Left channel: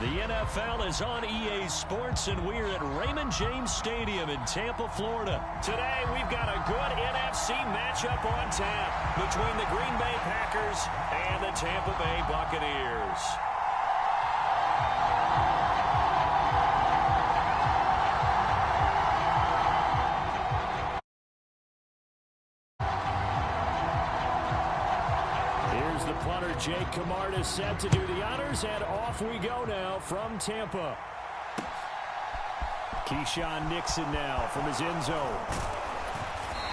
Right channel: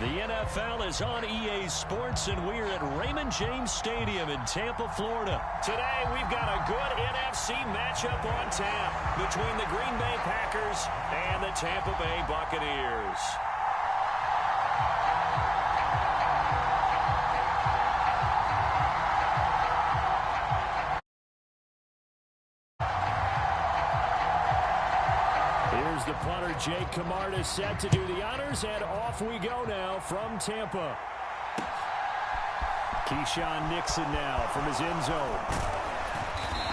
The NFL is on EA Sports, and we're at Raymond James Stadium in Tampa, Florida. Today, we've got a good NFC matchup on tap between the Green Bay Packers and the Tampa Bay Buccaneers. Here's the punter, Jake Camarda, set to do the honors, and off we go now from Tampa. Keyshawn Nixon now from his end zone.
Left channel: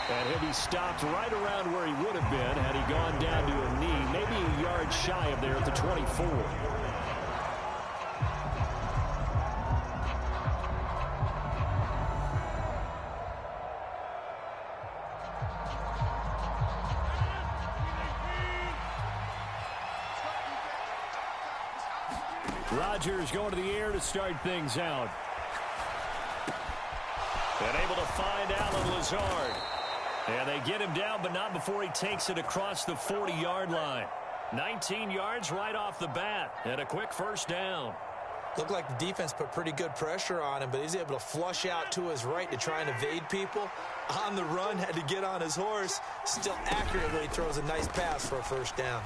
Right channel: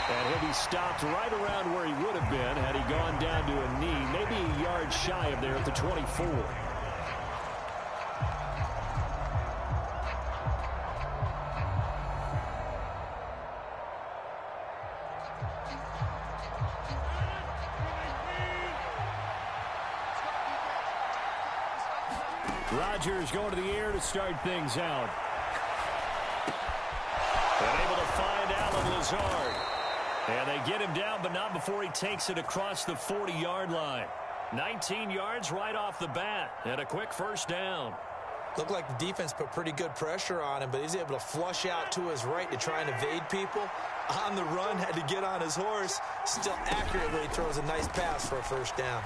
And he'll be stopped right around where he would have been had he gone down to a knee, maybe a yard shy of there at the 24. Rodgers going to the air to start things out. And able to find Allen Lazard. And they get him down, but not before he takes it across the 40-yard line. 19 yards right off the bat, and a quick first down. Looked like the defense put pretty good pressure on him, but he's able to flush out to his right to try and evade people. On the run, had to get on his horse. Still accurately throws a nice pass for a first down.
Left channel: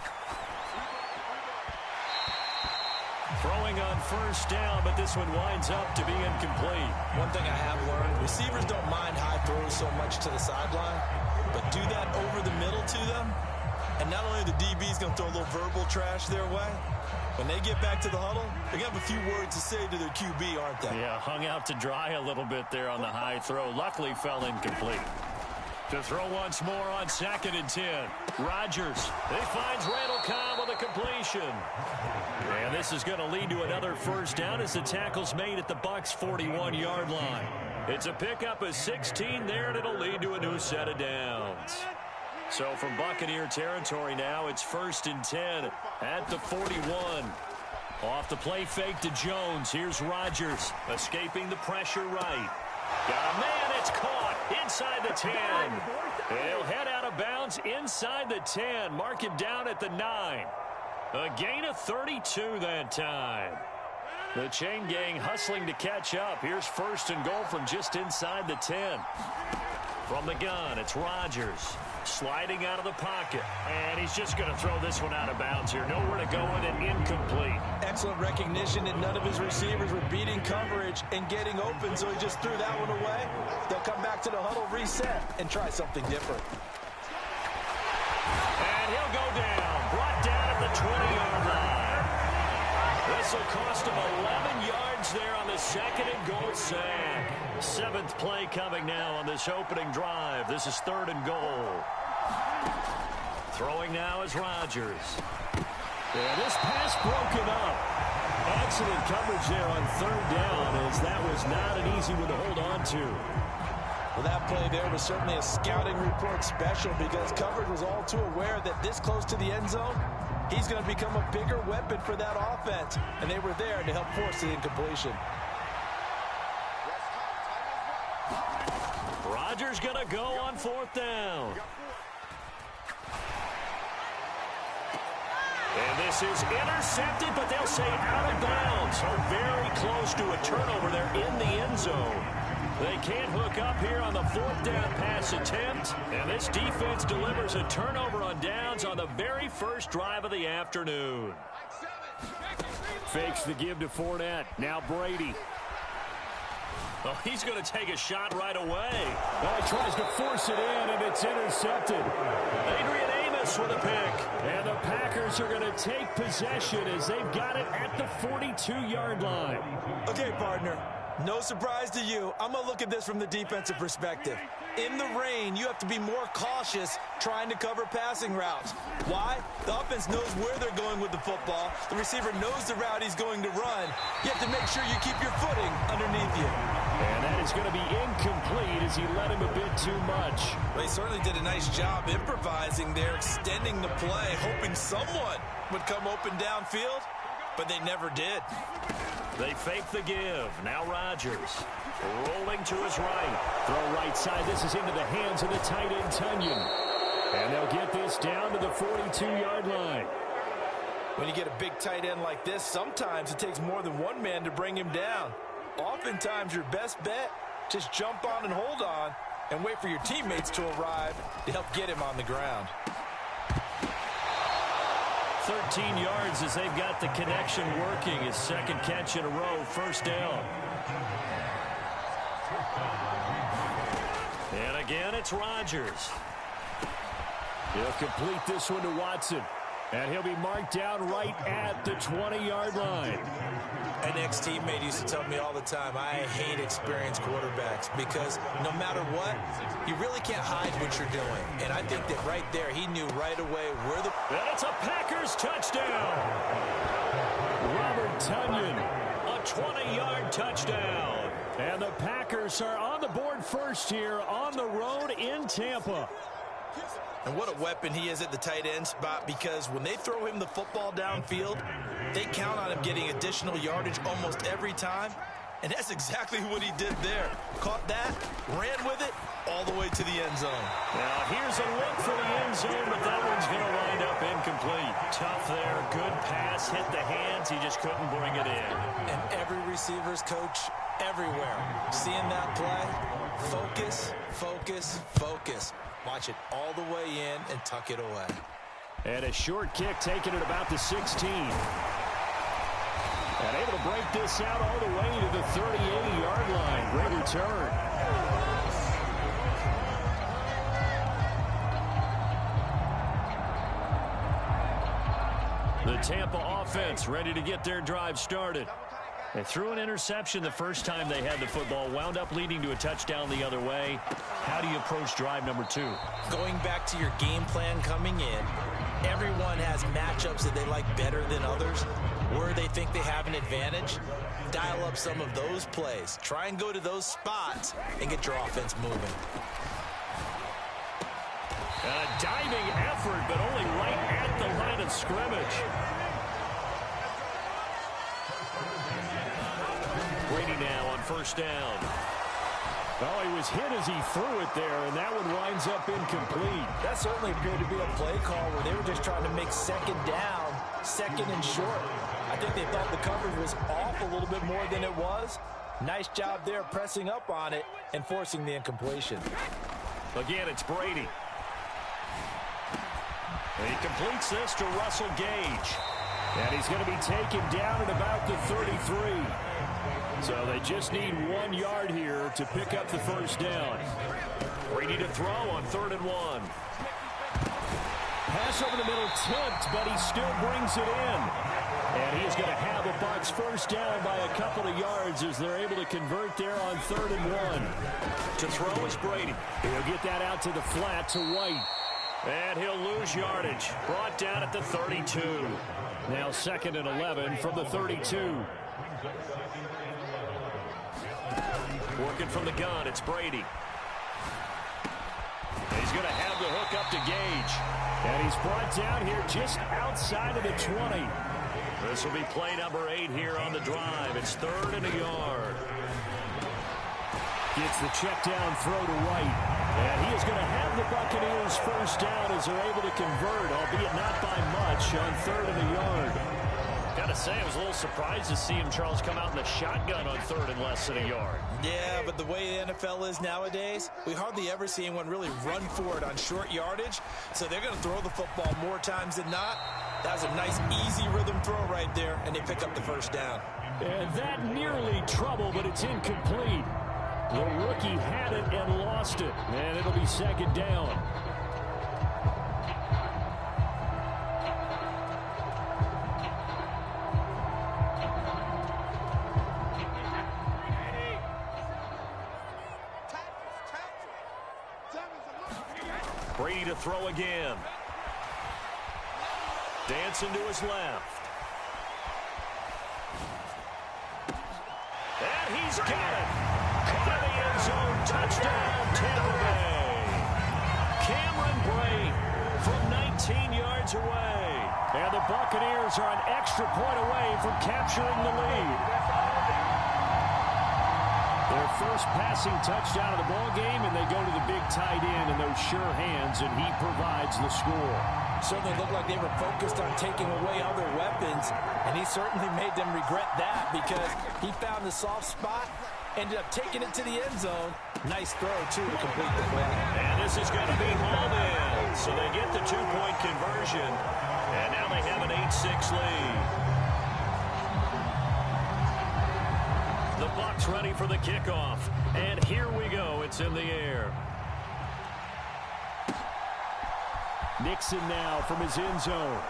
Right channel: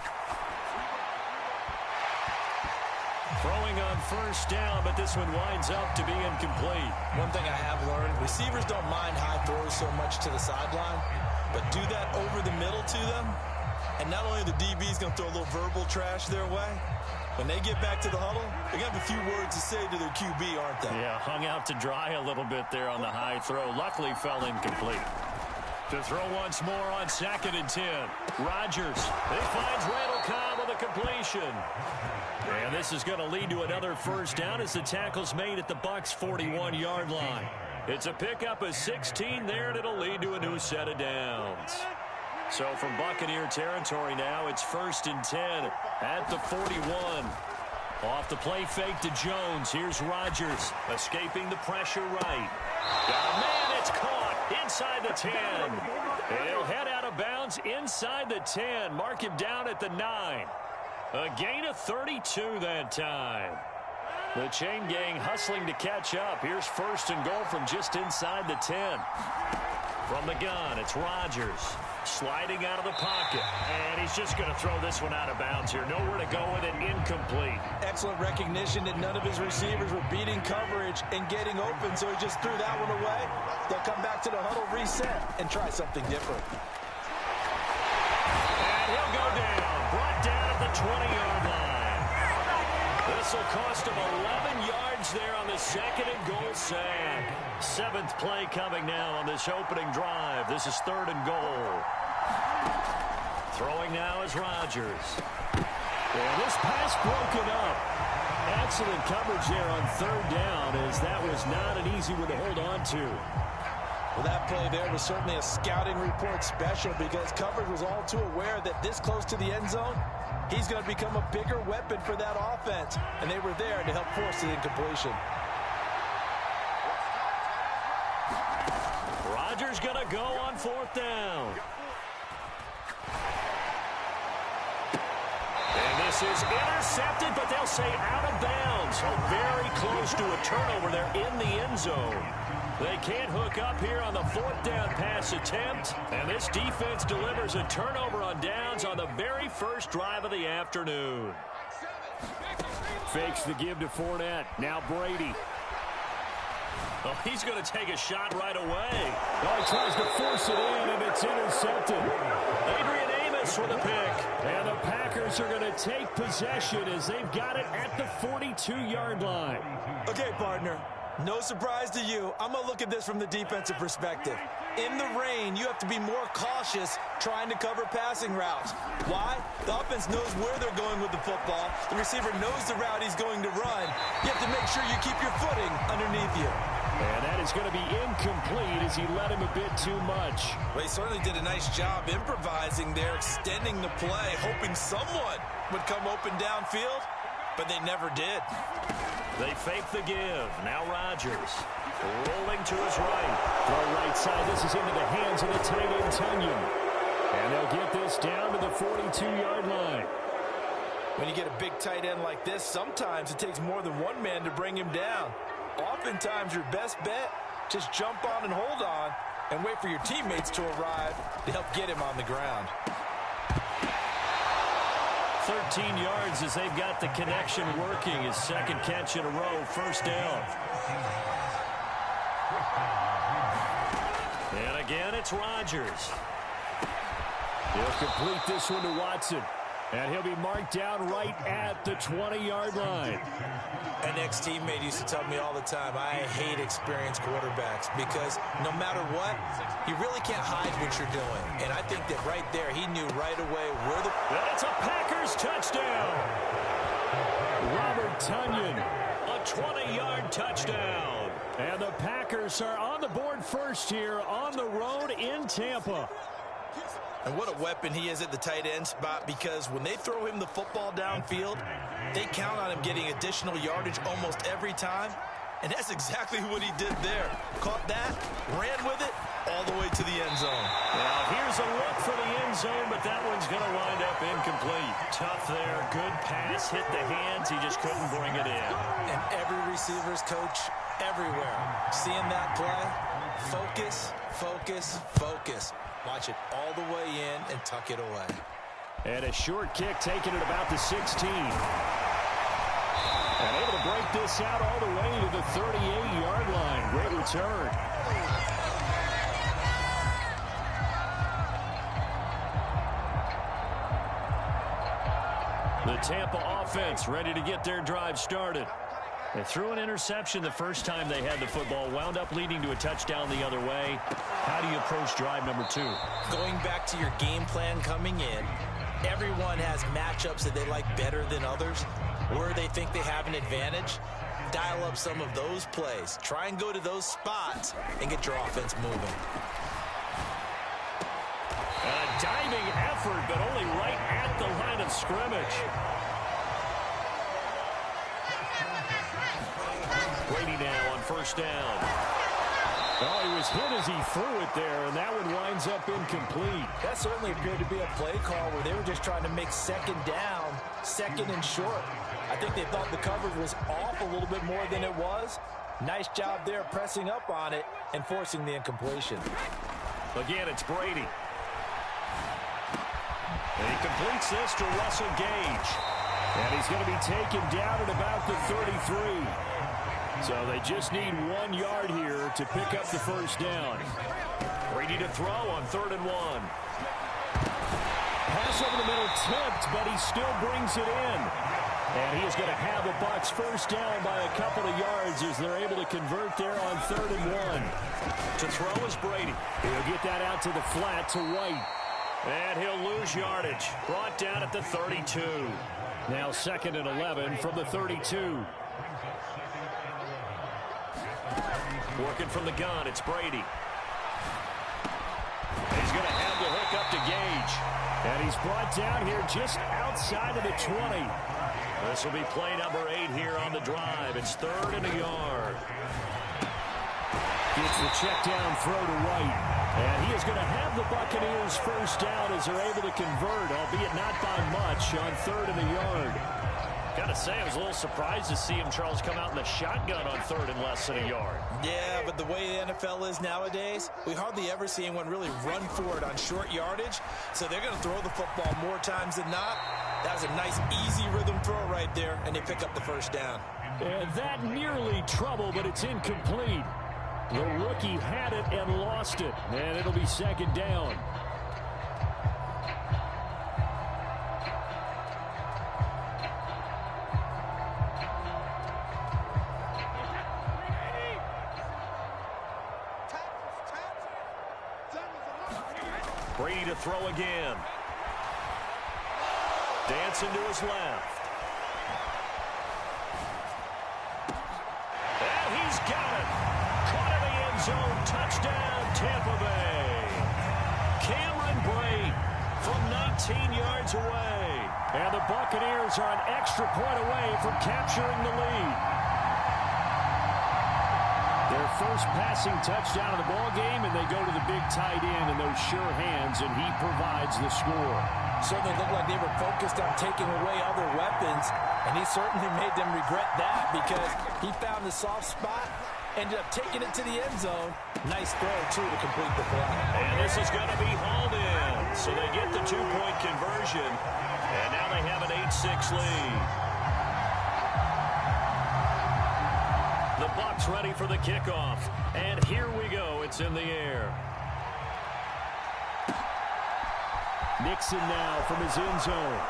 Throwing on first down, but this one winds up to be incomplete. One thing I have learned, receivers don't mind high throws so much to the sideline, but do that over the middle to them, and not only the DB's going to throw a little verbal trash their way, when they get back to the huddle, they're going to have a few words to say to their QB, aren't they? Yeah, hung out to dry a little bit there on the high throw. Luckily fell incomplete. To throw once more on 2nd and 10. Rodgers. He finds Randall Cobb with a completion. And this is going to lead to another first down as the tackle's made at the Bucs' 41-yard line. It's a pickup of 16 there, and it'll lead to a new set of downs. So from Buccaneer territory now, it's 1st and 10 at the 41. Off the play fake to Jones. Here's Rodgers escaping the pressure right. Got a man, it's caught inside the 10. And he'll head out of bounds inside the 10. Mark him down at the 9. A gain of 32 that time. The chain gang hustling to catch up. Here's 1st and goal from just inside the 10. From the gun, it's Rodgers. Sliding out of the pocket. And he's just going to throw this one out of bounds here. Nowhere to go with it. Incomplete. Excellent recognition that none of his receivers were beating coverage and getting open, so he just threw that one away. They'll come back to the huddle, reset, and try something different. And he'll go down. Brought down at the 20-yard line. This will cost him 11 yards there on the 2nd and goal sack. 7th play coming now on this opening drive. This is 3rd and goal. Throwing now is Rodgers. And this pass broken up. Excellent coverage there on 3rd down, as that was not an easy one to hold on to. Well, that play there was certainly a scouting report special, because coverage was all too aware that this close to the end zone, he's going to become a bigger weapon for that offense, and they were there to help force the incompletion. Rodgers going to go on 4th down. And this is intercepted, but they'll say out of bounds. So very close to a turnover there in the end zone. They can't hook up here on the 4th down pass attempt. And this defense delivers a turnover on downs on the very first drive of the afternoon. Fakes the give to Fournette. Now Brady. Oh, he's going to take a shot right away. Oh, he tries to force it in, and it's intercepted. Adrian Amos with a pick. And the Packers are going to take possession as they've got it at the 42-yard line. Okay, partner. No surprise to you. I'm going to look at this from the defensive perspective. In the rain, you have to be more cautious trying to cover passing routes. Why? The offense knows where they're going with the football. The receiver knows the route he's going to run. You have to make sure you keep your footing underneath you. And that is going to be incomplete as he led him a bit too much. Well, he certainly did a nice job improvising there, extending the play, hoping someone would come open downfield, but they never did. They fake the give. Now Rodgers rolling to his right. Throw right side. This is into the hands of the tight end, Tunyon. And they'll get this down to the 42-yard line. When you get a big tight end like this, sometimes it takes more than one man to bring him down. Oftentimes, your best bet, just jump on and hold on and wait for your teammates to arrive to help get him on the ground. 13 yards as they've got the connection working. His second catch in a row, first down. And again, it's Rodgers. He'll complete this one to Watson. And he'll be marked down right at the 20-yard line. An ex-teammate used to tell me all the time, I hate experienced quarterbacks because no matter what, you really can't hide what you're doing. And I think that right there, he knew right away where the... That's a Packers touchdown. Robert Tonyan, a 20-yard touchdown. And the Packers are on the board first here on the road in Tampa. And what a weapon he is at the tight end spot, because when they throw him the football downfield, they count on him getting additional yardage almost every time. And that's exactly what he did there. Caught that, ran with it, all the way to the end zone. Now here's a look for the end zone, but that one's going to wind up incomplete. Tough there, good pass, hit the hands, he just couldn't bring it in. And every receiver's coach everywhere, seeing that play, focus, focus, focus. Watch it all the way in and tuck it away. And a short kick taken at about the 16. And able to break this out all the way to the 38-yard line. Great return. The Tampa offense ready to get their drive started. They threw an interception the first time they had the football, wound up leading to a touchdown the other way. How do you approach drive number 2? Going back to your game plan coming in, everyone has matchups that they like better than others, where they think they have an advantage. Dial up some of those plays. Try and go to those spots and get your offense moving. And a diving effort, but only right at the line of scrimmage. Brady now on first down. Oh, he was hit as he threw it there, and that one winds up incomplete. That certainly appeared to be a play call where they were just trying to make second down, second and short. I think they thought the coverage was off a little bit more than it was. Nice job there pressing up on it and forcing the incompletion. Again, it's Brady. And he completes this to Russell Gage. And he's going to be taken down at about the 33. So they just need 1 yard here to pick up the first down. Brady to throw on 3rd and 1. Pass over the middle tipped, but he still brings it in. And he is going to have the Bucs first down by a couple of yards as they're able to convert there on 3rd and 1. To throw is Brady. He'll get that out to the flat to White. And he'll lose yardage. Brought down at the 32. Now 2nd and 11 from the 32. Working from the gun, it's Brady. He's going to have the hook up to Gage. And he's brought down here just outside of the 20. This will be play number 8 here on the drive. It's 3rd and a yard. Gets the check down throw to White. And he is going to have the Buccaneers first down as they're able to convert, albeit not by much, on 3rd and a yard. Gotta say, I was a little surprised to see him, Charles, come out in the shotgun on 3rd and less than a yard. Yeah, but the way the NFL is nowadays, we hardly ever see anyone really run for it on short yardage. So they're going to throw the football more times than not. That was a nice, easy rhythm throw right there, and they pick up the first down. And that nearly trouble, but it's incomplete. The rookie had it and lost it, and it'll be 2nd down. Brady to throw again. Dancing to his left. And he's got it. Caught in the end zone. Touchdown, Tampa Bay. Cameron Brate from 19 yards away. And the Buccaneers are an extra point away from capturing the lead. Their first passing touchdown of the ball game, and they go to the big tight end in those sure hands, and he provides the score. Certainly looked like they were focused on taking away other weapons, and he certainly made them regret that because he found the soft spot, ended up taking it to the end zone. Nice throw, too, to complete the play. And this is going to be hauled in. So they get the two-point conversion, and now they have an 8-6 lead. The Bucs ready for the kickoff, and here we go. It's in the air. Nixon now from his end zone.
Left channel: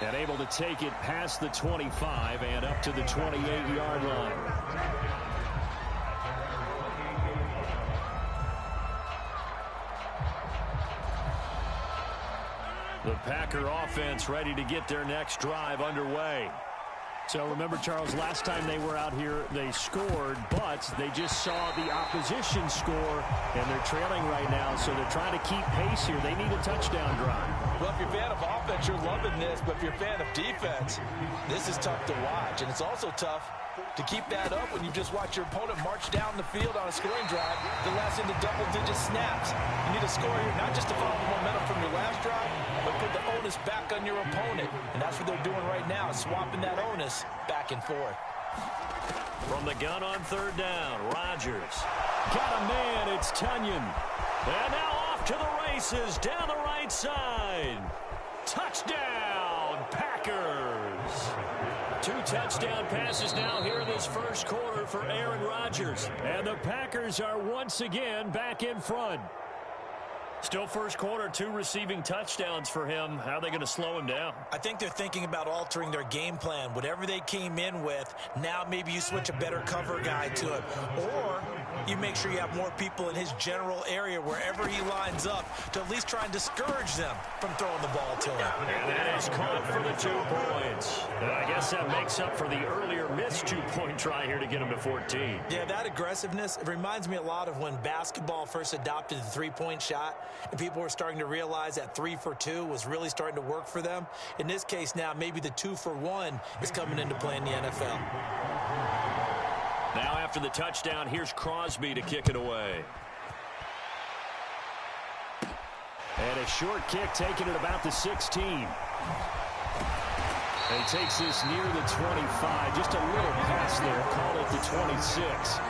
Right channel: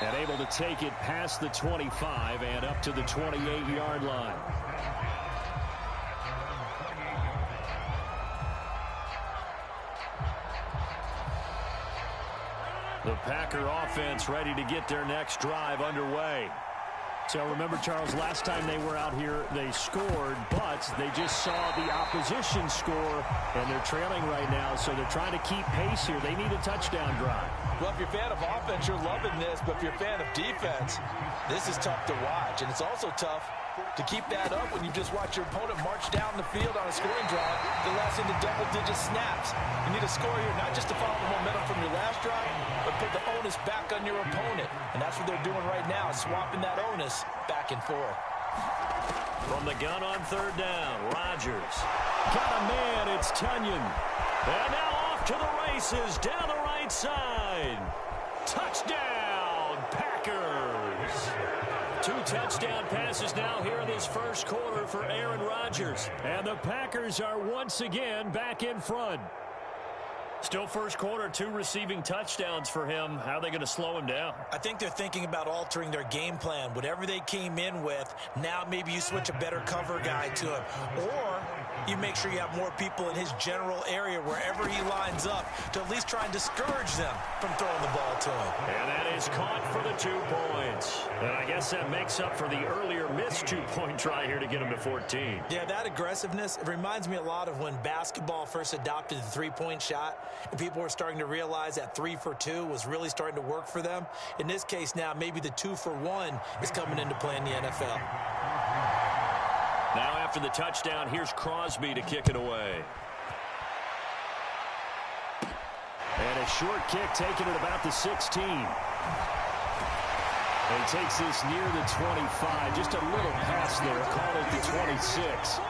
And able to take it past the 25 and up to the 28-yard line. The Packer offense ready to get their next drive underway. So remember, Charles, last time they were out here, they scored, but they just saw the opposition score, and they're trailing right now, so they're trying to keep pace here. They need a touchdown drive. Well, if you're a fan of offense, you're loving this, but if you're a fan of defense, this is tough to watch, and it's also tough to keep that up when you just watch your opponent march down the field on a scoring drive that lasts into double-digit snaps. You need a score here, not just to follow the momentum from your last drive, but put the onus back on your opponent. And that's what they're doing right now, swapping that onus back and forth. From the gun on third down, Rodgers. Got a man, it's Tunyon. And now off to the races, down the right side. Touchdown, Packers. 2 touchdown passes now here in this first quarter for Aaron Rodgers. And the Packers are once again back in front. Still first quarter, 2 receiving touchdowns for him. How are they going to slow him down? I think they're thinking about altering their game plan. Whatever they came in with, now maybe you switch a better cover guy to him. Or you make sure you have more people in his general area wherever he lines up to at least try and discourage them from throwing the ball to him. And that is caught for the 2 points. And I guess that makes up for the earlier missed 2-point try here to get him to 14. Yeah, that aggressiveness, it reminds me a lot of when basketball first adopted the three-point shot. And people were starting to realize that 3 for 2 was really starting to work for them. In this case now, maybe the 2 for 1 is coming into play in the NFL. Now after the touchdown, here's Crosby to kick it away. And a short kick taken at about the 16. And he takes this near the 25. Just a little pass there. Call it the 26.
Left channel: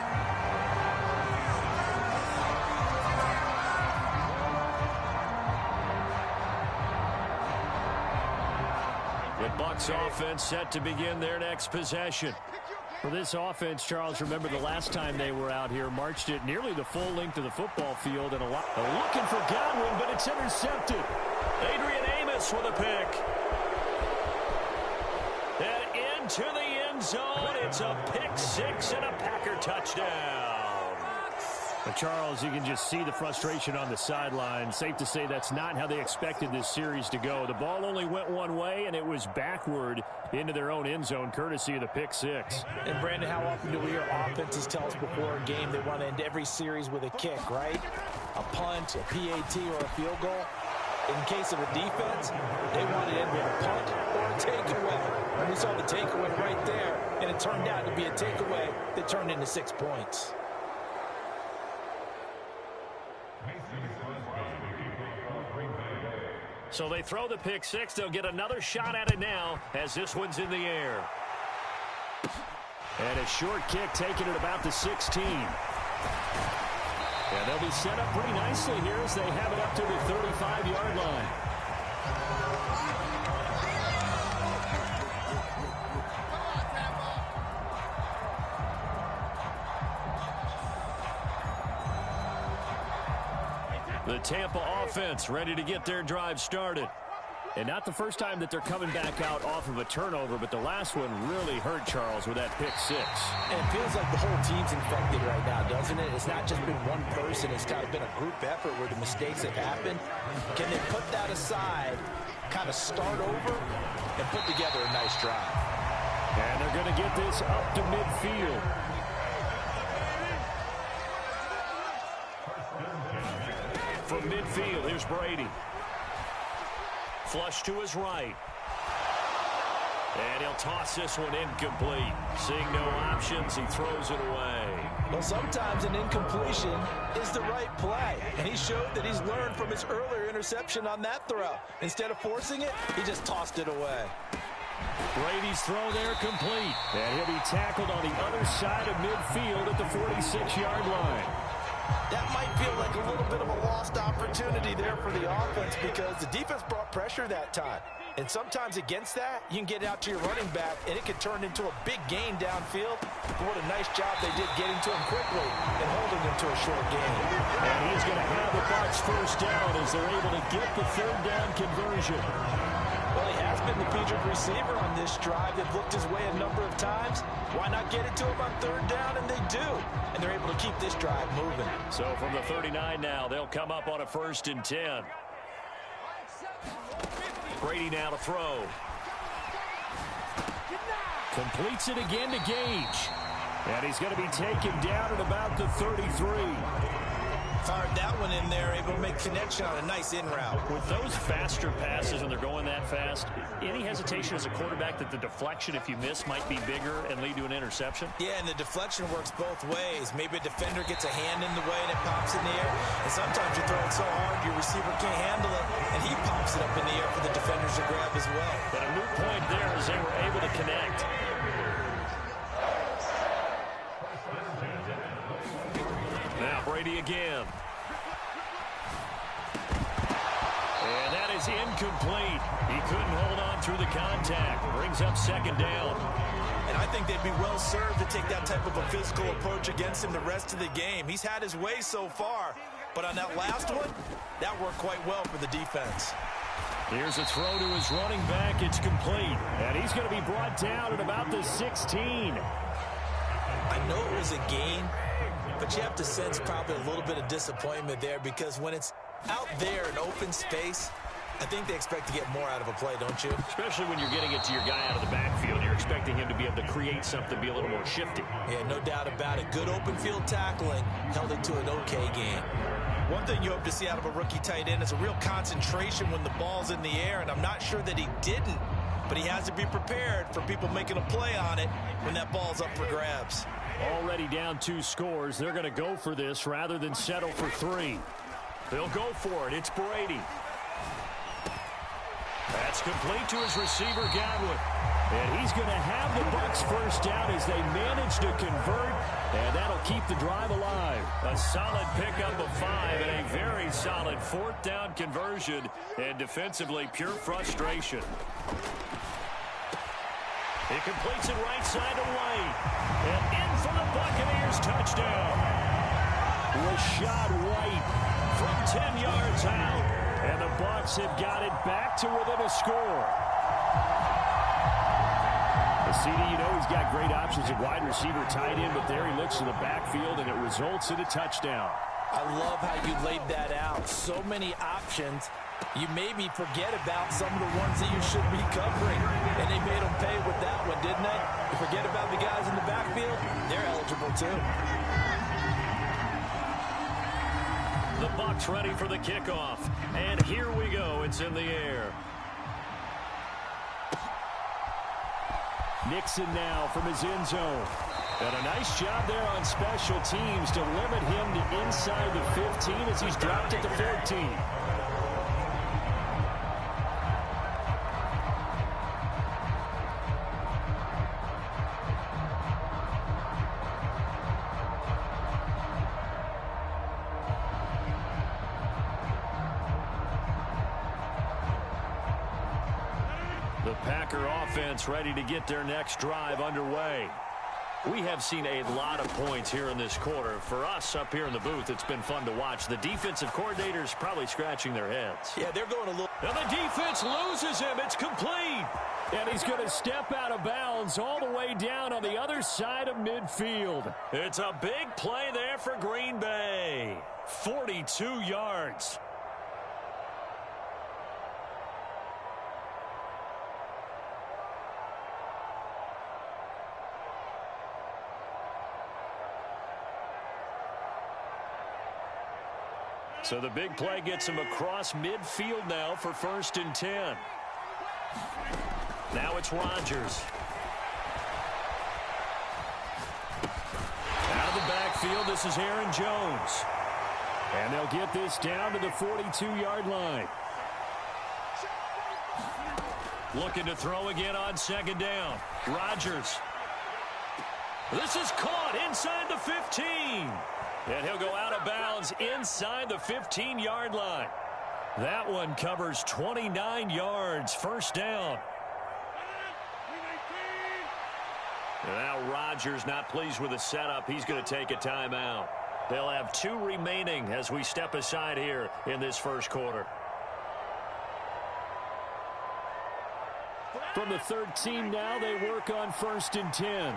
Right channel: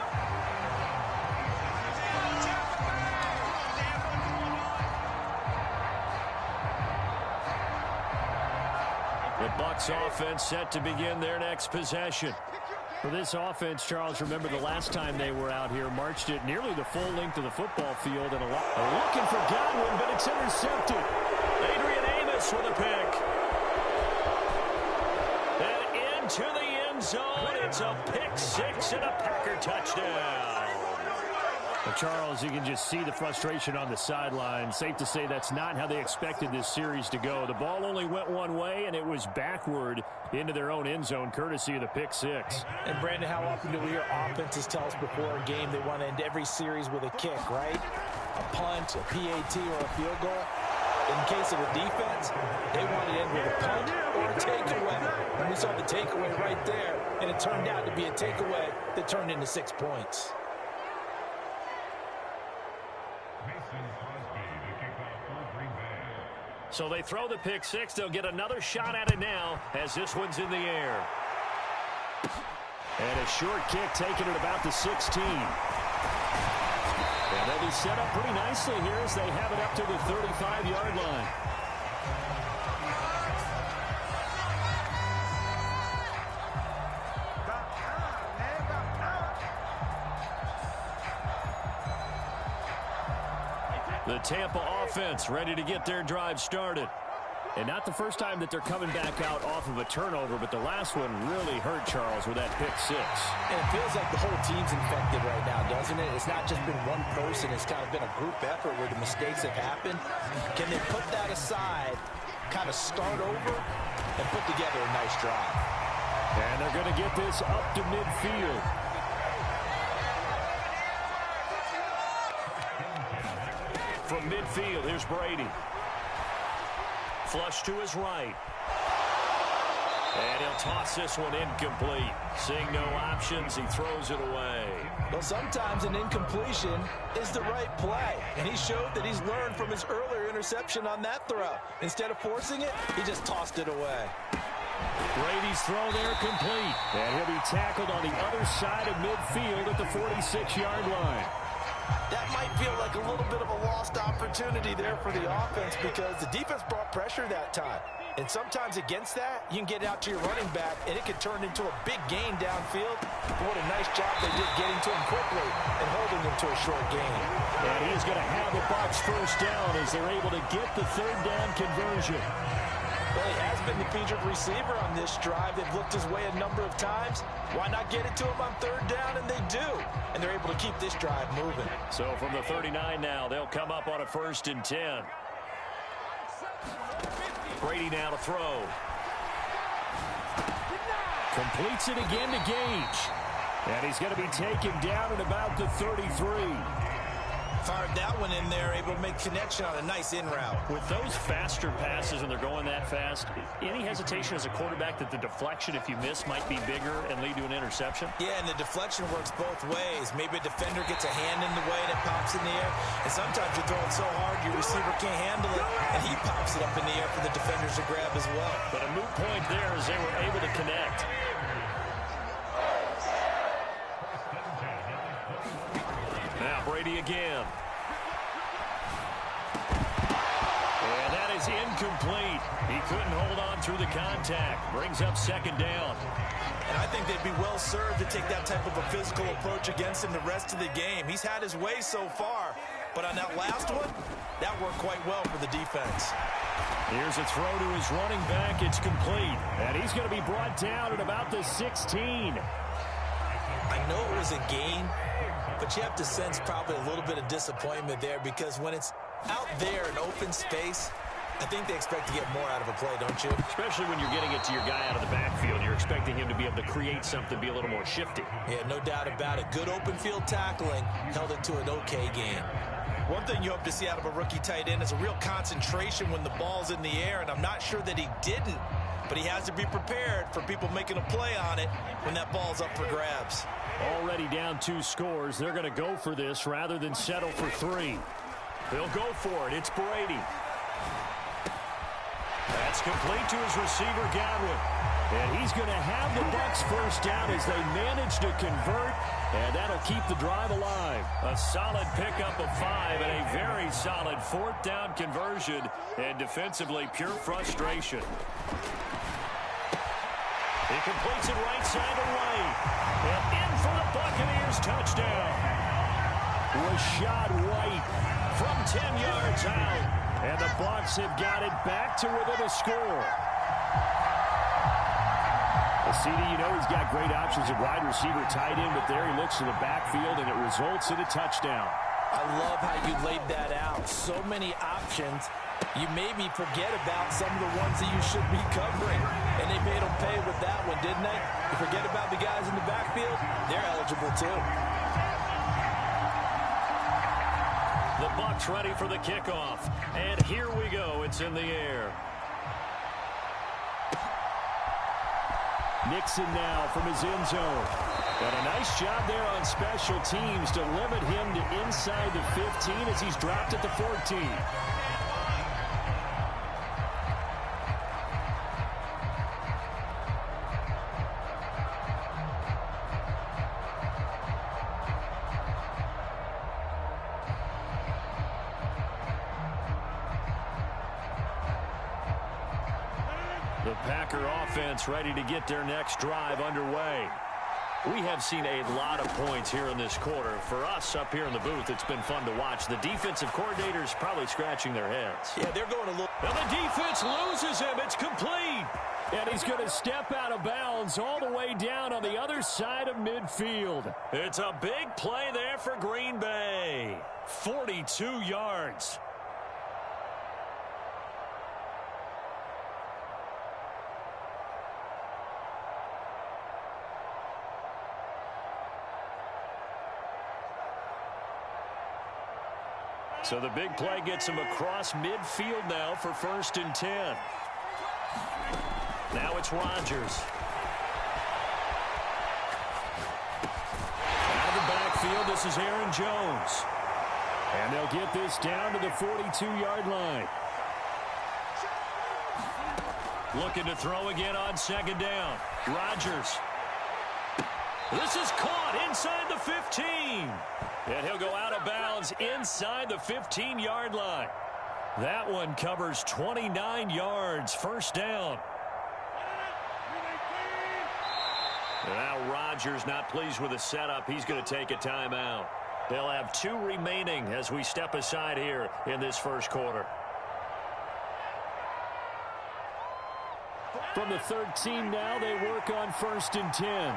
The Bucs offense set to begin their next possession. For this offense, Charles, remember the last time they were out here, marched it nearly the full length of the football field, and looking for Godwin, but it's intercepted. Adrian Amos with a pick. And into the end zone, it's a pick 6 and a Packer touchdown. But Charles, you can just see the frustration on the sideline. Safe to say that's not how they expected this series to go. The ball only went one way, and it was backward into their own end zone, courtesy of the pick 6. And, Brandon, how often do we hear offenses tell us before a game they want to end every series with a kick, right? A punt, a PAT, or a field goal. In case of a defense, they want to end with a punt or a takeaway. And we saw the takeaway right there, and it turned out to be a takeaway that turned into 6 points. So they throw the pick 6. They'll get another shot at it now as this one's in the air. And a short kick taken at about the 16. And they'll be set up pretty nicely here as they have it up to the 35-yard line. The Tampa offense ready to get their drive started. And not the first time that they're coming back out off of a turnover, but the last one really hurt Charles with that pick 6. And it feels like the whole team's infected right now, doesn't it? It's not just been one person. It's kind of been a group effort where the mistakes have happened. Can they put that aside, kind of start over, and put together a nice drive? And they're going to get this up to midfield. From midfield, here's Brady. Flush to his right. And he'll toss this one incomplete. Seeing no options, he throws it away. Well, sometimes an incompletion is the right play. And he showed that he's learned from his earlier interception on that throw. Instead of forcing it, he just tossed it away. Brady's throw there complete. And he'll be tackled on the other side of midfield at the 46-yard line. That might feel like a little bit of a lost opportunity there for the offense because the defense brought pressure that time. And sometimes against that, you can get out to your running back, and it can turn into a big gain downfield. But what a nice job they did getting to him quickly and holding him to a short gain. And he's going to have the Bucs first down as they're able to get the third down conversion. Well, he has been the featured receiver on this drive. They've looked his way a number of times. Why not get it to him on third down? And they do. And they're able to keep this drive moving. So from the 39 now, they'll come up on a 1st and 10. Brady now to throw. Completes it again to Gage. And he's going to be taken down at about the 33. Fired that one in there, able to make connection on a nice in route. With those faster passes and they're going that fast, any hesitation as a quarterback that the deflection, if you miss, might be bigger and lead to an interception? Yeah, and the deflection works both ways. Maybe a defender gets a hand in the way and it pops in the air. And sometimes you throw it so hard your receiver can't handle it, and he pops it up in the air for the defenders to grab as well. But a moot point there as they were able to connect. Now Brady again. And that is incomplete. He couldn't hold on through the contact. Brings up 2nd down. And I think they'd be well served to take that type of a physical approach against him the rest of the game. He's had his way so far, but on that last one, that worked quite well for the defense. Here's a throw to his running back. It's complete. And he's going to be brought down at about the 16. I know it was a gain, but you have to sense probably a little bit of disappointment there because when it's out there in open space, I think they expect to get more out of a play, don't you? Especially when you're getting it to your guy out of the backfield. You're expecting him to be able to create something, be a little more shifty. Yeah, no doubt about it. Good open field tackling held it to an okay gain. One thing you hope to see out of a rookie tight end is a real concentration when the ball's in the air, and I'm not sure that he didn't, but he has to be prepared for people making a play on it when that ball's up for grabs. Already down 2 scores. They're going to go for this rather than settle for 3. They'll go for it. It's Brady. That's complete to his receiver, Godwin. And he's going to have the Bucs first down as they manage to convert, and that'll keep the drive alive. A solid pickup of 5 and a very solid 4th down conversion, and defensively pure frustration. He completes it right side to White. And in for the Buccaneers touchdown. Rashad White from 10 yards out. And the Bucs have got it back to within a score. CD, you know he's got great options at wide receiver, tight end, but there he looks to the backfield, and it results in a touchdown. I love how you laid that out. So many options. You maybe forget about some of the ones that you should be covering. And they made them pay with that one, didn't they? You forget about the guys in the backfield, they're eligible too. The Bucs ready for the kickoff. And here we go. It's in the air. Nixon now from his end zone. And a nice job there on special teams to limit him to inside the 15 as he's dropped at the 14. The Packer offense ready to get their next drive underway. We have seen a lot of points here in this quarter. For us up here in the booth, it's been fun to watch. The defensive coordinators probably scratching their heads. Yeah, they're going a little... And the defense loses him. It's complete. And he's going to step out of bounds all the way down on the other side of midfield. It's a big play there for Green Bay. 42 yards. So the big play gets him across midfield now for 1st and 10. Now it's Rodgers. Out of the backfield, this is Aaron Jones. And they'll get this down to the 42-yard line. Looking to throw again on second down. Rodgers. This is caught inside the 15. And he'll go out of bounds inside the 15-yard line. That one covers 29 yards. First down. Now Rodgers not pleased with the setup. He's going to take a timeout. They'll have 2 remaining as we step aside here in this first quarter. From the 13 now, they work on 1st and 10.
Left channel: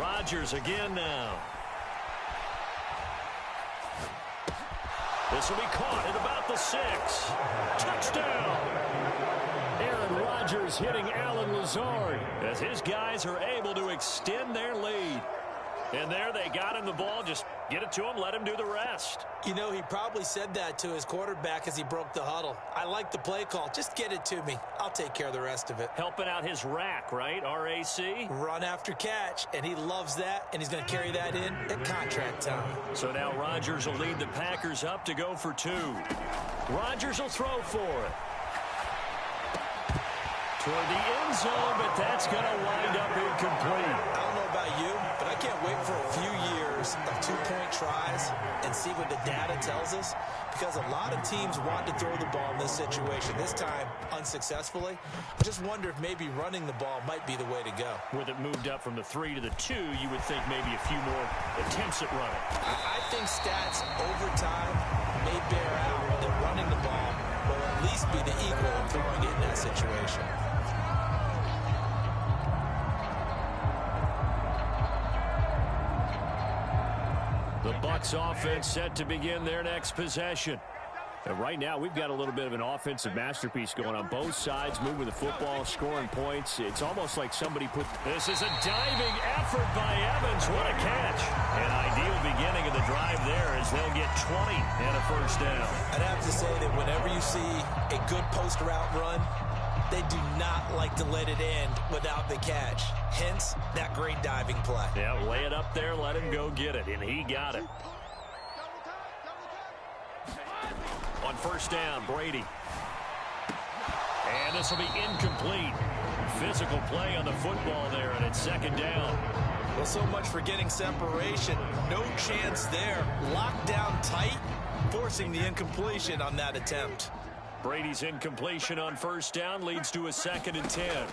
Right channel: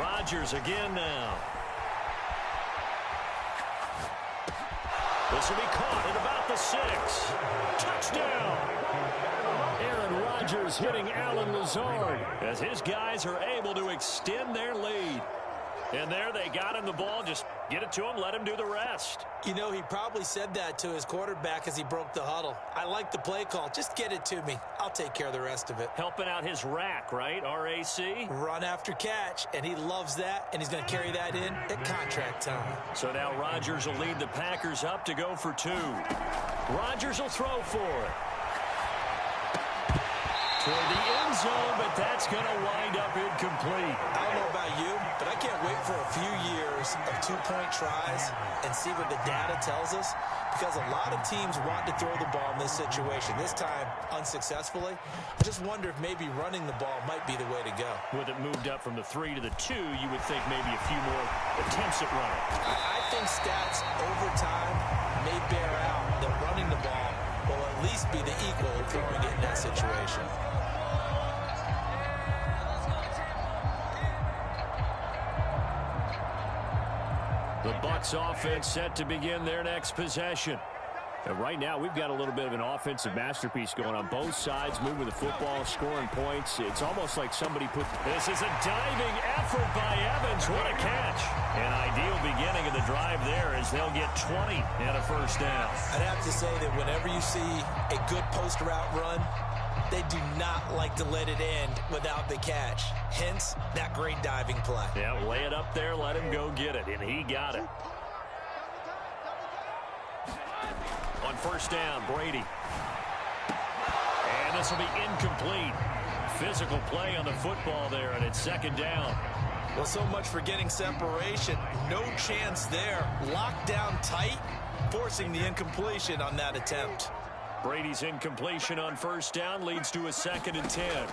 Rodgers again now. This will be caught at about the 6. Touchdown! Aaron Rodgers hitting Alan Lazard as his guys are able to extend their lead. And there they got him the ball. Just get it to him, let him do the rest. You know, he probably said that to his quarterback as he broke the huddle. I like the play call. Just get it to me. I'll take care of the rest of it. Helping out his rack, right? RAC? Run after catch, and he loves that, and he's going to carry that in at contract time. So now Rodgers will lead the Packers up to go for 2. Rodgers will throw for it. Toward the end zone, but that's going to wind up incomplete. I don't know about you, but I can't wait for a few years of 2-point tries and see what the data tells us, because a lot of teams want to throw the ball in this situation, this time unsuccessfully. I just wonder if maybe running the ball might be the way to go. With it moved up from the 3 to the 2, you would think maybe a few more attempts at running. I think stats over time may bear out that running the ball will at least be the equal of throwing it in that situation. The Bucs offense set to begin their next possession. And right now, we've got a little bit of an offensive masterpiece going on. Both sides moving the football, scoring points. It's almost like somebody put... This is a diving effort by Evans. What a catch. An ideal beginning of the drive there as they'll get 20 and a first down. I'd have to say that whenever you see a good post route run, they do not like to let it end without the catch. Hence, that great diving play. Yeah, lay it up there, let him go get it, and he got it. On first down, Brady. And this will be incomplete. Physical play on the football there, and it's second down. Well, so much for getting separation. No chance there. Locked down tight, forcing the incompletion on that attempt. Brady's incompletion on first down leads to a 2nd and 10.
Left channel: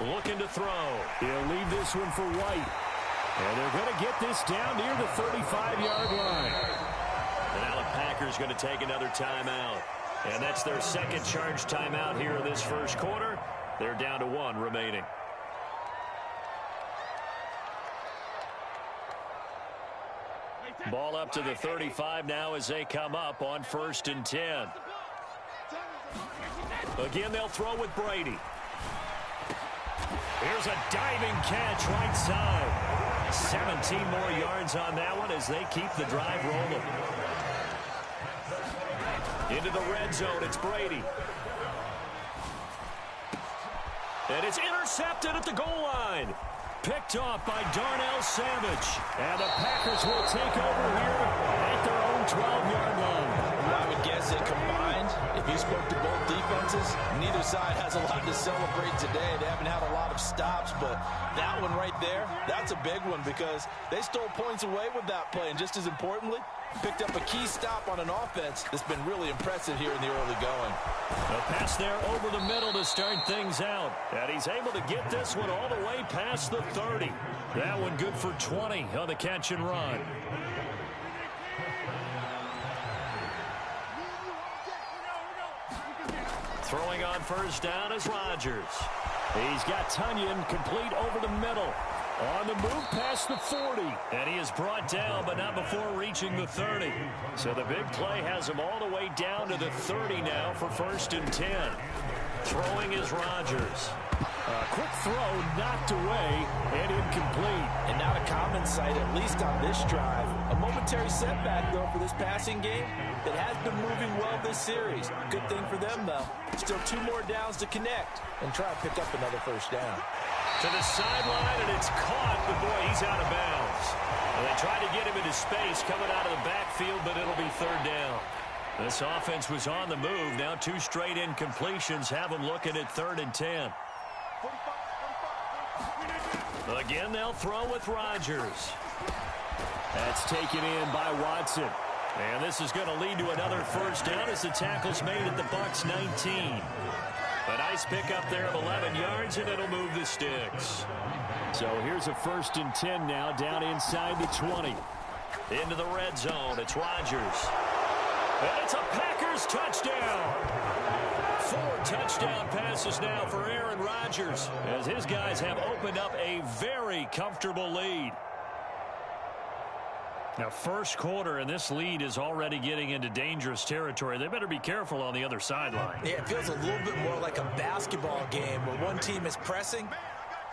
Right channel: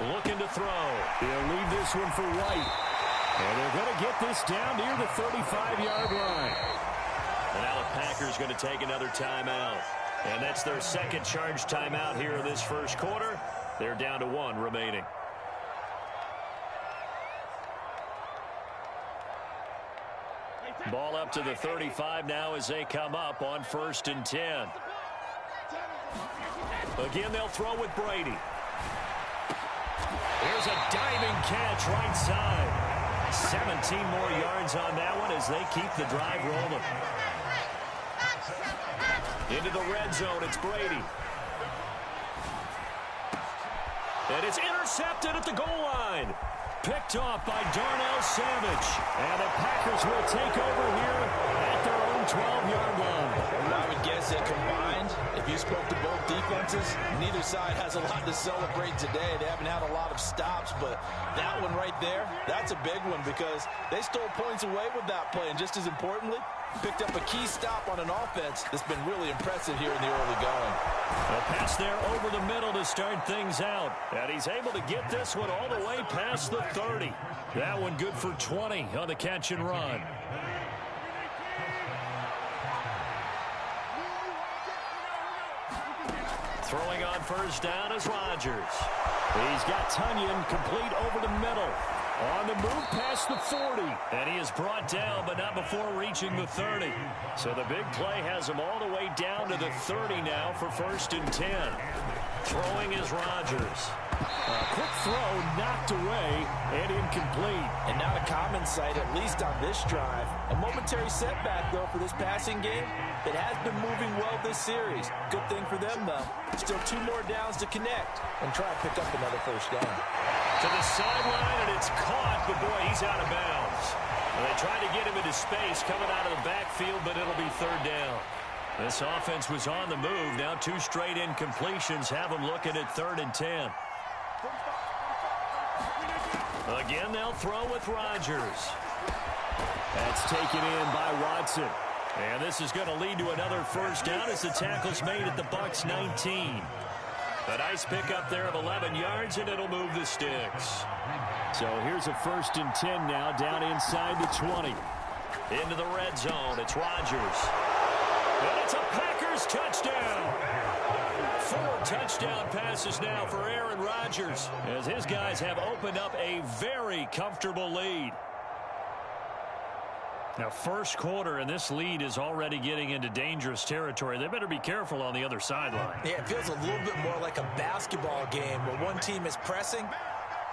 Looking to throw. He'll leave this one for White. And they're going to get this down near the 35-yard line. And now the Packers going to take another timeout. And that's their second charge timeout here in this first quarter. They're down to 1 remaining. Ball up to the 35 now as they come up on 1st and 10. Again, they'll throw with Brady. Here's a diving catch right side. 17 more yards on that one as they keep the drive rolling. Into the red zone, it's Brady. And it's intercepted at the goal line. Picked off by Darnell Savage. And the Packers will take over here at their own 12-yard line. I would guess that combined, if you spoke to both defenses, neither side has a lot to celebrate today. They haven't had a lot of stops, but that one right there, that's a big one because they stole points away with that play. And just as importantly, picked up a key stop on an offense that's been really impressive here in the early going. A pass there over the middle to start things out. And he's able to get this one all the way past the 30. That one good for 20 on the catch and run. Throwing on first down is Rodgers. He's got Tunyon complete over the middle. On the move past the 40. And he is brought down, but not before reaching the 30. So the big play has him all the way down to the 30 now for 1st and 10. Throwing is Rodgers. Quick throw knocked away and incomplete. And not a common sight, at least on this drive. A momentary setback, though, for this passing game that has been moving well this series. Good thing for them, though. Still 2 more downs to connect and try to pick up another first down. To the sideline, and it's caught, but boy, he's out of bounds. And they try to get him into space coming out of the backfield, but it'll be 3rd down. This offense was on the move. Now 2 straight incompletions have them looking at 3rd and 10. Again, they'll throw with Rodgers. That's taken in by Watson. And this is going to lead to another first down as the tackle's made at the Bucs 19. A nice pickup there of 11 yards, and it'll move the sticks. So here's a 1st and 10 now, down inside the 20. Into the red zone, it's Rodgers. And it's a Packers touchdown. 4 touchdown passes now for Aaron Rodgers, as his guys have opened up a very comfortable lead. Now, first quarter, and this lead is already getting into dangerous territory. They better be careful on the other sideline. Yeah, it feels a little bit more like a basketball game where one team is pressing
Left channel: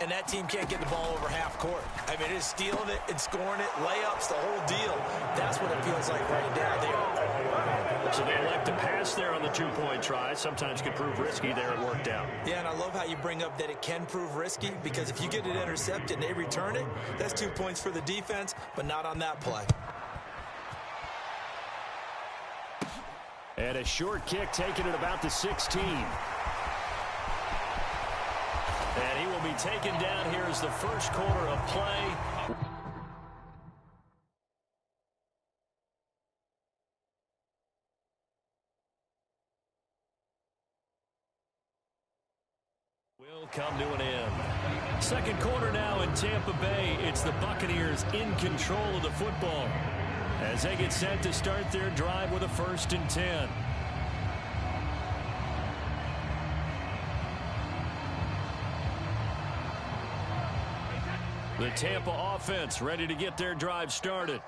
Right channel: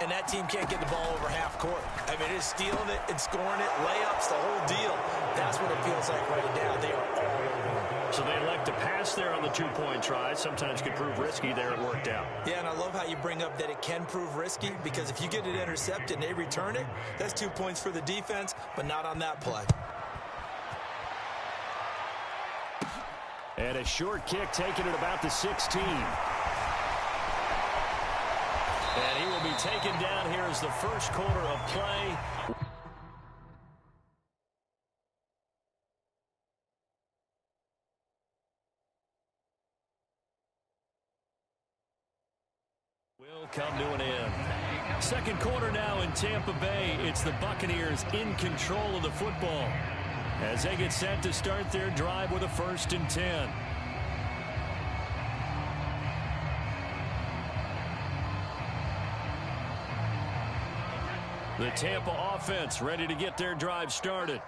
and that team can't get the ball over half court. I mean, it's stealing it and scoring it, layups, the whole deal. That's what it feels like right now. They are all over. So they elect to pass there on the 2-point try. Sometimes could prove risky there. It worked out. Yeah, and I love how you bring up that it can prove risky, because if you get it intercepted and they return it, that's 2 points for the defense, but not on that play. And a short kick taken at about the 16. And he will be taken down here as the first quarter of play. Will come to an end. Second quarter now in Tampa Bay. It's the Buccaneers in control of the football as they get set to start their drive with a 1st and 10. The Tampa offense ready to get their drive started.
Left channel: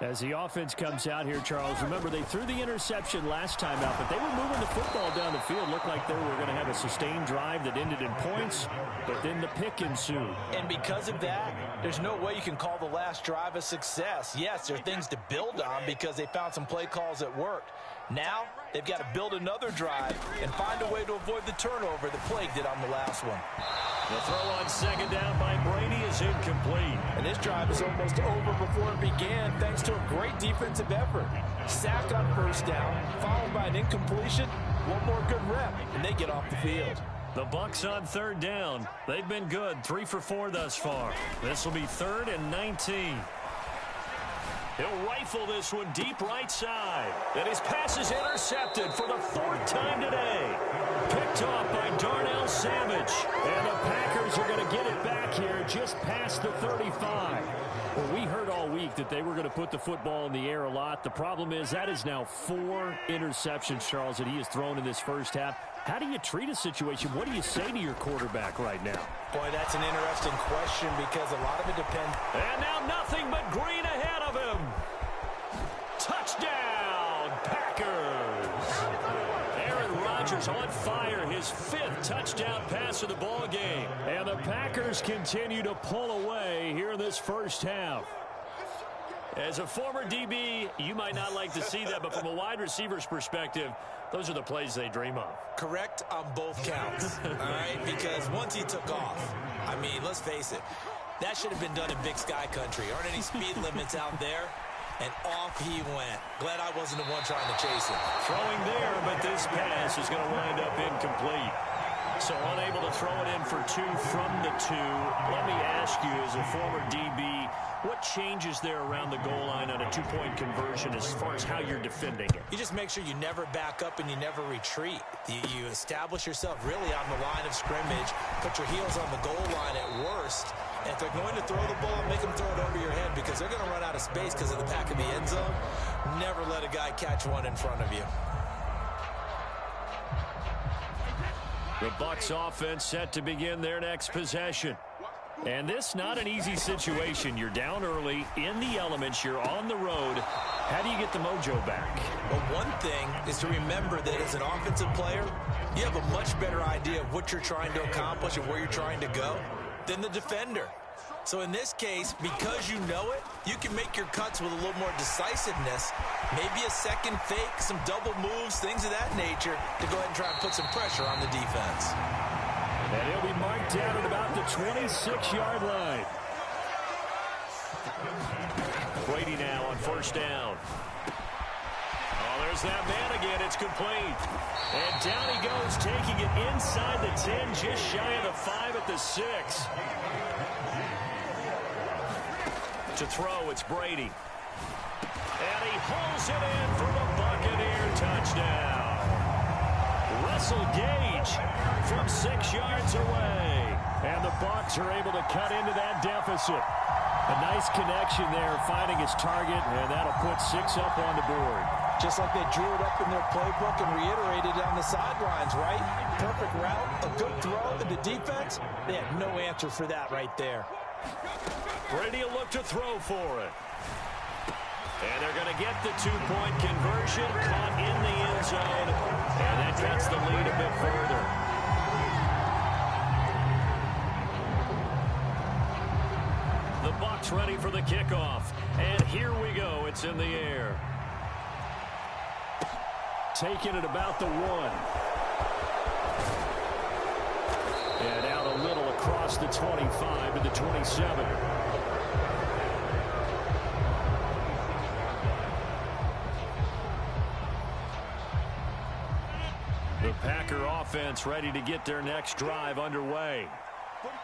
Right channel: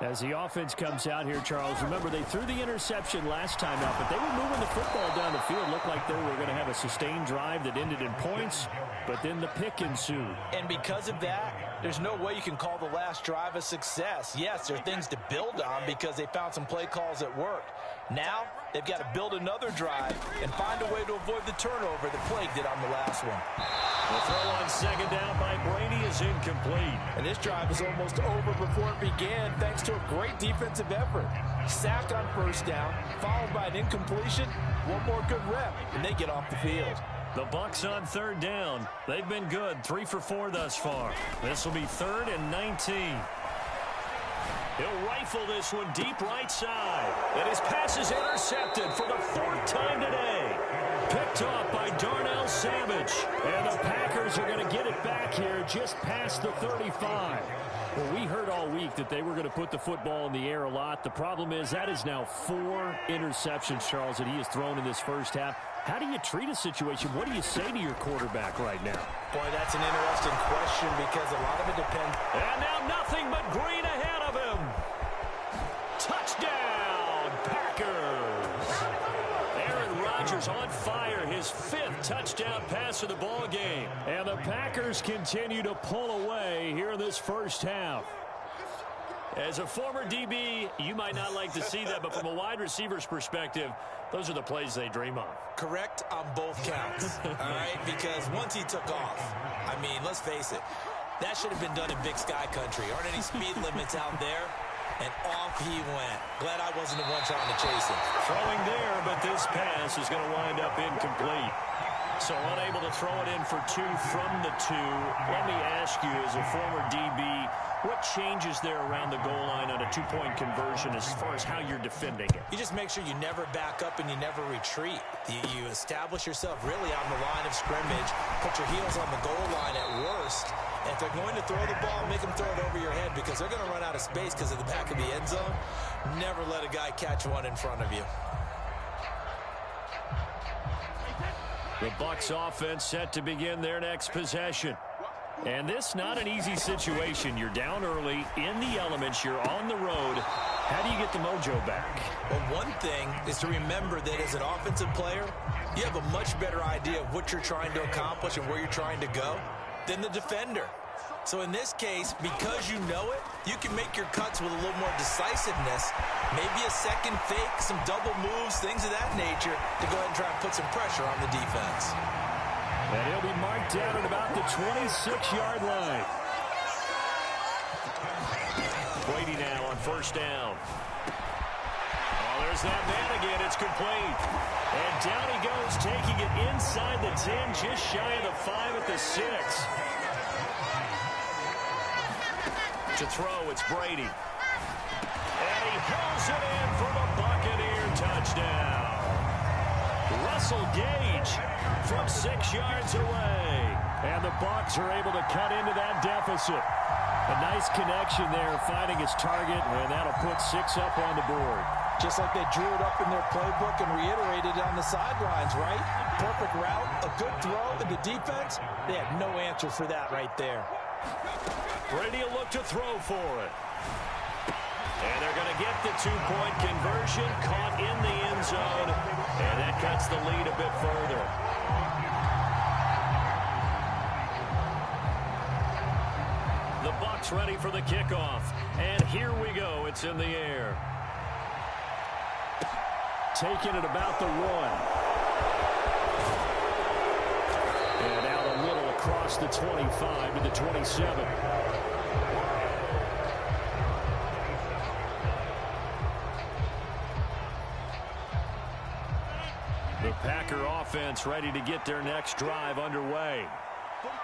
As the offense comes out here, Charles, remember they threw the interception last time out, but they were moving the football down the field. Looked like they were going to have a sustained drive that ended in points, but then the pick ensued. And because of that, there's no way you can call the last drive a success. Yes, there are things to build on because they found some play calls that worked. Now, they've got to build another drive and find a way to avoid the turnover that plagued it on the last one. The throw on 2nd down by Brady is incomplete. And this drive is almost over before it began thanks to a great defensive effort. Sack on 1st down, followed by an incompletion. One more good rep, and they get off the field. The Bucs on 3rd down. They've been good, 3 for 4 thus far. This will be 3rd and 19. He'll rifle this one deep right side. And his pass is intercepted for the 4th time today. Picked off by Darnell Savage. And the Packers are going to get it back here just past the 35. Well, we heard all week that they were going to put the football in the air a lot. The problem is that is now 4 interceptions, Charles, that he has thrown in this first half. How do you treat a situation? What do you say to your quarterback right now? Boy, that's an interesting question because a lot of it depends. And now nothing but green ahead of him. Touchdown, Packers. Aaron Rodgers on fire, his 5th touchdown pass of the ball game. And the Packers continue to pull away here in this first half. As a former DB, you might not like to see that, but from a wide receiver's perspective, those are the plays they dream of. Correct on both counts, all right? Because once he took off, I mean, let's face it, that should have been done in Big Sky country. Aren't any speed limits out there? And off he went. Glad I wasn't the one trying to chase him. Throwing there, but this pass is going to wind up incomplete. So unable to throw it in for 2 from the 2. Let me ask you, as a former DB, what changes there around the goal line on a 2-point conversion as far as how you're defending it? You just make sure you never back up and you never retreat. You establish yourself really on the line of scrimmage, put your heels on the goal line at worst. And if they're going to throw the ball, make them throw it over your head because they're going to run out of space because of the back of the end zone. Never let a guy catch one in front of you. The Bucs offense set to begin their next possession. And this not an easy situation. You're down early, in the elements, you're on the road. How do you get the mojo back? Well, one thing is to remember that as an offensive player, you have a much better idea of what you're trying to accomplish and where you're trying to go than the defender. So in this case, because you know it, you can make your cuts with a little more decisiveness, maybe a second fake, some double moves, things of that nature, to go ahead and try and put some pressure on the defense. And he'll be marked down at about the 26-yard line. Brady now on first down. Oh, there's that man again. It's complete. And down he goes, taking it inside the 10, just shy of the 5 at the 6. To throw, it's Brady. And he hauls it in for the Buccaneer touchdown. Russell Gage from 6 yards away. And the Bucs are able to cut into that deficit. A nice connection there, finding his target, and that'll put 6 up on the board. Just like they drew it up in their playbook and reiterated it on the sidelines, right? Perfect route, a good throw, and the defense, they had no answer for that right there. Brady will look to throw for it. And they're going to get the 2-point conversion, caught in the end zone, and that cuts the lead a bit further. The Bucs ready for the kickoff, and here we go. It's in the air. Taking it about the 1. And out a little across the 25 to the 27. The Packer offense ready to get their next drive underway.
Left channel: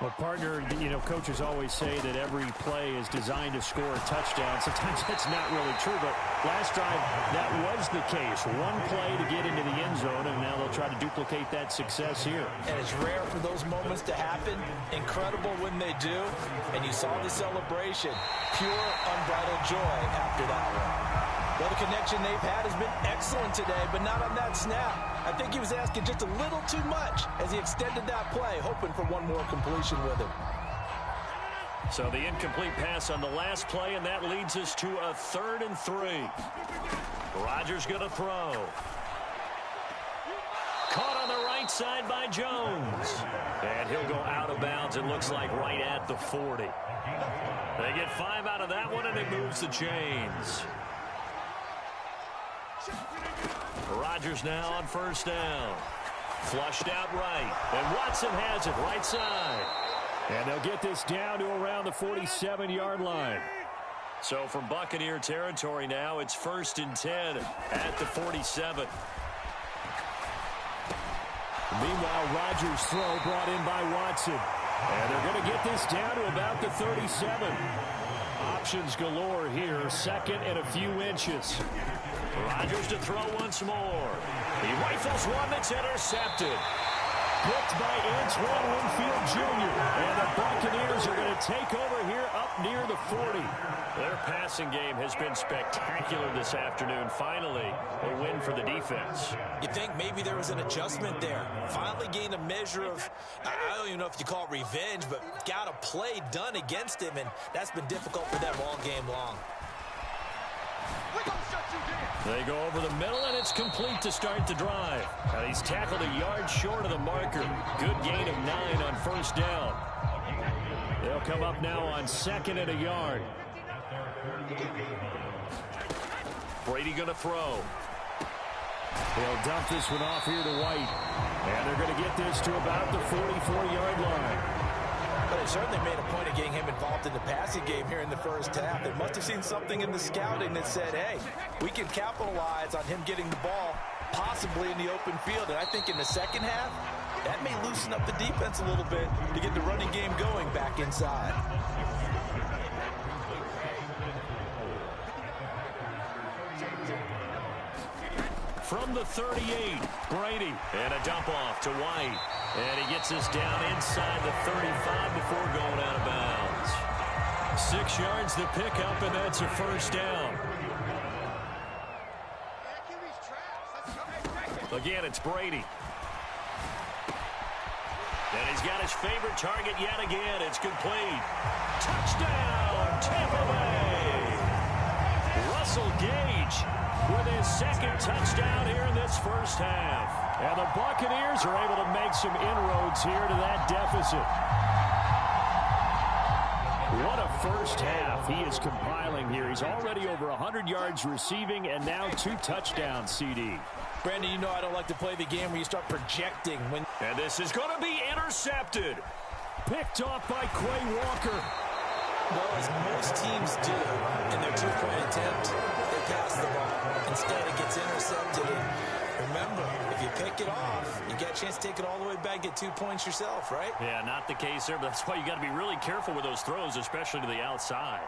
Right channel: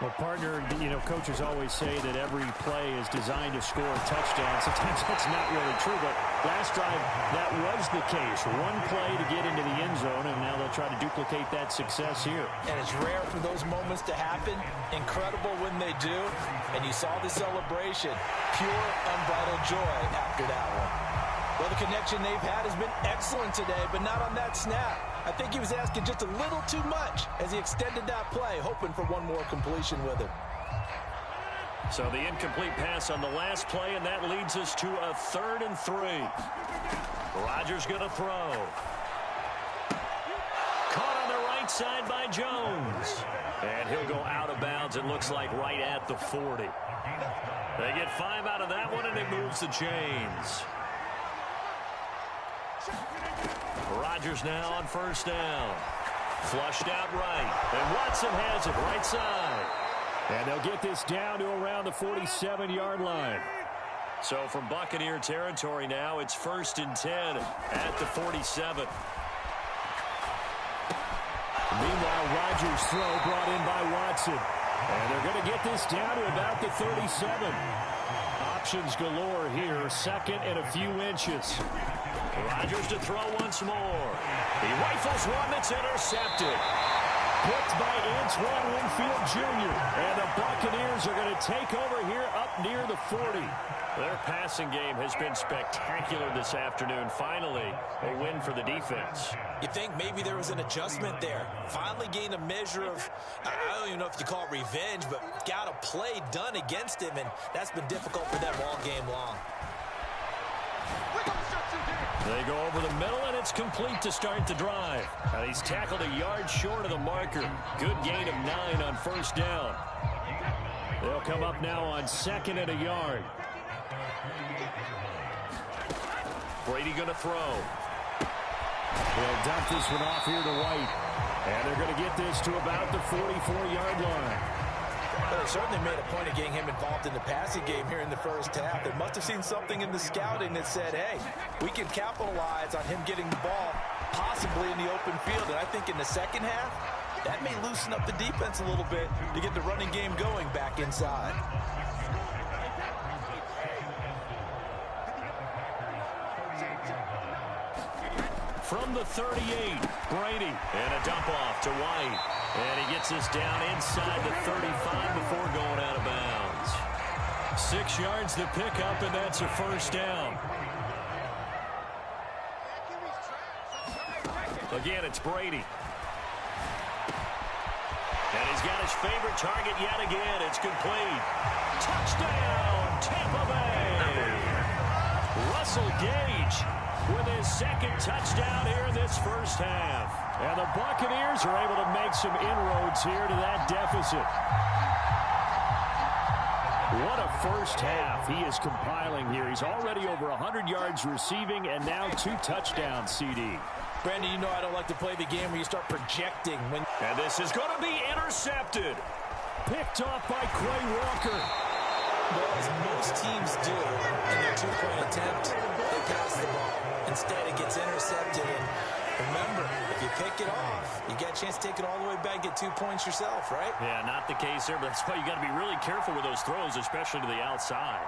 Well, partner, coaches always say that every play is designed to score a touchdown. Sometimes that's not really true, but last drive, that was the case. One play to get into the end zone, and now they'll try to duplicate that success here. And it's rare for those moments to happen. Incredible when they do. And you saw the celebration. Pure, unbridled joy after that one. Well, the connection they've had has been excellent today, but not on that snap. I think he was asking just a little too much as he extended that play, hoping for one more completion with it. So the incomplete pass on the last play, and that leads us to a 3rd and 3. Rodgers going to throw. Caught on the right side by Jones. And he'll go out of bounds, it looks like, right at the 40. They get 5 out of that one, and it moves the chains. Rodgers now on first down. Flushed out right. And Watson has it right side. And they'll get this down to around the 47-yard line. So from Buccaneer territory now, it's 1st and 10 at the 47. Meanwhile, Rodgers' throw brought in by Watson. And they're going to get this down to about the 37. Options galore here. 2nd and a few inches. Rodgers to throw once more. He rifles one that's intercepted. Picked by Antoine Winfield Jr. And the Buccaneers are going to take over here up near the 40. Their passing game has been spectacular this afternoon. Finally, a win for the defense. You think maybe there was an adjustment there. Finally gained a measure of, I don't even know if you call it revenge, but got a play done against him, and that's been difficult for them all game long. They go over the middle, and it's complete to start the drive. And he's tackled a yard short of the marker. Good gain of 9 on first down. They'll come up now on 2nd and a yard. Brady going to throw. They'll dump this one off here to White. And they're going to get this to about the 44-yard line. But they certainly made a point of getting him involved in the passing game here in the first half. They must have seen something in the scouting that said, hey, we can capitalize on him getting the ball possibly in the open field. And I think in the second half, that may loosen up the defense a little bit to get the running game going back inside. From the 38, Brady. And a dump off to White. And he gets this down inside the 35 before going out of bounds. 6 yards to pick up, and that's a first down. Again, it's Brady. And he's got his favorite target yet again. It's complete. Touchdown, Tampa Bay. Russell Gage with his second touchdown here in this first half. And the Buccaneers are able to make some inroads here to that deficit. What a first half he is compiling here. He's already over 100 yards receiving and now 2 touchdowns, CD. Brandon, you know I don't like to play the game where you start projecting. And this is going to be intercepted. Picked off by Quay Walker. Well, as most teams do in their 2-point attempt, they pass the ball. Instead, it gets intercepted. And remember, if you pick it off, you get a chance to take it all the way back, get 2 points yourself, right? Yeah, not the case there, but that's why you got to be really careful with those throws, especially to the outside.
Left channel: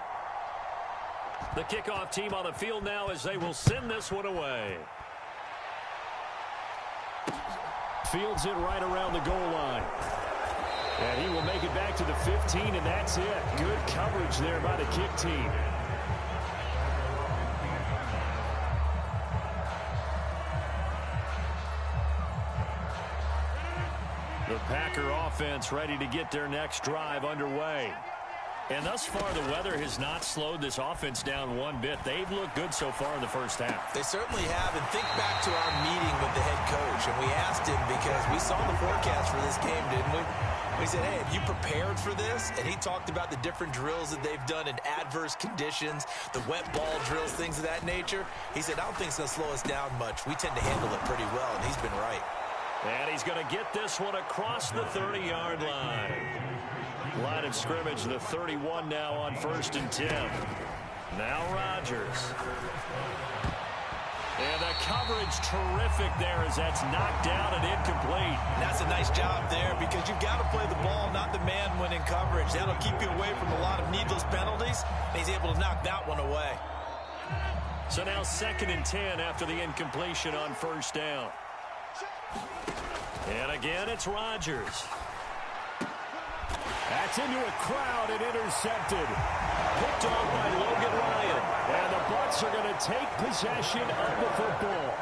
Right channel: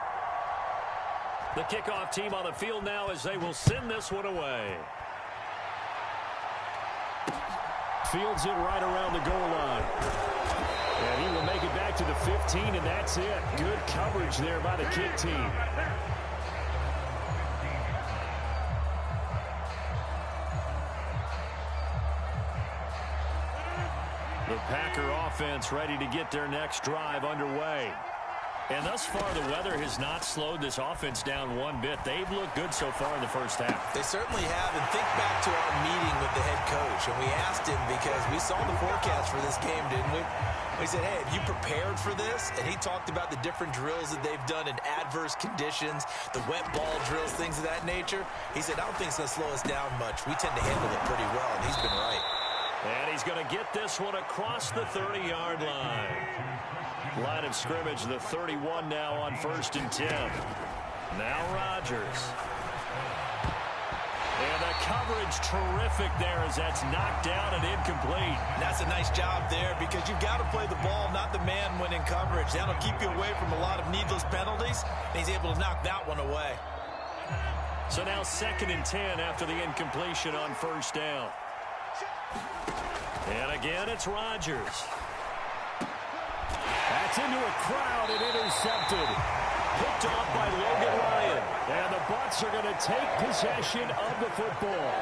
The kickoff team on the field now as they will send this one away. Fields it right around the goal line. And he will make it back to the 15, and that's it. Good coverage there by the kick team. The Packer offense ready to get their next drive underway. And thus far, the weather has not slowed this offense down one bit. They've looked good so far in the first half. They certainly have. And think back to our meeting with the head coach. And we asked him because we saw the forecast for this game, didn't we? We said, hey, have you prepared for this? And he talked about the different drills that they've done in adverse conditions, the wet ball drills, things of that nature. He said, I don't think it's going to slow us down much. We tend to handle it pretty well, and he's been right. And he's going to get this one across the 30-yard line. Line of scrimmage, the 31 now on 1st and 10. Now Rodgers. And the coverage terrific there as that's knocked down and incomplete. And that's a nice job there because you've got to play the ball, not the man when in coverage. That'll keep you away from a lot of needless penalties, and he's able to knock that one away. So now 2nd and 10 after the incompletion on 1st down. And again, it's Rodgers. That's into a crowd and intercepted. Picked off by Logan Ryan. And the Bucs are going to take possession of the football.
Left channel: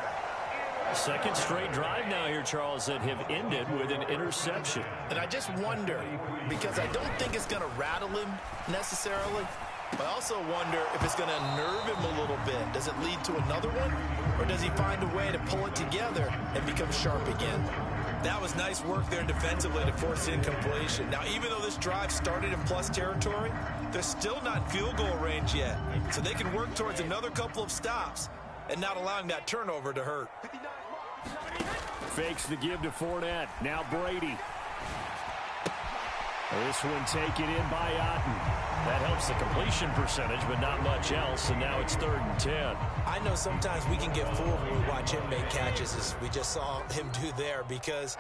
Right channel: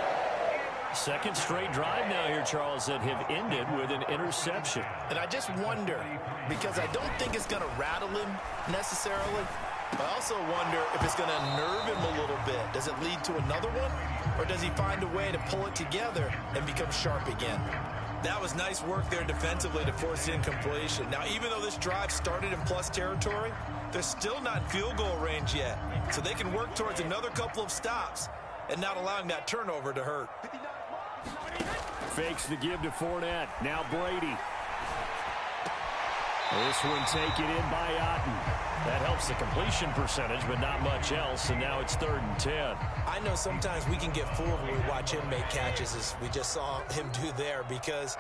Second straight drive now here, Charles, that have ended with an interception. And I just wonder, because I don't think it's going to rattle him necessarily, but I also wonder if it's going to unnerve him a little bit. Does it lead to another one? Or does he find a way to pull it together and become sharp again? That was nice work there defensively to force incompletion. Now, even though this drive started in plus territory, they're still not in field goal range yet. So they can work towards another couple of stops and not allowing that turnover to hurt. Fakes the give to Fournette. Now Brady. This one taken in by Otten. That helps the completion percentage, but not much else, and now it's 3rd and 10. I know sometimes we can get fooled when we watch him make catches, as we just saw him do there, because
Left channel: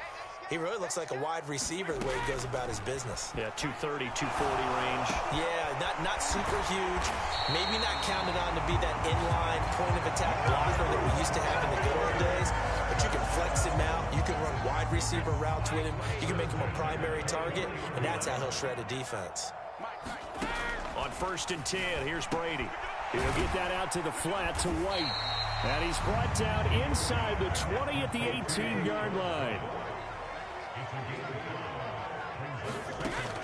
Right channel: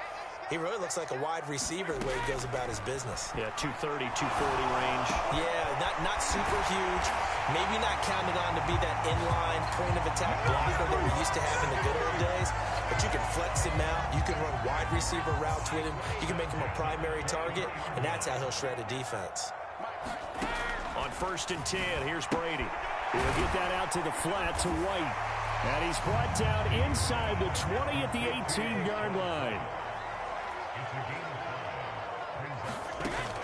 he really looks like a wide receiver the way he goes about his business. Yeah, 230, 240 range. Yeah, not super huge. Maybe not counted on to be that inline point-of-attack blocker that we used to have in the good old days, but you can flex him out. You can run wide receiver routes with him. You can make him a primary target, and that's how he'll shred a defense. On 1st and 10, here's Brady. He'll get that out to the flat to White. And he's brought down inside the 20 at the 18-yard line.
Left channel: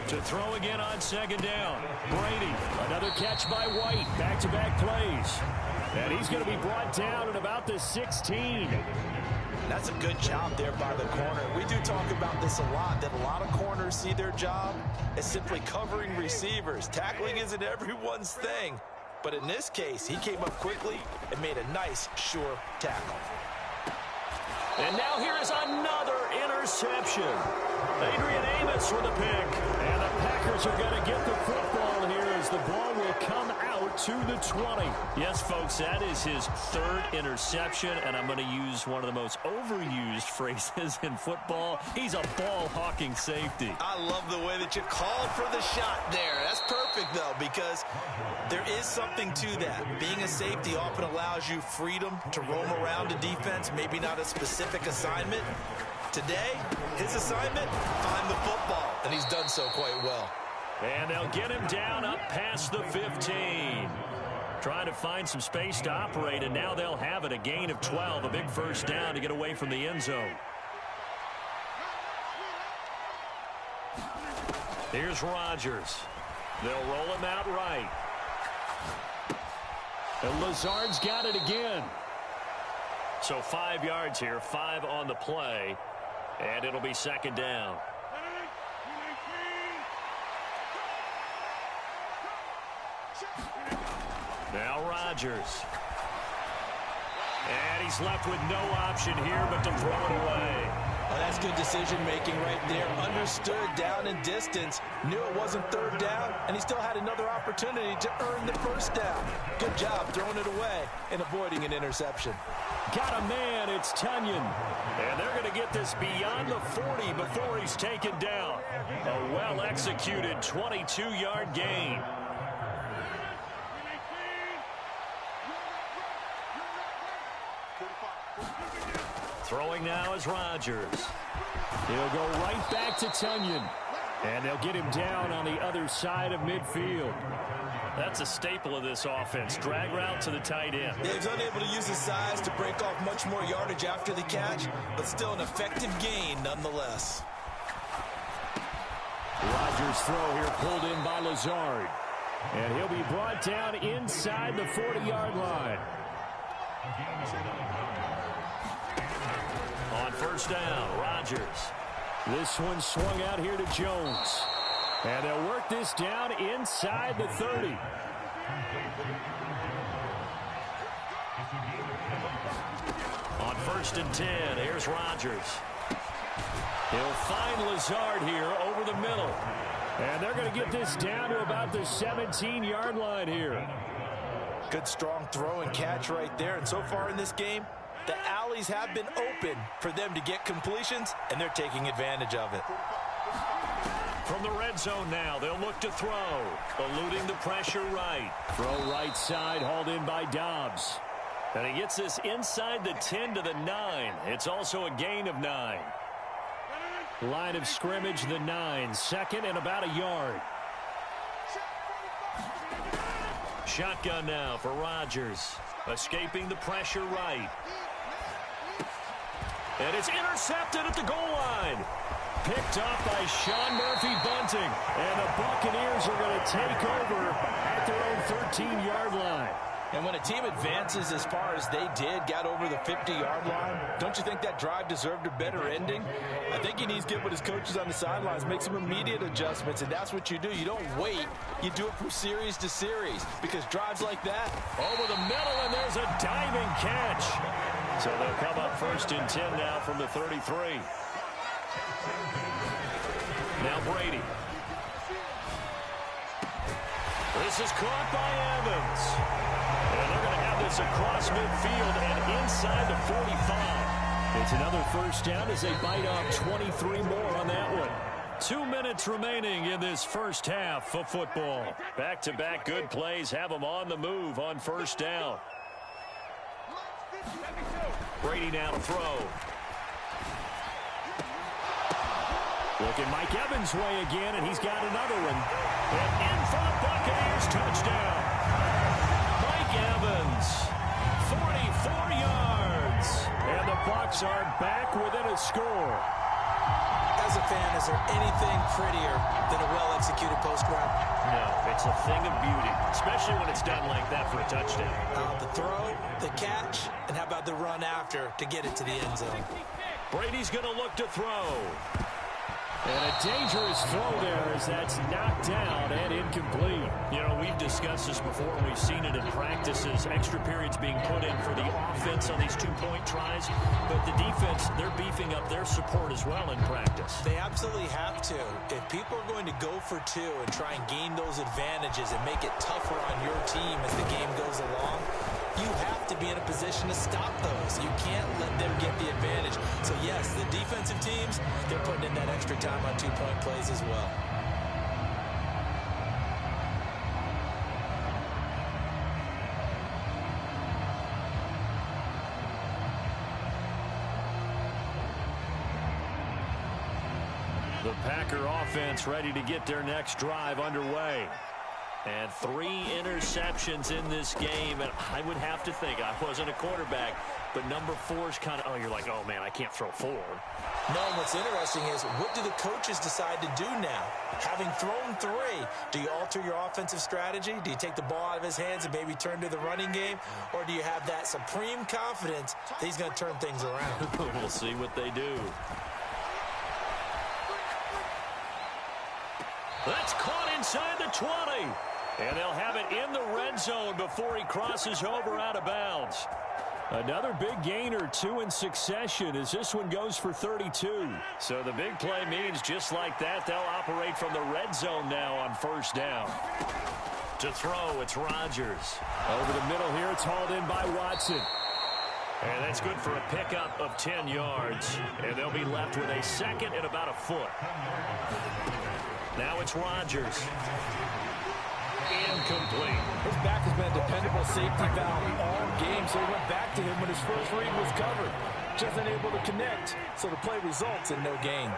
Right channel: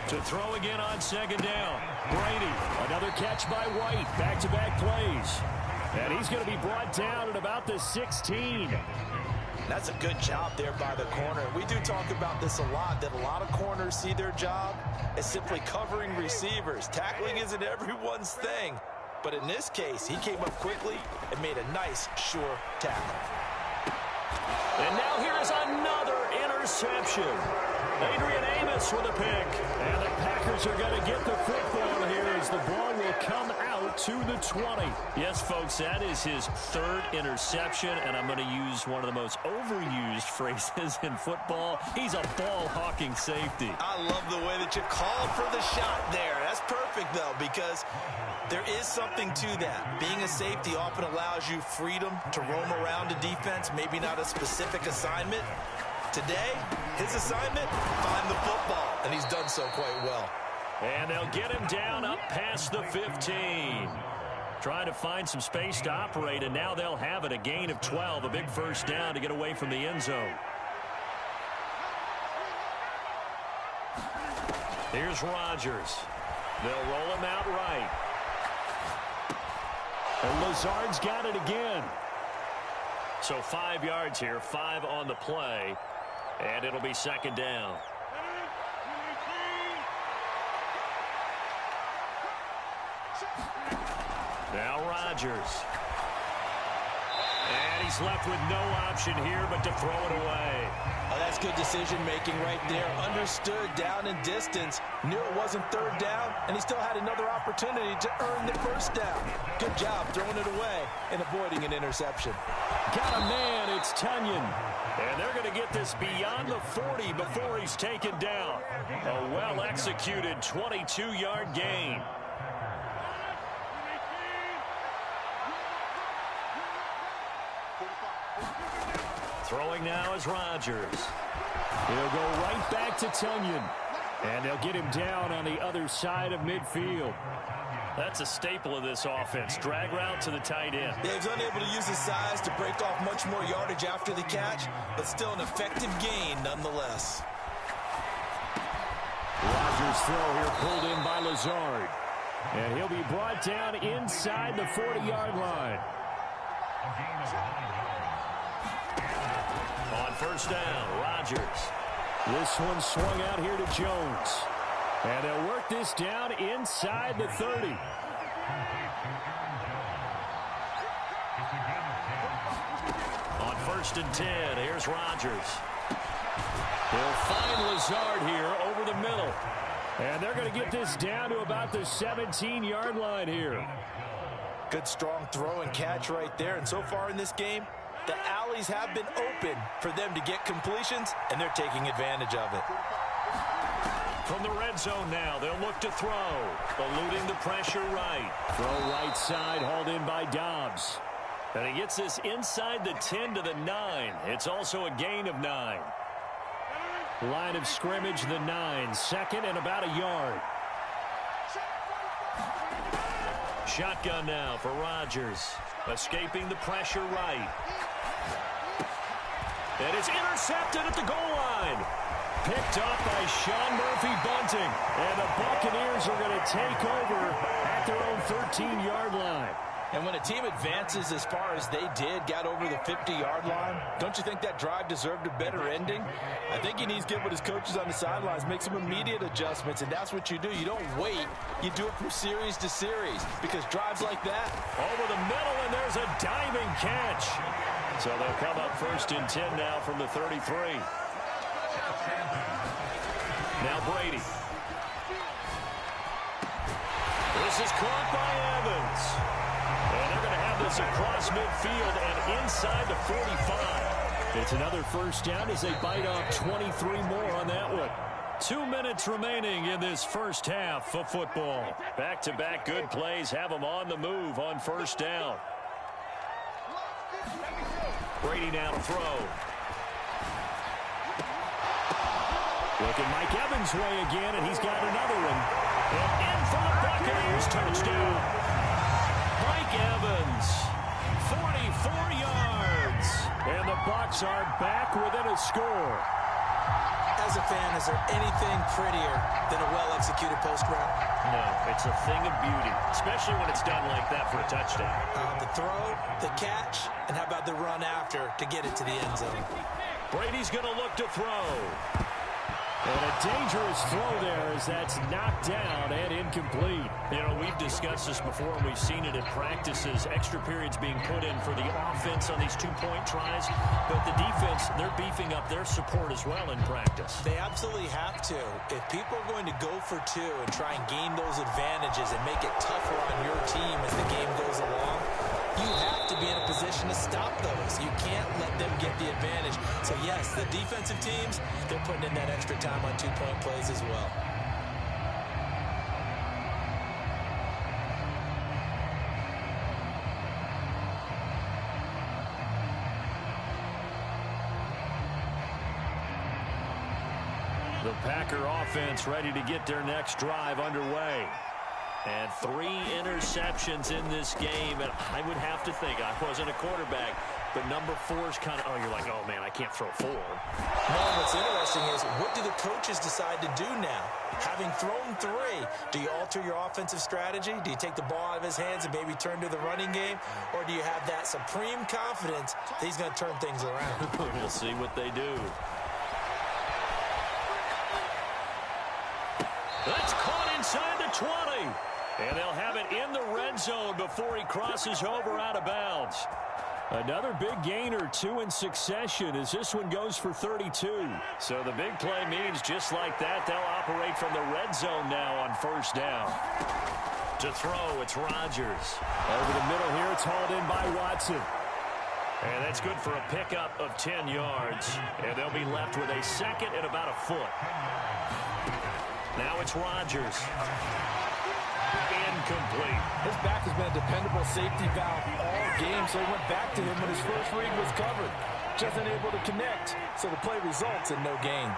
To throw again on 2nd down. Brady, another catch by White. Back-to-back plays. And he's going to be brought down at about the 16. That's a good job there by the corner. We do talk about this a lot, that a lot of corners see their job as simply covering receivers. Tackling isn't everyone's thing. But in this case, he came up quickly and made a nice, sure tackle. And now here is another interception. Adrian Amos with a pick. And the Packers are going to get the football here as the ball will come out to the 20. Yes, folks, that is his 3rd interception, and I'm going to use one of the most overused phrases in football. He's a ball-hawking safety. I love the way that you called for the shot there. That's perfect, though, because there is something to that. Being a safety often allows you freedom to roam around a defense, maybe not a specific assignment. Today, his assignment, find the football, and he's done so quite well. And they'll get him down up past the 15. Trying to find some space to operate, and now they'll have it. A gain of 12, a big 1st down to get away from the end zone. Here's Rodgers. They'll roll him out right. And Lazard's got it again. So 5 yards here, 5 on the play, and it'll be second down. Now Rodgers. And he's left with no option here but to throw it away. Oh, that's good decision-making right there. Understood down and distance. Knew it wasn't third down, and he still had another opportunity to earn the first down. Good job throwing it away and avoiding an interception. Got a man, it's Tunyon. And they're going to get this beyond the 40 before he's taken down. A well-executed 22-yard gain. Throwing now is Rodgers. He'll go right back to Tunyon. And they'll get him down on the other side of midfield. That's a staple of this offense. Drag route to the tight end. Yeah, he's unable to use his size to break off much more yardage after the catch, but still an effective gain nonetheless. Rodgers' throw here pulled in by Lazard. And he'll be brought down inside the 40-yard line. On first down, Rodgers. This one swung out here to Jones. And they'll work this down inside the 30. On first and 10, here's Rodgers. He'll find Lazard here over the middle. And they're going to get this down to about the 17-yard line here. Good strong throw and catch right there. And so far in this game, the alleys have been open for them to get completions, and they're taking advantage of it. From the red zone now, they'll look to throw, eluding the pressure right. Throw right side, hauled in by Dobbs. And he gets this inside the 10 to the 9. It's also a gain of 9. Line of scrimmage, the 9. Second and about a yard. Shotgun now for Rodgers. Escaping the pressure right. And it's intercepted at the goal line. Picked up by Sean Murphy-Bunting. And the Buccaneers are going to take over at their own 13-yard line. And when a team advances as far as they did, got over the 50-yard line, don't you think that drive deserved a better ending? I think he needs to get with his coaches on the sidelines, make some immediate adjustments, and that's what you do. You don't wait. You do it from series to series, because drives like that. Over the middle, and there's a diving catch. So they'll come up first and 10 now from the 33. Now Brady. This is caught by Evans. And they're going to have this across midfield and inside the 45. It's another first down as they bite off 23 more on that one. 2 minutes remaining in this first half of football. Back-to-back good plays have them on the move on first down. Brady now to throw. Looking Mike Evans' way again, and he's got another one. And in for the Buccaneers touchdown. Mike Evans, 44 yards. And the Bucs are back within a score. As a fan, is there anything prettier than a well-executed post route? No, it's a thing of beauty, especially when it's done like that for a touchdown. The throw, the catch, and how about the run after to get it to the end zone? Brady's going to look to throw. And a dangerous throw there as that's knocked down and incomplete. You know, we've discussed this before, and we've seen it in practices. Extra periods being put in for the offense on these two-point tries. But the defense, they're beefing up their support as well in practice. They absolutely have to. If people are going to go for two and try and gain those advantages and make it tougher on your team as the game goes along, you have to be in a position to stop those. You can't let them get the advantage. So, yes, the defensive teams, they're putting in that extra time on two-point plays as well. The Packer offense ready to get their next drive underway. And 3 interceptions in this game. And I would have to think, I wasn't a quarterback, but number 4 is kind of, you're like, oh, man, I can't throw 4. No, what's interesting is, what do the coaches decide to do now? Having thrown 3, do you alter your offensive strategy? Do you take the ball out of his hands and maybe turn to the running game? Or do you have that supreme confidence that he's going to turn things around? We'll see what they do. That's caught inside the 20. And they'll have it in the red zone before he crosses over out of bounds. Another big gain or 2 in succession as this one goes for 32. So the big play means just like that, they'll operate from the red zone now on first down. To throw, it's Rodgers. Over the middle here, it's hauled in by Watson. And that's good for a pickup of 10 yards. And they'll be left with a second and about a foot. Now it's Rodgers. Incomplete. His back has been a dependable safety valve all game, so he went back to him when his first read was covered. Just unable to connect, so the play results in no gain.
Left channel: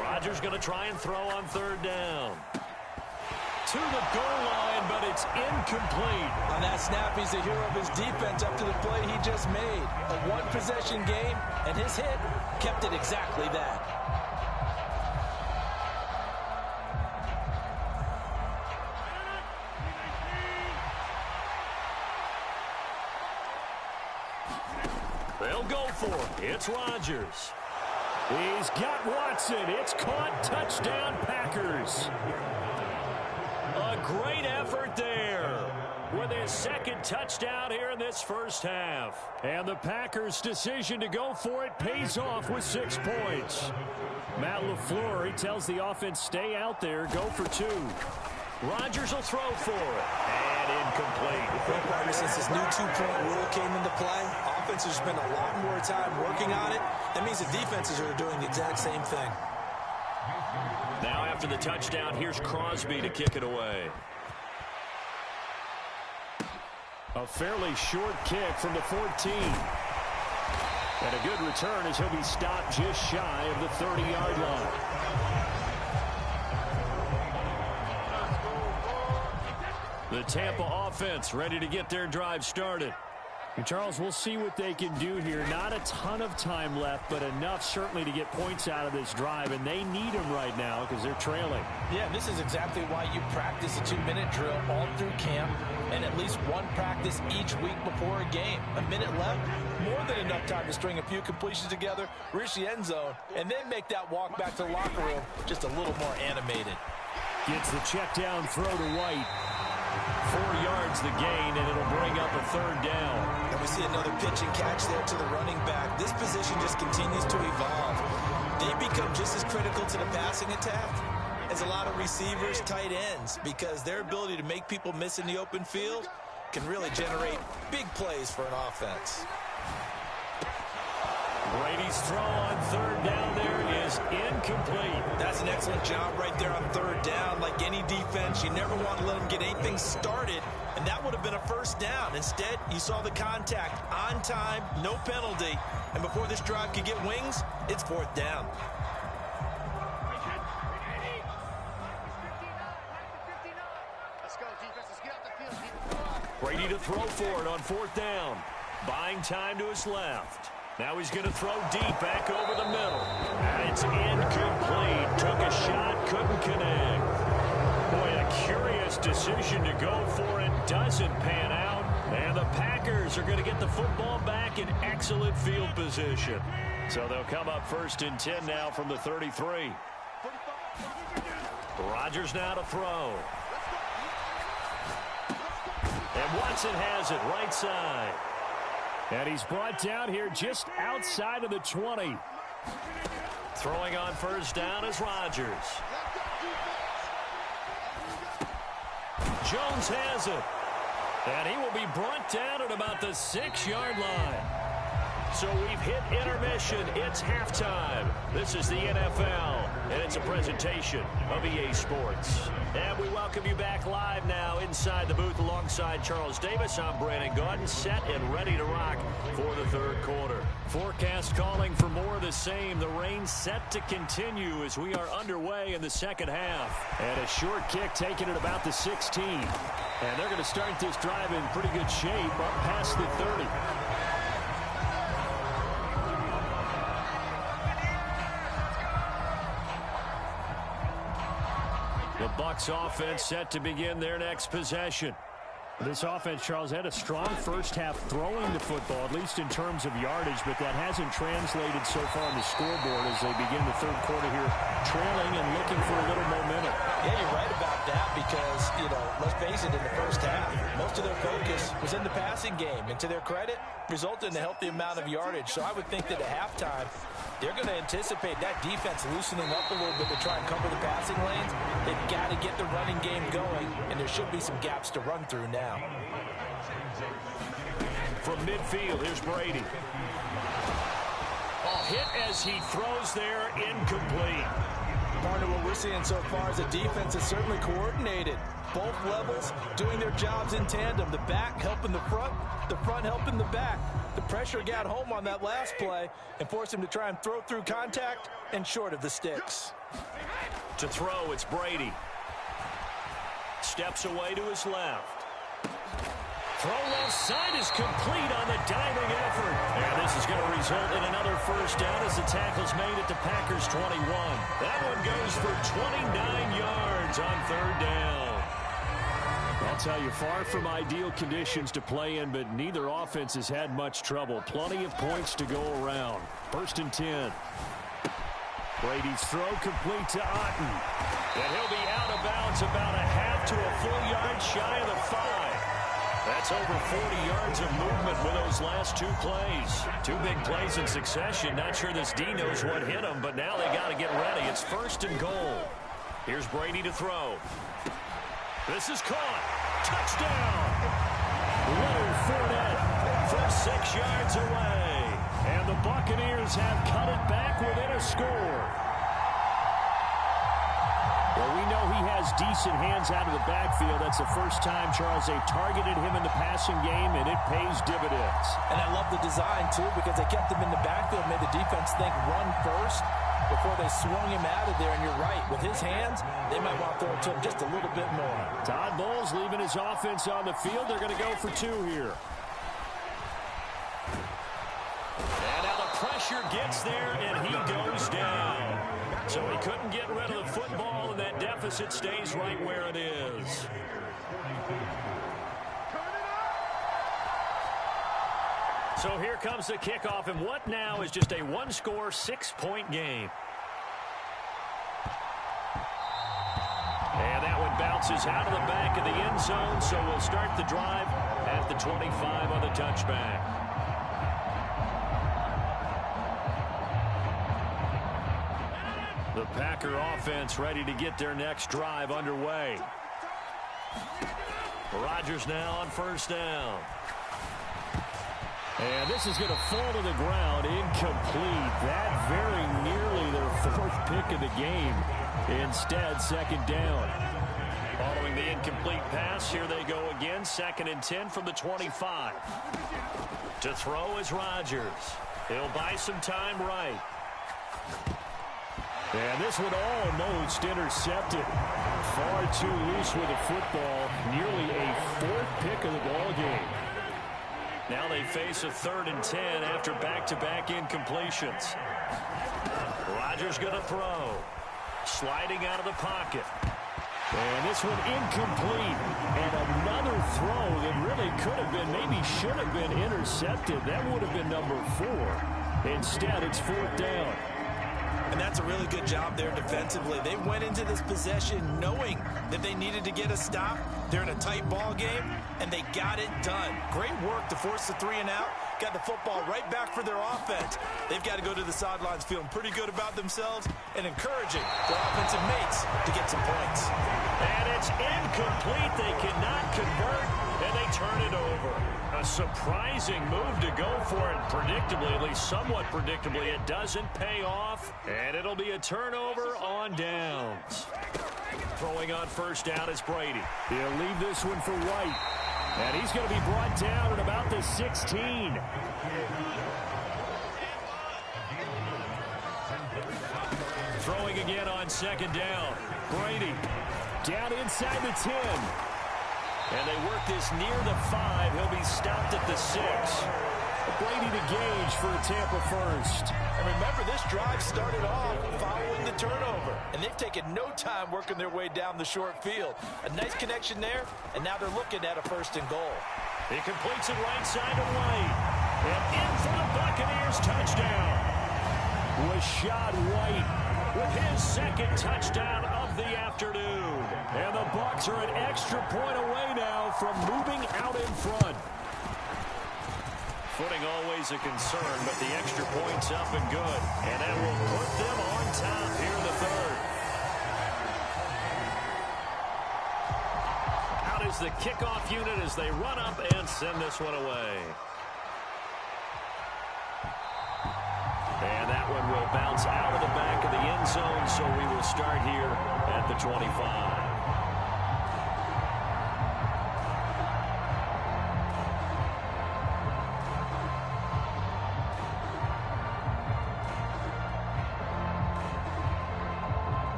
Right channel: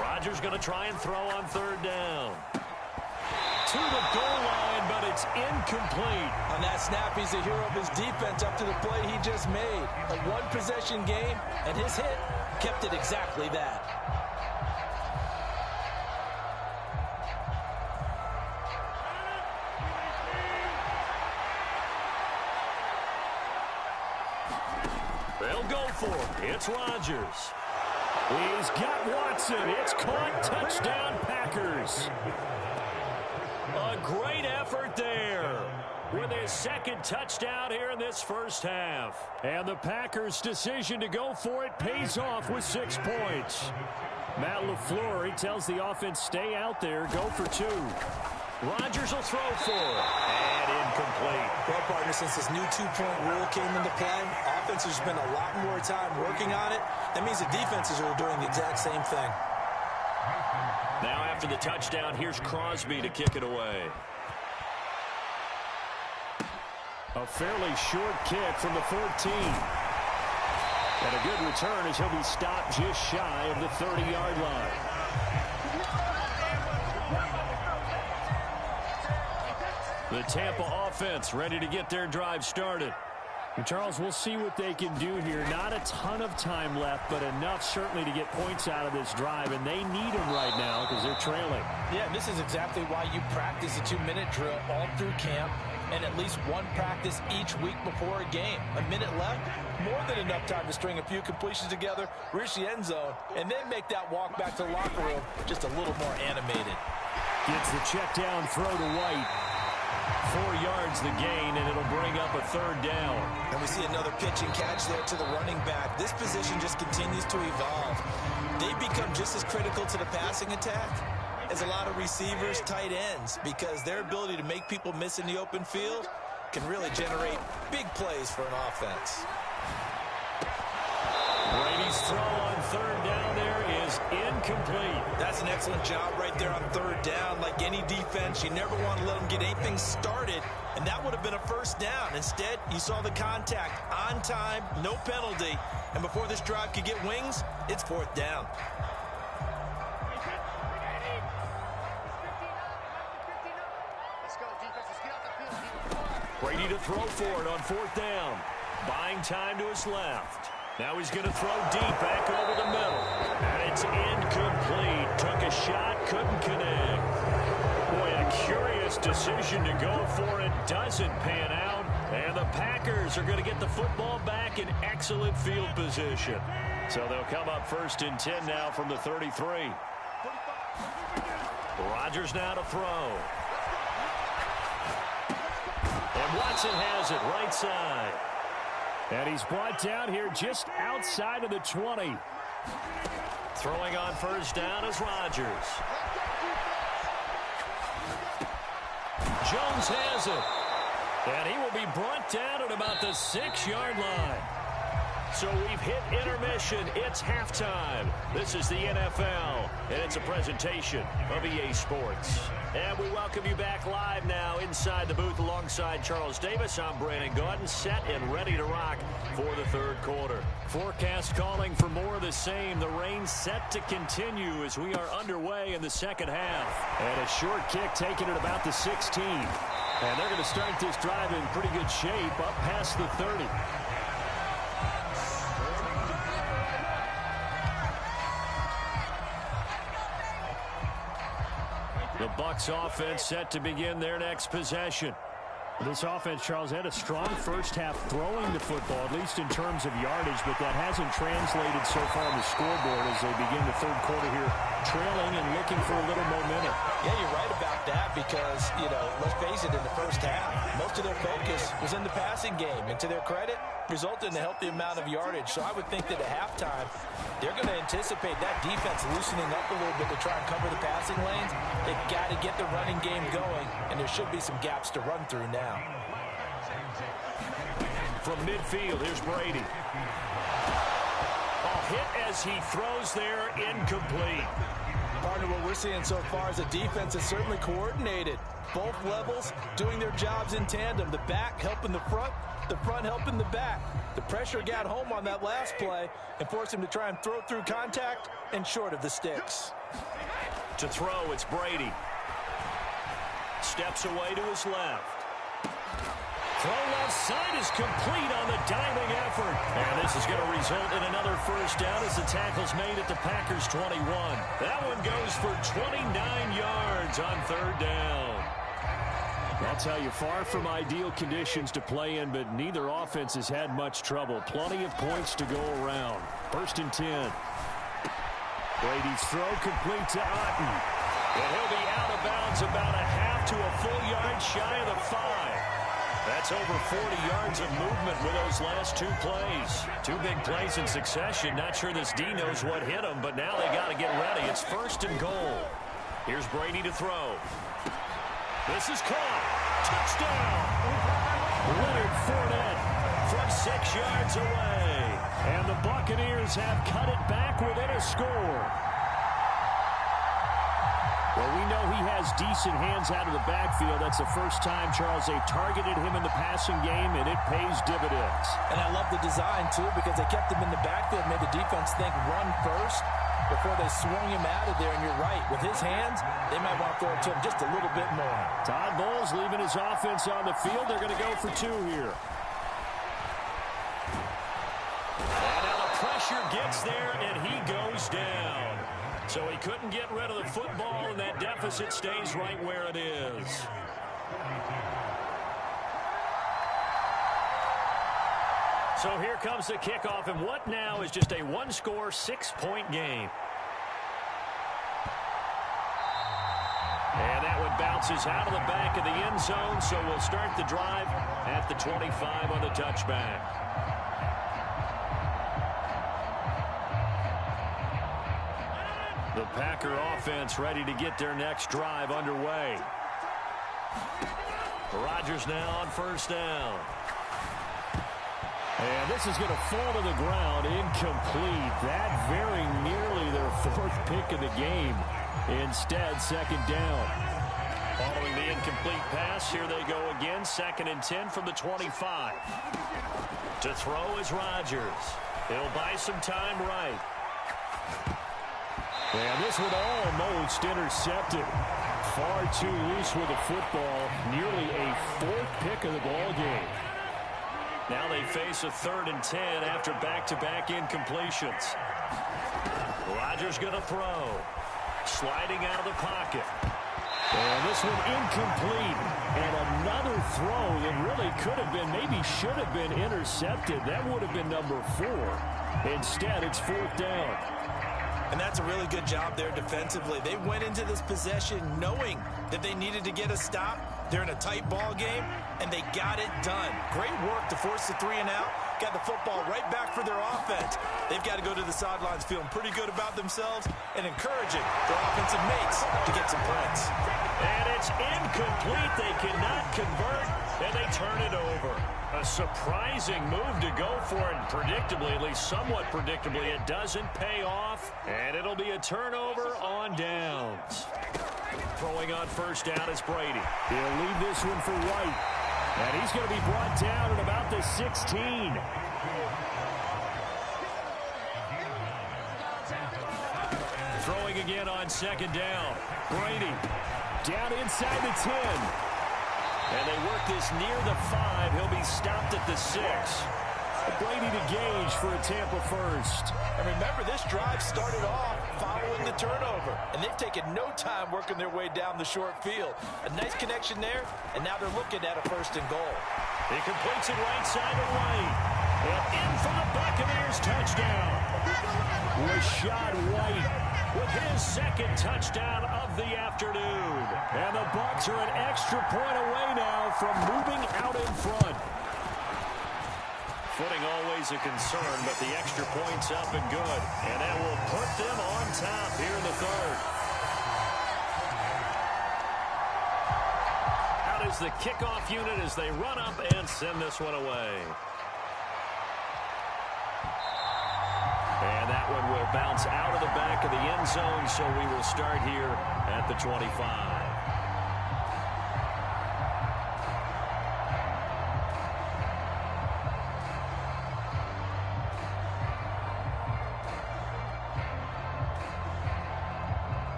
Rodgers going to try and throw on third down. To the goal line, but it's incomplete. On that snap, he's the hero of his defense up to the play he just made. A one-possession game, and his hit kept it exactly that. They'll go for it. It's Rodgers. He's got Watson. It's caught. Touchdown, Packers. A great effort there with his second touchdown here in this first half. And the Packers' decision to go for it pays off with 6 points. Matt LaFleur, he tells the offense, stay out there, go for 2. Rodgers will throw for it. And incomplete. Well, partner, since this new two-point rule came into play, offenses spend a lot more time working on it. That means the defenses are doing the exact same thing. Now after the touchdown, here's Crosby to kick it away. A fairly short kick from the 14. And a good return as he'll be stopped just shy of the 30-yard line. The Tampa offense ready to get their drive started. And Charles, we'll see what they can do here. Not a ton of time left, but enough certainly to get points out of this drive, and they need them right now because they're trailing. Yeah, this is exactly why you practice a 2-minute drill all through camp and at least one practice each week before a game. A minute left, more than enough time to string a few completions together, reach the end zone, and then make that walk back to the locker room just a little more animated. Gets the check down throw to White. 4 yards the gain, and it'll bring up a third down. And we see another pitch and catch there to the running back. This position just continues to evolve. They become just as critical to the passing attack as a lot of receivers, tight ends, because their ability to make people miss in the open field can really generate big plays for an offense. Brady's throw on third down there is incomplete. That's an excellent job right there on third down. Like any defense, you never want to let them get anything started, and that would have been a first down. Instead, you saw the contact on time, no penalty, and before this drive could get wings, it's fourth down. Brady to throw for it on fourth down. Buying time to his left. Now he's going to throw deep back over the middle. And it's incomplete. Took a shot, couldn't connect. Boy, a curious decision to go for it. Doesn't pan out. And the Packers are going to get the football back in excellent field position. So they'll come up first and 10 now from the 33. Rodgers now to throw. And Watson has it right side. And he's brought down here just outside of the 20. Throwing on first down is Rodgers. Jones has it. And he will be brought down at about the 6-yard line. So we've hit intermission. It's halftime. This is the NFL, and it's a presentation of EA Sports. And we welcome you back live now inside the booth alongside Charles Davis. I'm Brandon Gaudin, set and ready to rock for the third quarter. Forecast calling for more of the same. The rain set to continue as we are underway in the second half. And a short kick taken at about the 16. And they're going to start this drive in pretty good shape up past the 30. The Bucs offense set to begin their next possession. This offense, Charles, had a strong first half throwing the football, at least in terms of yardage, but that hasn't translated so far on the scoreboard as they begin the third quarter here, trailing and looking for a little momentum. Yeah, you're right about that because, let's face it, in the first half, most of their focus was in the passing game. And to their credit, resulted in a healthy amount of yardage. So I would think that at halftime, they're going to anticipate that defense loosening up a little bit to try and cover the passing lanes. They've got to get the running game going, and there should be some gaps to run through now. From midfield, here's Brady. Hit as he throws there, incomplete. Partner, what we're seeing so far is a defense is certainly coordinated. Both levels doing their jobs in tandem. The back helping the front helping the back. The pressure got home on that last play and forced him to try and throw through contact and short of the sticks. To throw, it's Brady. Steps away to his left. Throw left side is complete on the diving effort. And this is going to result in another first down as the tackle's made at the Packers' 21. That one goes for 29 yards on third down. I'll tell you, far from ideal conditions to play in, but neither offense has had much trouble. Plenty of points to go around. First and 10. Brady's throw complete to Otten. And he'll be out of bounds about a half to a full yard shy of the 5. That's over 40 yards of movement with those last two plays. Two big plays in succession. Not sure this D knows what hit him, but now they got to get ready. It's first and goal. Here's Brady to throw. This is caught. Touchdown. Leonard Fournette from 6 yards away. And the Buccaneers have cut it back within a score. Well, we know he has decent hands out of the backfield. That's the first time, Charles, they've targeted him in the passing game, and it pays dividends. And I love the design, too, because they kept him in the backfield, made the defense think run first before they swung him out of there. And you're right, with his hands, they might want to throw it to him just a little bit more. Todd Bowles leaving his offense on the field. They're going to go for 2 here. And now the pressure gets there, and he goes down. So he couldn't get rid of the football, and that deficit stays right where it is. So here comes the kickoff, and what now is just a one-score, 6-point game. And that one bounces out of the back of the end zone, so we'll start the drive at the 25 on the touchback. The Packer offense ready to get their next drive underway. Rodgers now on first down. And this is going to fall to the ground, incomplete. That very nearly their 4th pick of the game. Instead, second down. Following the incomplete pass, here they go again. 2nd and 10 from the 25. To throw is Rodgers. He'll buy some time right. And this one almost intercepted. Far too loose with the football. Nearly a 4th pick of the ball game. Now they face a 3rd and 10 after back-to-back incompletions. Rodgers going to throw. Sliding out of the pocket. And this one incomplete. And another throw that really could have been, maybe should have been intercepted. That would have been number 4. Instead, it's 4th down. And that's a really good job there defensively. They went into this possession knowing that they needed to get a stop. They're in a tight ball game, and they got it done. Great work to force the 3 and out. Got the football right back for their offense. They've got to go to the sidelines feeling pretty good about themselves and encouraging their offensive mates to get some points. And it's incomplete. They cannot convert. and they turn it over. A surprising move to go for it, and predictably, at least somewhat predictably, it doesn't pay off, and it'll be a turnover on downs. Throwing on first down is Brady. He'll leave this one for White, and he's going to be brought down at about the 16. Throwing again on second down. Brady down inside the 10. And they work this near the 5. He'll be stopped at the 6. Brady to gauge for a Tampa first. And remember, this drive started off following the turnover, and they've taken no time working their way down the short field. A nice connection there, and now they're looking at a 1st and goal. He completes it right side to White. And in for the Buccaneers touchdown. Rashad White with his second touchdown of the afternoon. And the Bucs are an extra point away now from moving out in front. Footing always a concern, but the extra point's up and good. And that will put them on top here in the 3rd. Out is the kickoff unit as they run up and send this one away. And that one will bounce out of the back of the end zone, so we will start here at the 25.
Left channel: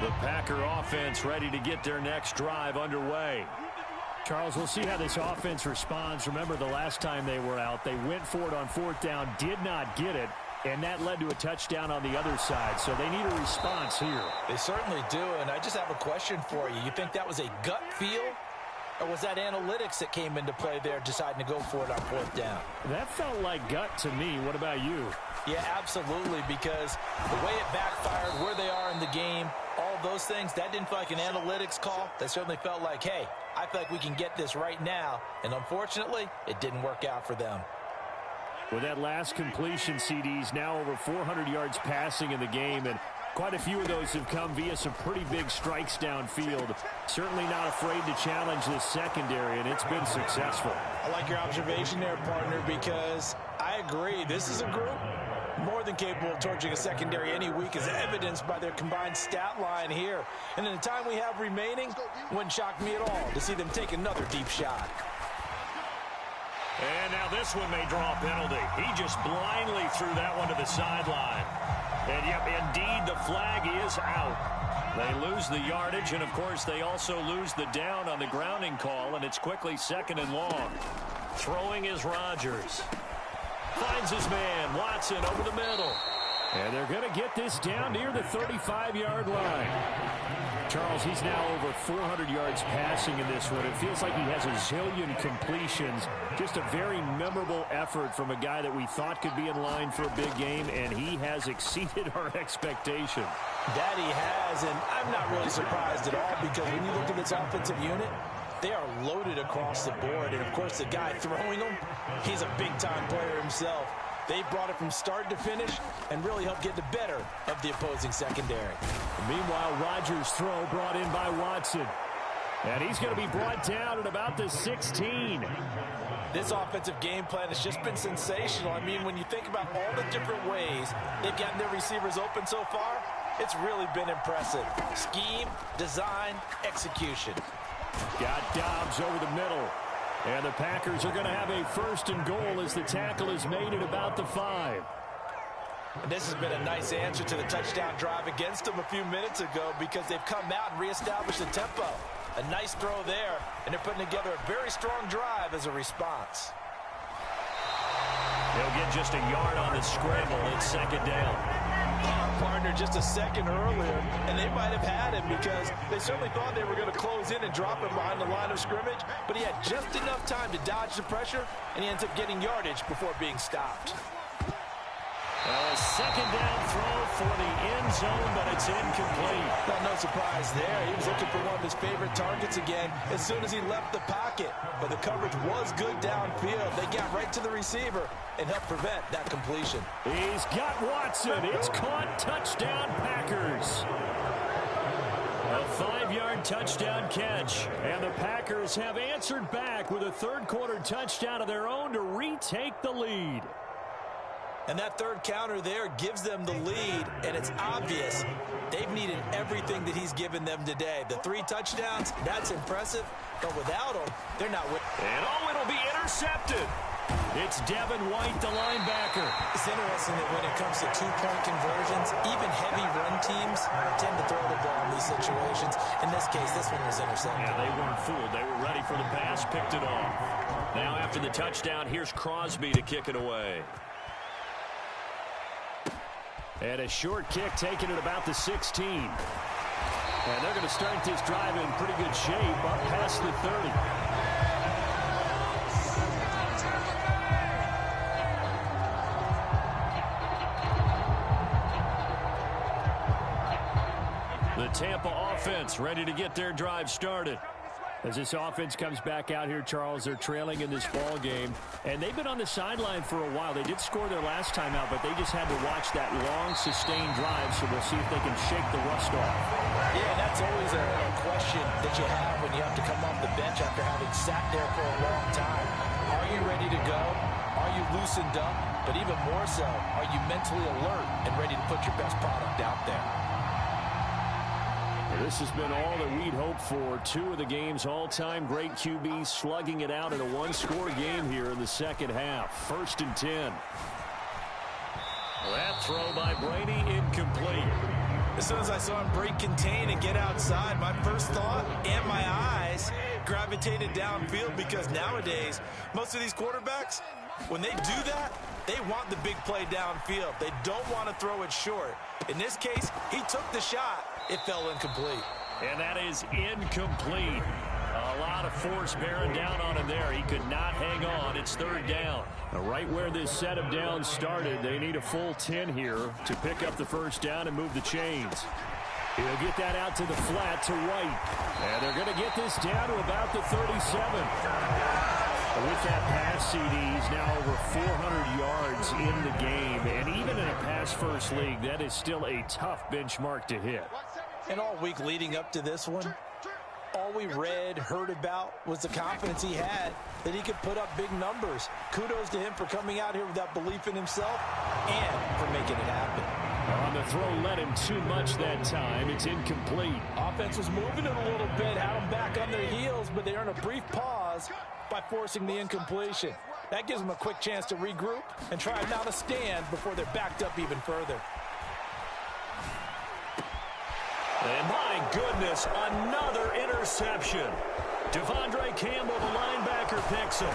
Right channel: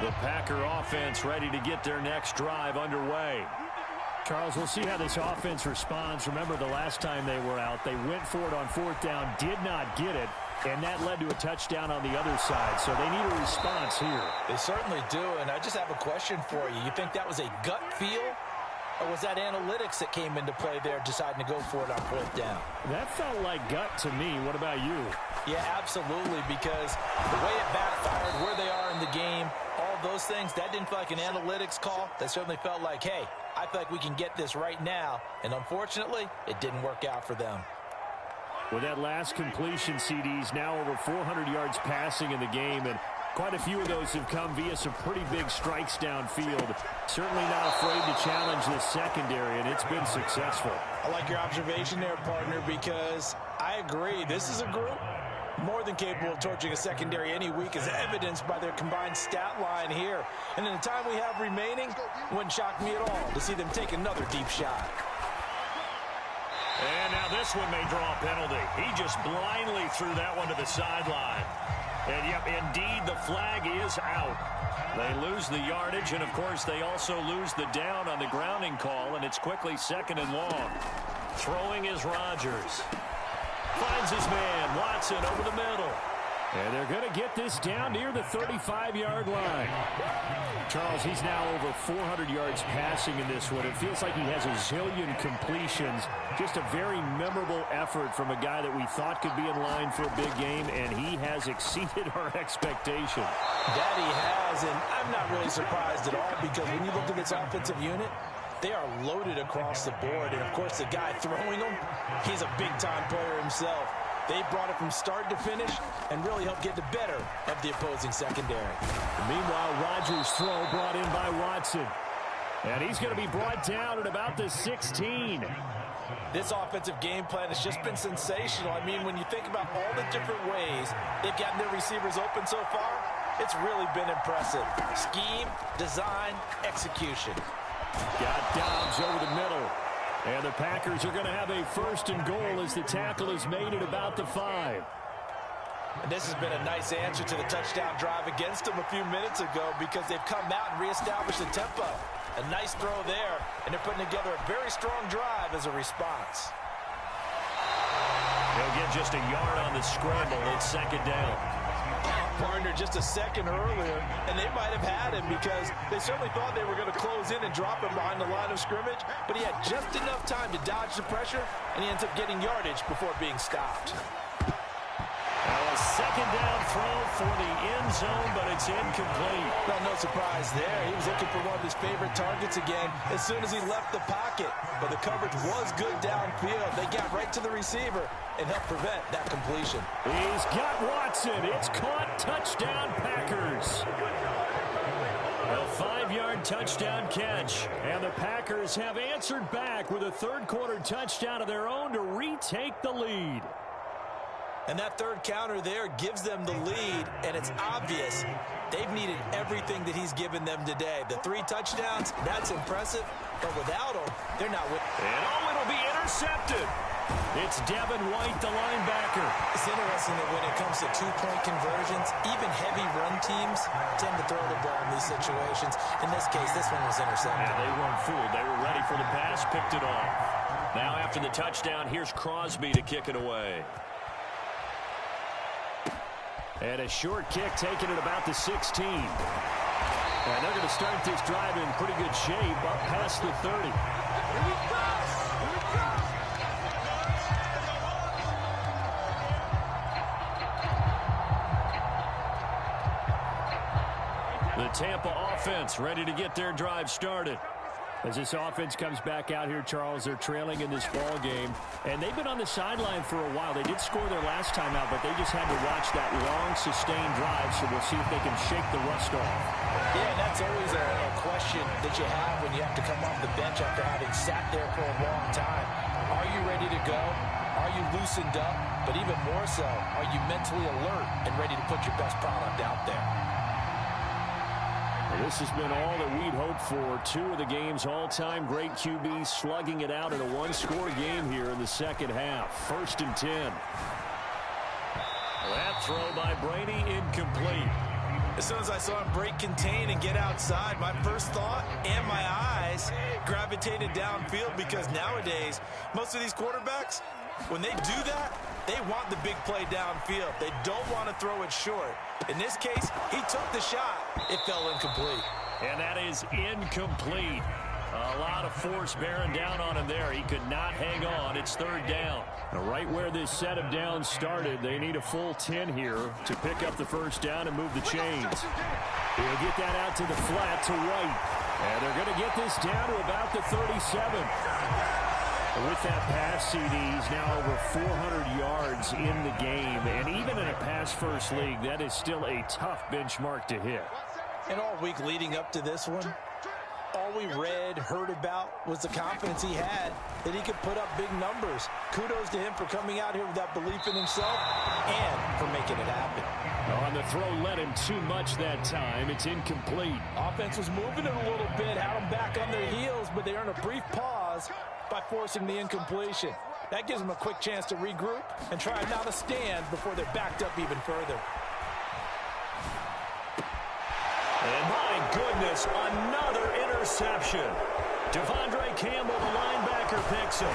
The Packer offense ready to get their next drive underway. Charles, we'll see how this offense responds. Remember, the last time they were out, they went for it on 4th down, did not get it, and that led to a touchdown on the other side. So they need a response here. They certainly do, and I just have a question for you. You think that was a gut feel, or was that analytics that came into play there deciding to go for it on 4th down? That felt like gut to me. What about you? Yeah, absolutely, because the way it backfired, where they are in the game, all those things, that didn't feel like an analytics call. That certainly felt like, hey, I feel like we can get this right now. And unfortunately, it didn't work out for them. With that last completion, CD's now over 400 yards passing in the game, and quite a few of those have come via some pretty big strikes downfield. Certainly not afraid to challenge this secondary, and it's been successful. I like your observation there, partner, because I agree. This is a group more than capable of torching a secondary any week, as evidenced by their combined stat line here. And in the time we have remaining, wouldn't shock me at all to see them take another deep shot. And now this one may draw a penalty. He just blindly threw that one to the sideline. And, yep, indeed, the flag is out. They lose the yardage, and, of course, they also lose the down on the grounding call, and it's quickly 2nd and long. Throwing is Rodgers. Finds his man, Watson, over the middle. And they're going to get this down near the 35-yard line. Charles, he's now over 400 yards passing in this one. It feels like he has a zillion completions. Just a very memorable effort from a guy that we thought could be in line for a big game, and he has exceeded our expectation. That he has, and I'm not really surprised at all, because when you look at this offensive unit, they are loaded across the board. And, of course, the guy throwing them, he's a big-time player himself. They brought it from start to finish and really helped get the better of the opposing secondary. Meanwhile, Rodgers' throw brought in by Watson. And he's going to be brought down at about the 16. This offensive game plan has just been sensational. I mean, when you think about all the different ways they've gotten their receivers open so far, it's really been impressive. Scheme, design, execution. Got Dobbs over the middle. And the Packers are going to have a 1st and goal as the tackle is made at about the 5. And this has been a nice answer to the touchdown drive against them a few minutes ago, because they've come out and reestablished the tempo. A nice throw there, and they're putting together a very strong drive as a response. He'll get just a yard on the scramble. It's 2nd down. Partner just a second earlier, and they might have had him, because they certainly thought they were going to close in and drop him behind the line of scrimmage, but he had just enough time to dodge the pressure, and he ends up getting yardage before being stopped. Now a 2nd down throw for the end zone, but it's incomplete. Well, no surprise there. He was looking for one of his favorite targets again as soon as he left the pocket. But the coverage was good downfield. They got right to the receiver and helped prevent that completion. He's got Watson. It's caught. Touchdown, Packers. A 5-yard touchdown catch. And the Packers have answered back with a third-quarter touchdown of their own to retake the lead. And that third counter there gives them the lead, and it's obvious they've needed everything that he's given them today. The 3 touchdowns, that's impressive, but without him, they're not winning. And it'll be intercepted. It's Devin White, the linebacker. It's interesting that when it comes to 2-point conversions, even heavy run teams tend to throw the ball in these situations. In this case, this one was intercepted. Yeah, they weren't fooled. They were ready for the pass, picked it off. Now after the touchdown, here's Crosby to kick it away. And a short kick taken at about the 16. And they're going to start this drive in pretty good shape up past the 30. The Tampa offense ready to get their drive started. As this offense comes back out here, Charles, they're trailing in this ball game. And they've been on the sideline for a while. They did score their last time out, but they just had to watch that long, sustained drive, so we'll see if they can shake the rust off. Yeah, and that's always a question that you have when you have to come off the bench after having sat there for a long time. Are you ready to go? Are you loosened up? But even more so, are you mentally alert and ready to put your best product out there? Well, this has been all that we'd hoped for. 2 of the game's all-time great QBs slugging it out in a one-score game here in the second half. 1st and 10. That throw by Brady incomplete. As soon as I saw him break contain and get outside, my first thought and my eyes gravitated downfield, because nowadays, most of these quarterbacks, when they do that, they want the big play downfield. They don't want to throw it short. In this case, he took the shot. It fell incomplete. And that is incomplete. A lot of force bearing down on him there. He could not hang on. It's 3rd down. Now, right where this set of downs started, they need a full 10 here to pick up the first down and move the chains. He'll get that out to the flat to White. And they're going to get this down to about the 37. With that pass, CDs now over 400 yards in the game. And even in a pass-first league, that is still a tough benchmark to hit. And all week leading up to this one, all we read, heard about was the confidence he had that he could put up big numbers. Kudos to him for coming out here with that belief in himself and for making it happen. On the throw, led him too much that time. It's incomplete. Offense was moving it a little bit, had them back on their heels, but they earned a brief pause by forcing the incompletion. That gives them a quick chance to regroup and try now to stand before they're backed up even further. And my goodness, another interception. Devondre Campbell, the linebacker, picks him.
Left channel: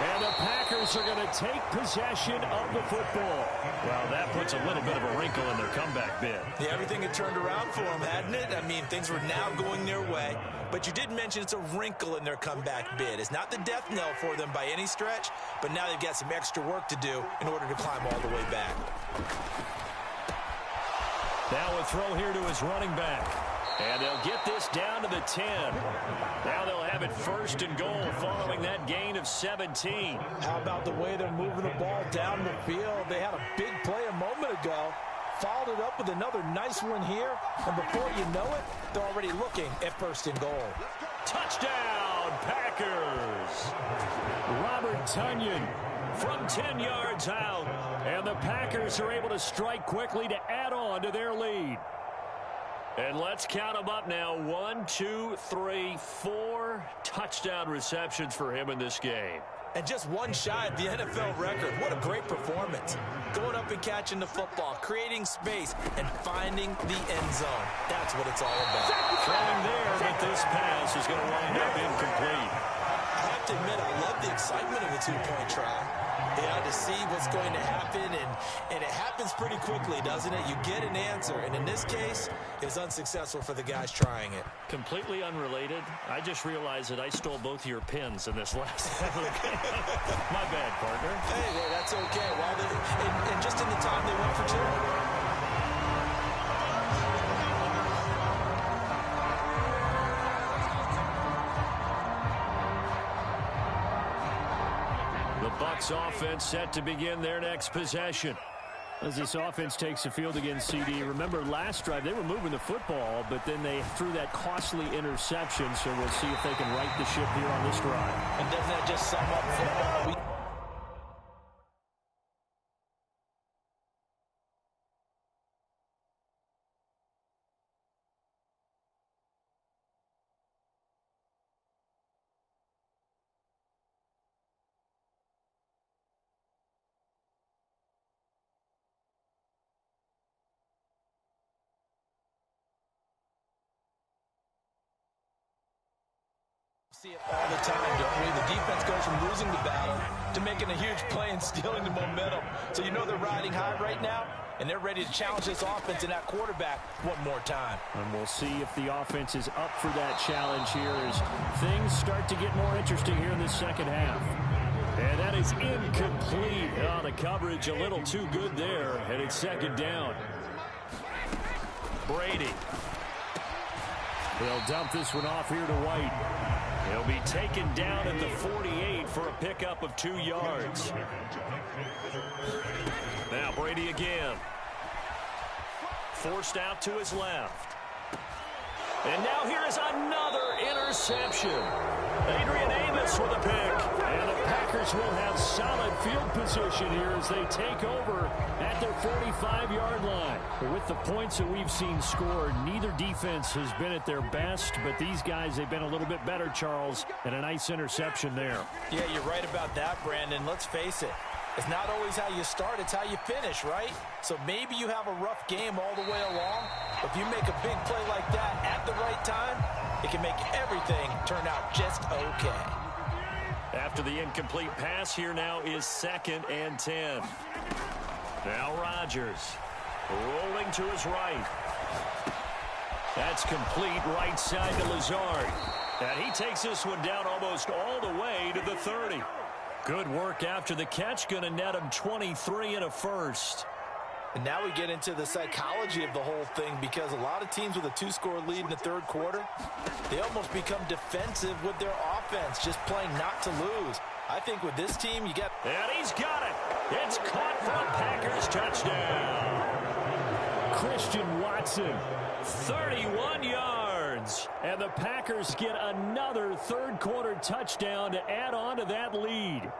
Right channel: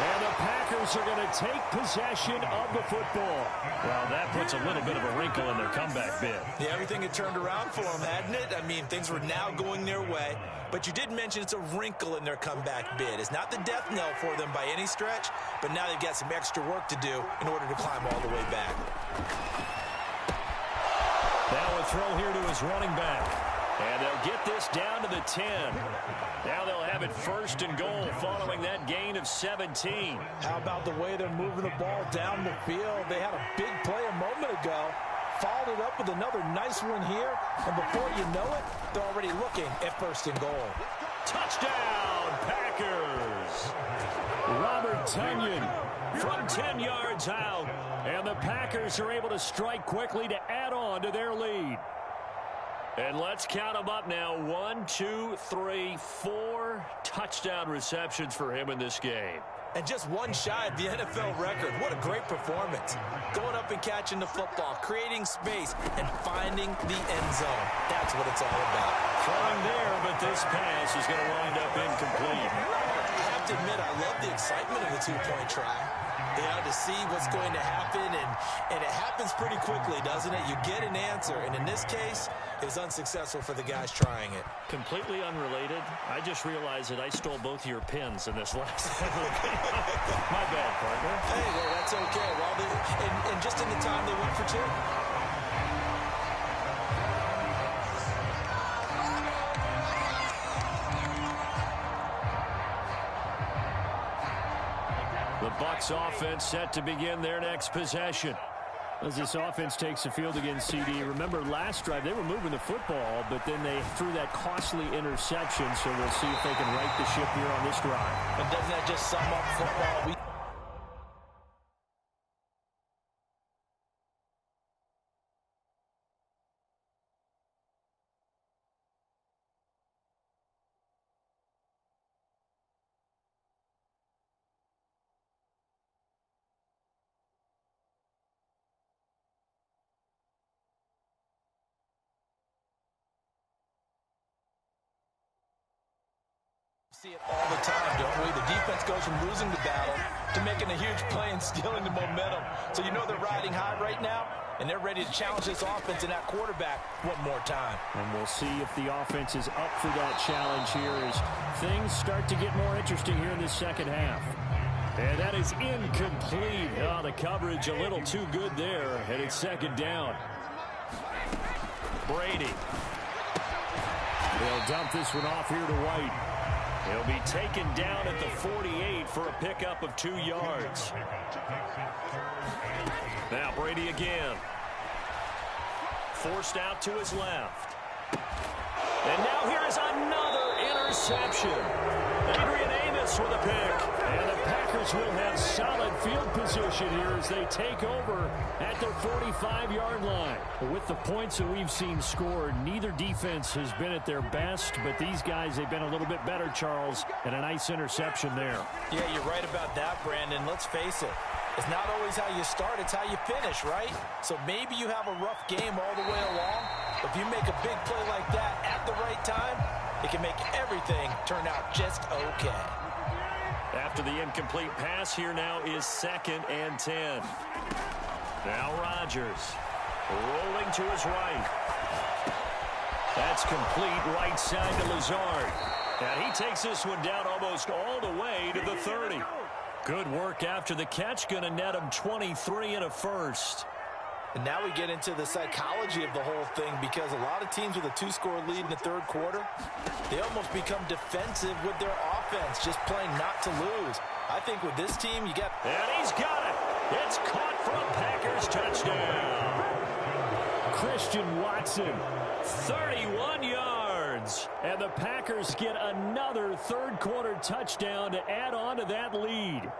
And the Packers are going to take possession of the football. Well, that puts a little bit of a wrinkle in their comeback bid. Yeah, everything had turned around for them, hadn't it? I mean, things were now going their way. But you did mention it's a wrinkle in their comeback bid. It's not the death knell for them by any stretch, but now they've got some extra work to do in order to climb all the way back. Now a throw here to his running back. And they'll get this down to the 10. Now they'll have it 1st and goal following that gain of 17. How about the way they're moving the ball down the field? They had a big play a moment ago, followed it up with another nice one here, and before you know it, they're already looking at 1st and goal. Touchdown, Packers! Robert Tonyan From 10 yards out. And the Packers are able to strike quickly to add on to their lead. And let's count them up now. 1, 2, 3, 4 touchdown receptions for him in this game. And just one shy of the NFL record. What a great performance. Going up and catching the football, creating space, and finding the end zone. That's what it's all about. Throwing there, but this pass is going to wind up incomplete. I have to admit, I love the excitement of the two-point try. You know, to see what's going to happen, and it happens pretty quickly, doesn't it? You get an answer, and in this case, it was unsuccessful for the guys trying it. Completely unrelated. I just realized that I stole both of your pins in this last game. My bad, partner. Hey, that's okay. Well, and just in the time they went for 2. The Bucs offense set to begin their next possession. As this offense takes the field against CD, remember last drive they were moving the football, but then they threw that costly interception, so we'll see if they can right the ship here on this drive. And doesn't that just sum up football? See it all the time, don't we? The defense goes from losing the battle to making a huge play and stealing the momentum. So you know they're riding high right now, and they're ready to challenge this offense and that quarterback one more time. And we'll see if the offense is up for that challenge here as things start to get more interesting here in this second half. And that is incomplete. Oh, the coverage a little too good there, and it's second down. Brady. They'll dump this one off here to White. He'll be taken down at the 48 for a pickup of 2 yards. Now Brady again. Forced out to his left. And now here is another interception. Adrian Amos with a pick. And the Packers will have solid field position here as they take over at their 45-yard line. With the points that we've seen scored, neither defense has been at their best, but these guys, they've been a little bit better, Charles, and a nice interception there. Yeah, you're right about that, Brandon. Let's face it. It's not always how you start, it's how you finish, right? So maybe you have a rough game all the way along, but if you make a big play like that at the right time, it can make everything turn out just okay. After the incomplete pass, here now is 2nd and 10. Now Rodgers rolling to his right. That's complete right side to Lazard. And he takes this one down almost all the way to the 30. Good work after the catch. Going to net him 23 and a first. And now we get into the psychology of the whole thing, because a lot of teams with a 2-score lead in the third quarter, they almost become defensive with their offense, just playing not to lose. I think with this team, you get... And he's got it. It's caught for a Packers touchdown. Christian Watson, 31 yards. And the Packers get another third-quarter touchdown to add on to that lead.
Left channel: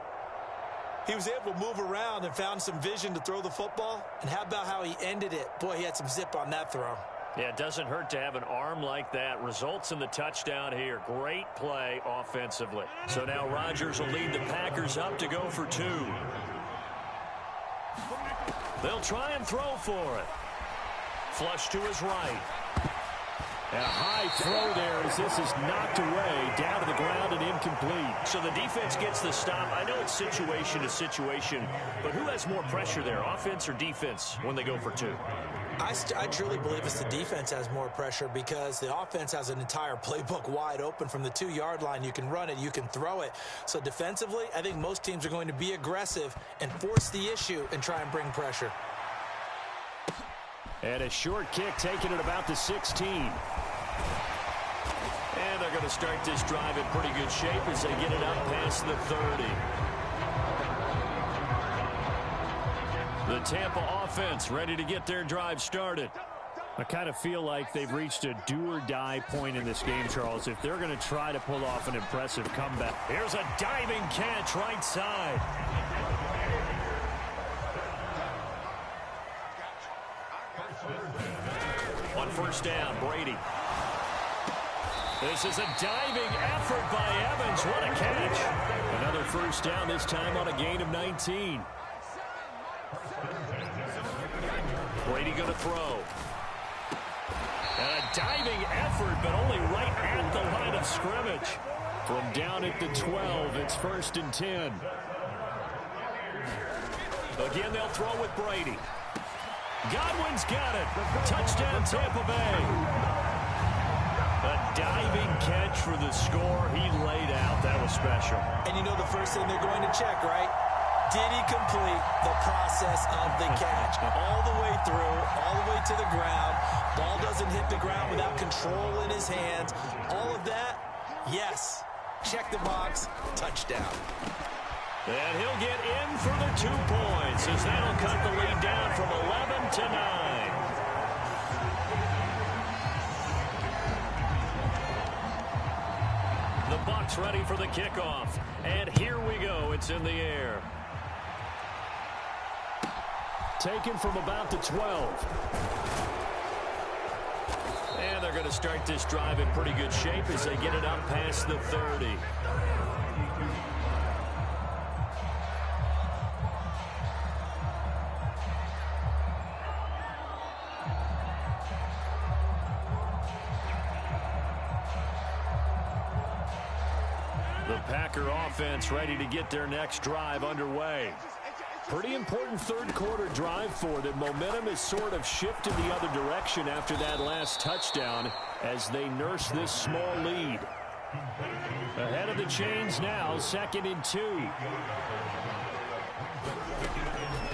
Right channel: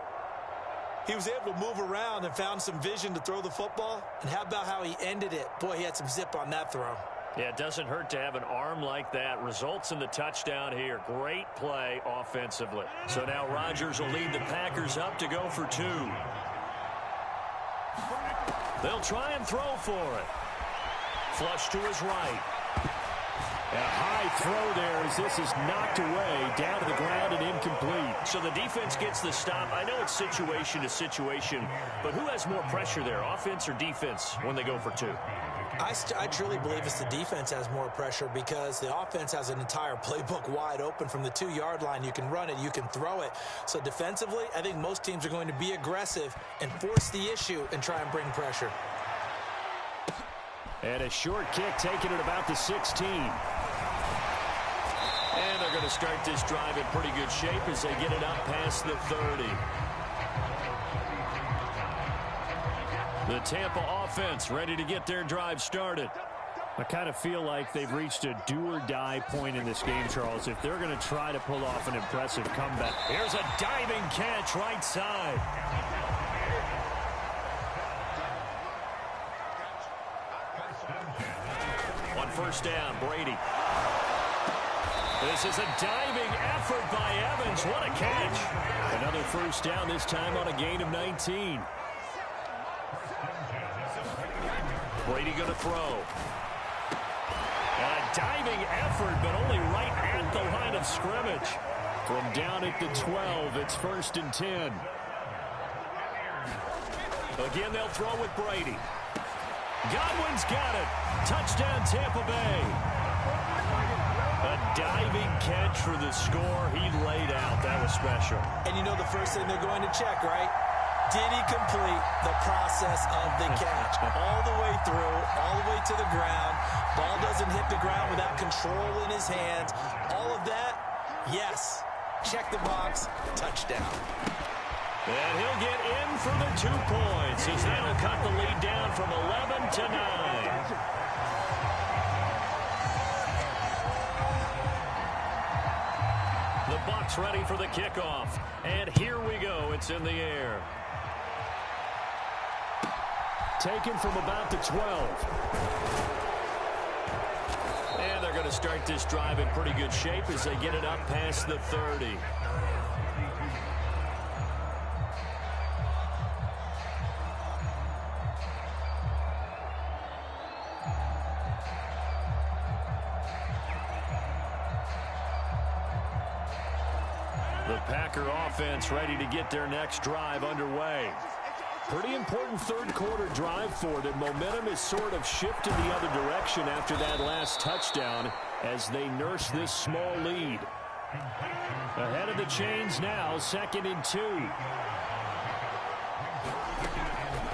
He was able to move around and found some vision to throw the football. And how about how he ended it? Boy, he had some zip on that throw. Yeah, it doesn't hurt to have an arm like that. Results in the touchdown here. Great play offensively. So now Rodgers will lead the Packers up to go for 2. They'll try and throw for it. Flush to his right. And a high throw there as this is knocked away, down to the ground and incomplete. So the defense gets the stop. I know it's situation to situation, but who has more pressure there, offense or defense, when they go for 2? I truly believe it's the defense has more pressure, because the offense has an entire playbook wide open from the 2-yard line. You can run it, you can throw it. So defensively, I think most teams are going to be aggressive and force the issue and try and bring pressure. And a short kick taken at about the 16. And they're going to start this drive in pretty good shape as they get it up past the 30. The Tampa offense ready to get their drive started. I kind of feel like they've reached a do-or-die point in this game, Charles, if they're going to try to pull off an impressive comeback. Here's a diving catch right side. On first down, Brady. This is a diving effort by Evans. What a catch. Another first down, this time on a gain of 19. Brady going to throw. And a diving effort, but only right at the line of scrimmage. From down at the 12, it's 1st and 10. Again, they'll throw with Brady. Godwin's got it. Touchdown, Tampa Bay. A diving catch for the score. He laid out. That was special. And you know the first thing they're going to check, right? Did he complete the process of the catch? All the way through, all the way to the ground. Ball doesn't hit the ground without control in his hands. All of that, yes. Check the box, touchdown. And he'll get in for the 2 points as that'll cut the lead down from 11 to 9. The Bucs ready for the kickoff. And here we go. It's in the air. Taken from about the 12. And they're going to start this drive in pretty good shape as they get it up past the 30. The Packer offense ready to get their next drive underway. Pretty important third quarter drive for them. Momentum has sort of shifted the other direction after that last touchdown as they nurse this small lead. Ahead of the chains now, 2nd and 2.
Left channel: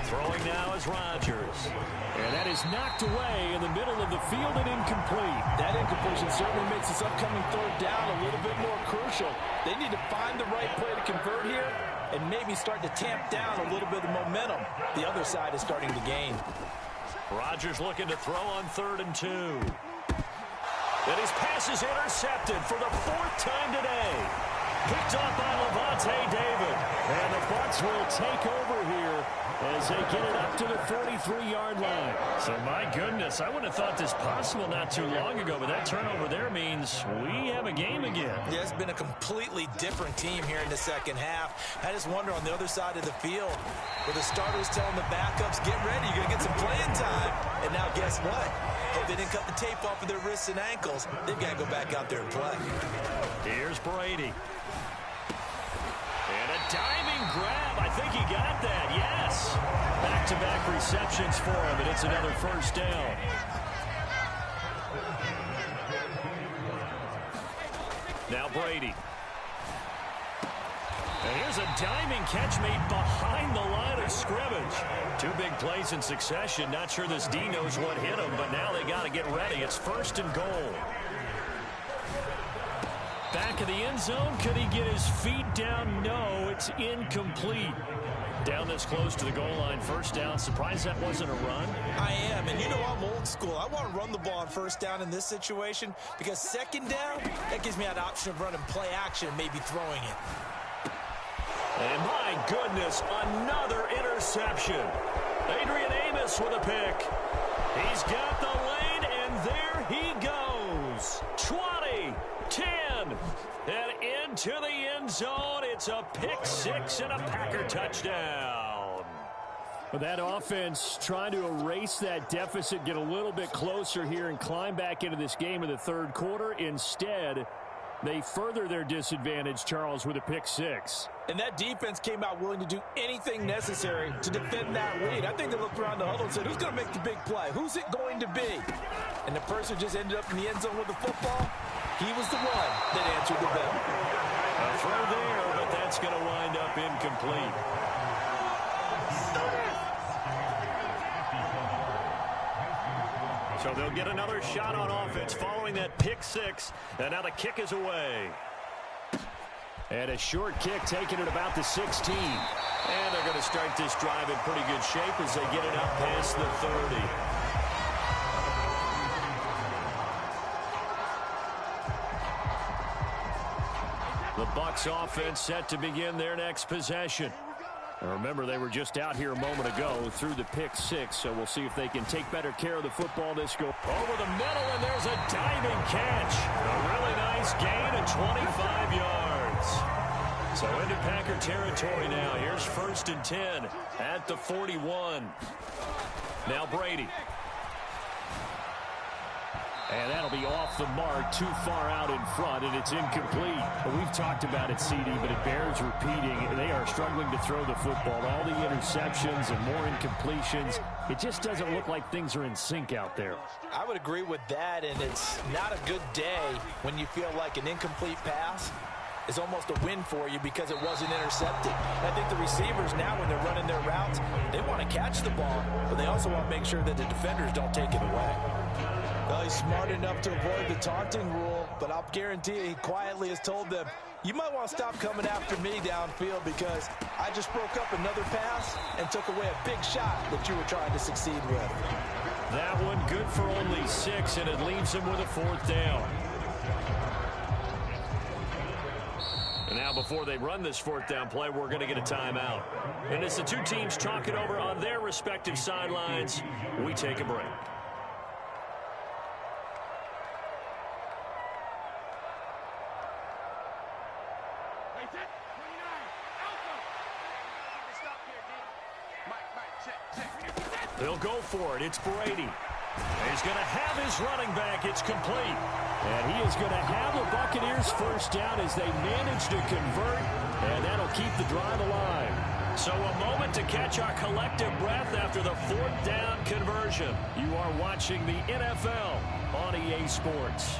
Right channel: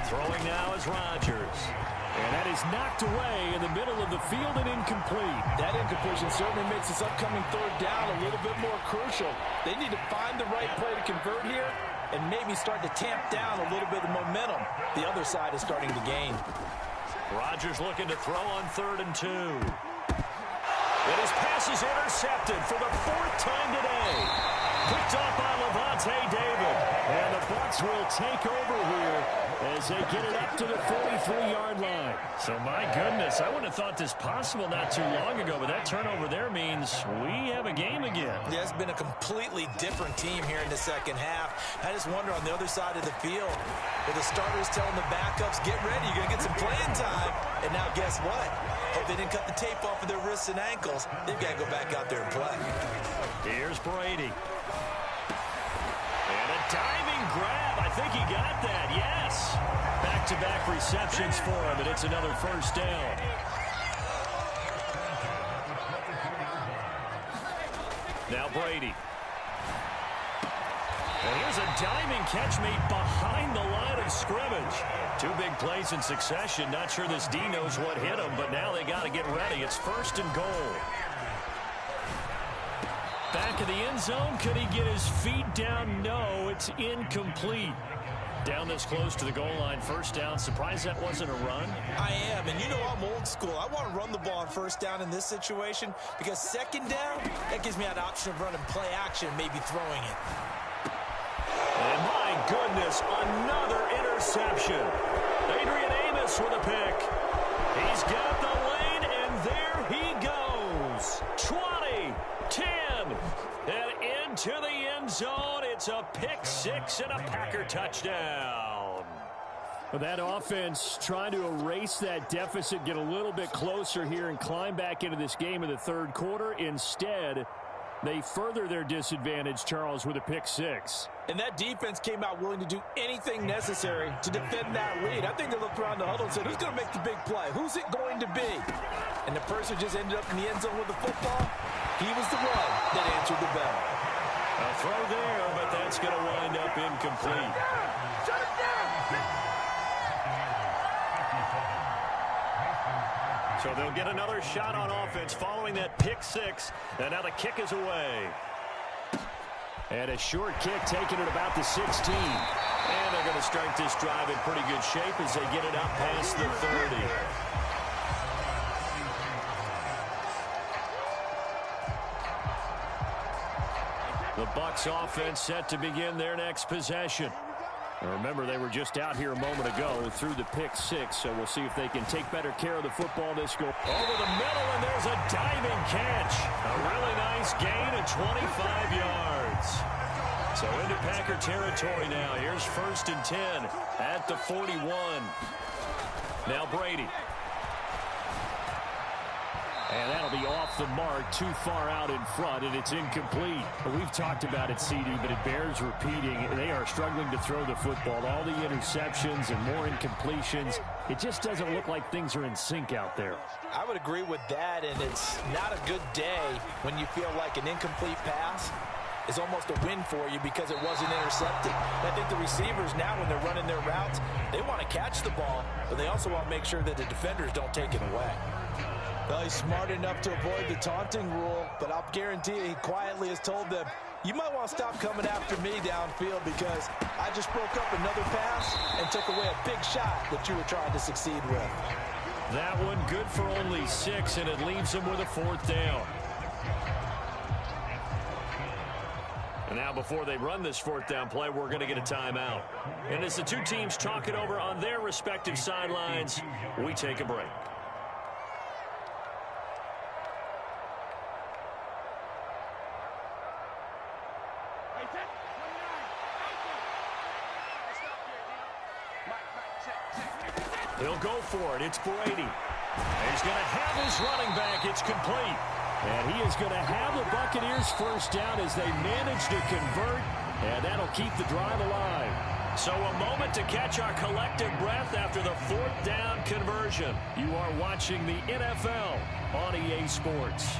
Throwing now is Rodgers. And that is knocked away in the middle of the field and incomplete. That incompletion certainly makes this upcoming third down a little bit more crucial. They need to find the right play to convert here and maybe start to tamp down a little bit of momentum the other side is starting to gain. Rodgers looking to throw on 3rd and 2. And his pass is intercepted for the 4th time today. Picked off by Levante David. And the Bucs will take over here as they get it up to the 43-yard line. So, my goodness, I wouldn't have thought this possible not too long ago, but that turnover there means we have a game again. Yeah, it's been a completely different team here in the second half. I just wonder on the other side of the field, where the starters telling the backups, get ready, you're going to get some playing time. And now guess what? Hope they didn't cut the tape off of their wrists and ankles. They've got to go back out there and play. Here's Brady. And a diving grab. I think he got that. Yes. Back-to-back receptions for him, and it's another first down. Now Brady. And here's a diving catch made behind the line of scrimmage. 2 big plays in succession. Not sure this D knows what hit him, but now they got to get ready. It's 1st and goal. Back of the end zone. Could he get his feet down? No, it's incomplete. Down this close to the goal line. First down. Surprised that wasn't a run? I am, and you know I'm old school. I want to run the ball on 1st down in this situation because 2nd down, that gives me that option of running play action and maybe throwing it. And my goodness, another interception. Adrian Amos with a pick. He's got the lane, and there he goes. 20, 10, and into the end zone. It's a pick 6 and a Packer touchdown. But that offense trying to erase that deficit, get a little bit closer here and climb back into this game in the third quarter. Instead, they further their disadvantage, Charles, with a pick 6. And that defense came out willing to do anything necessary to defend that lead. I think they looked around the huddle and said, who's going to make the big play? Who's it going to be? And the person just ended up in the end zone with the football. He was the one that answered the bell. A throw there, but that's going to wind up incomplete. So they'll get another shot on offense following that pick 6. And now the kick is away. And a short kick taken at about the 16. And they're going to start this drive in pretty good shape as they get it up past the 30. The Bucs offense set to begin their next possession. And remember, they were just out here a moment ago through the pick 6, so we'll see if they can take better care of the football this go. Over the middle, and there's a diving catch. A really nice gain of 25 yards. So into Packer territory now. Here's 1st and 10 at the 41. Now Brady. And that'll be off the mark, too far out in front, and it's incomplete. We've talked about it, CD, but it bears repeating. They are struggling to throw the football. All the interceptions and more incompletions. It just doesn't look like things are in sync out there. I would agree with that, and it's not a good day when you feel like an incomplete pass is almost a win for you because it wasn't intercepted. And I think the receivers now, when they're running their routes, they want to catch the ball, but they also want to make sure that the defenders don't take it away. Well, he's smart enough to avoid the taunting rule, but I'll guarantee he quietly has told them, you might want to stop coming after me downfield because I just broke up another pass and took away a big shot that you were trying to succeed with. That one good for only 6, and it leaves him with a 4th down. And now before they run this 4th down play, we're going to get a timeout. And as the two teams talk it over on their respective sidelines, we take a break. They'll go for it. It's Brady. He's going to have his running back. It's complete. And he is going to have the Buccaneers first down as they manage to convert, and that'll keep the drive alive. So a moment to catch our collective breath after the 4th down conversion. You are watching the NFL on EA Sports.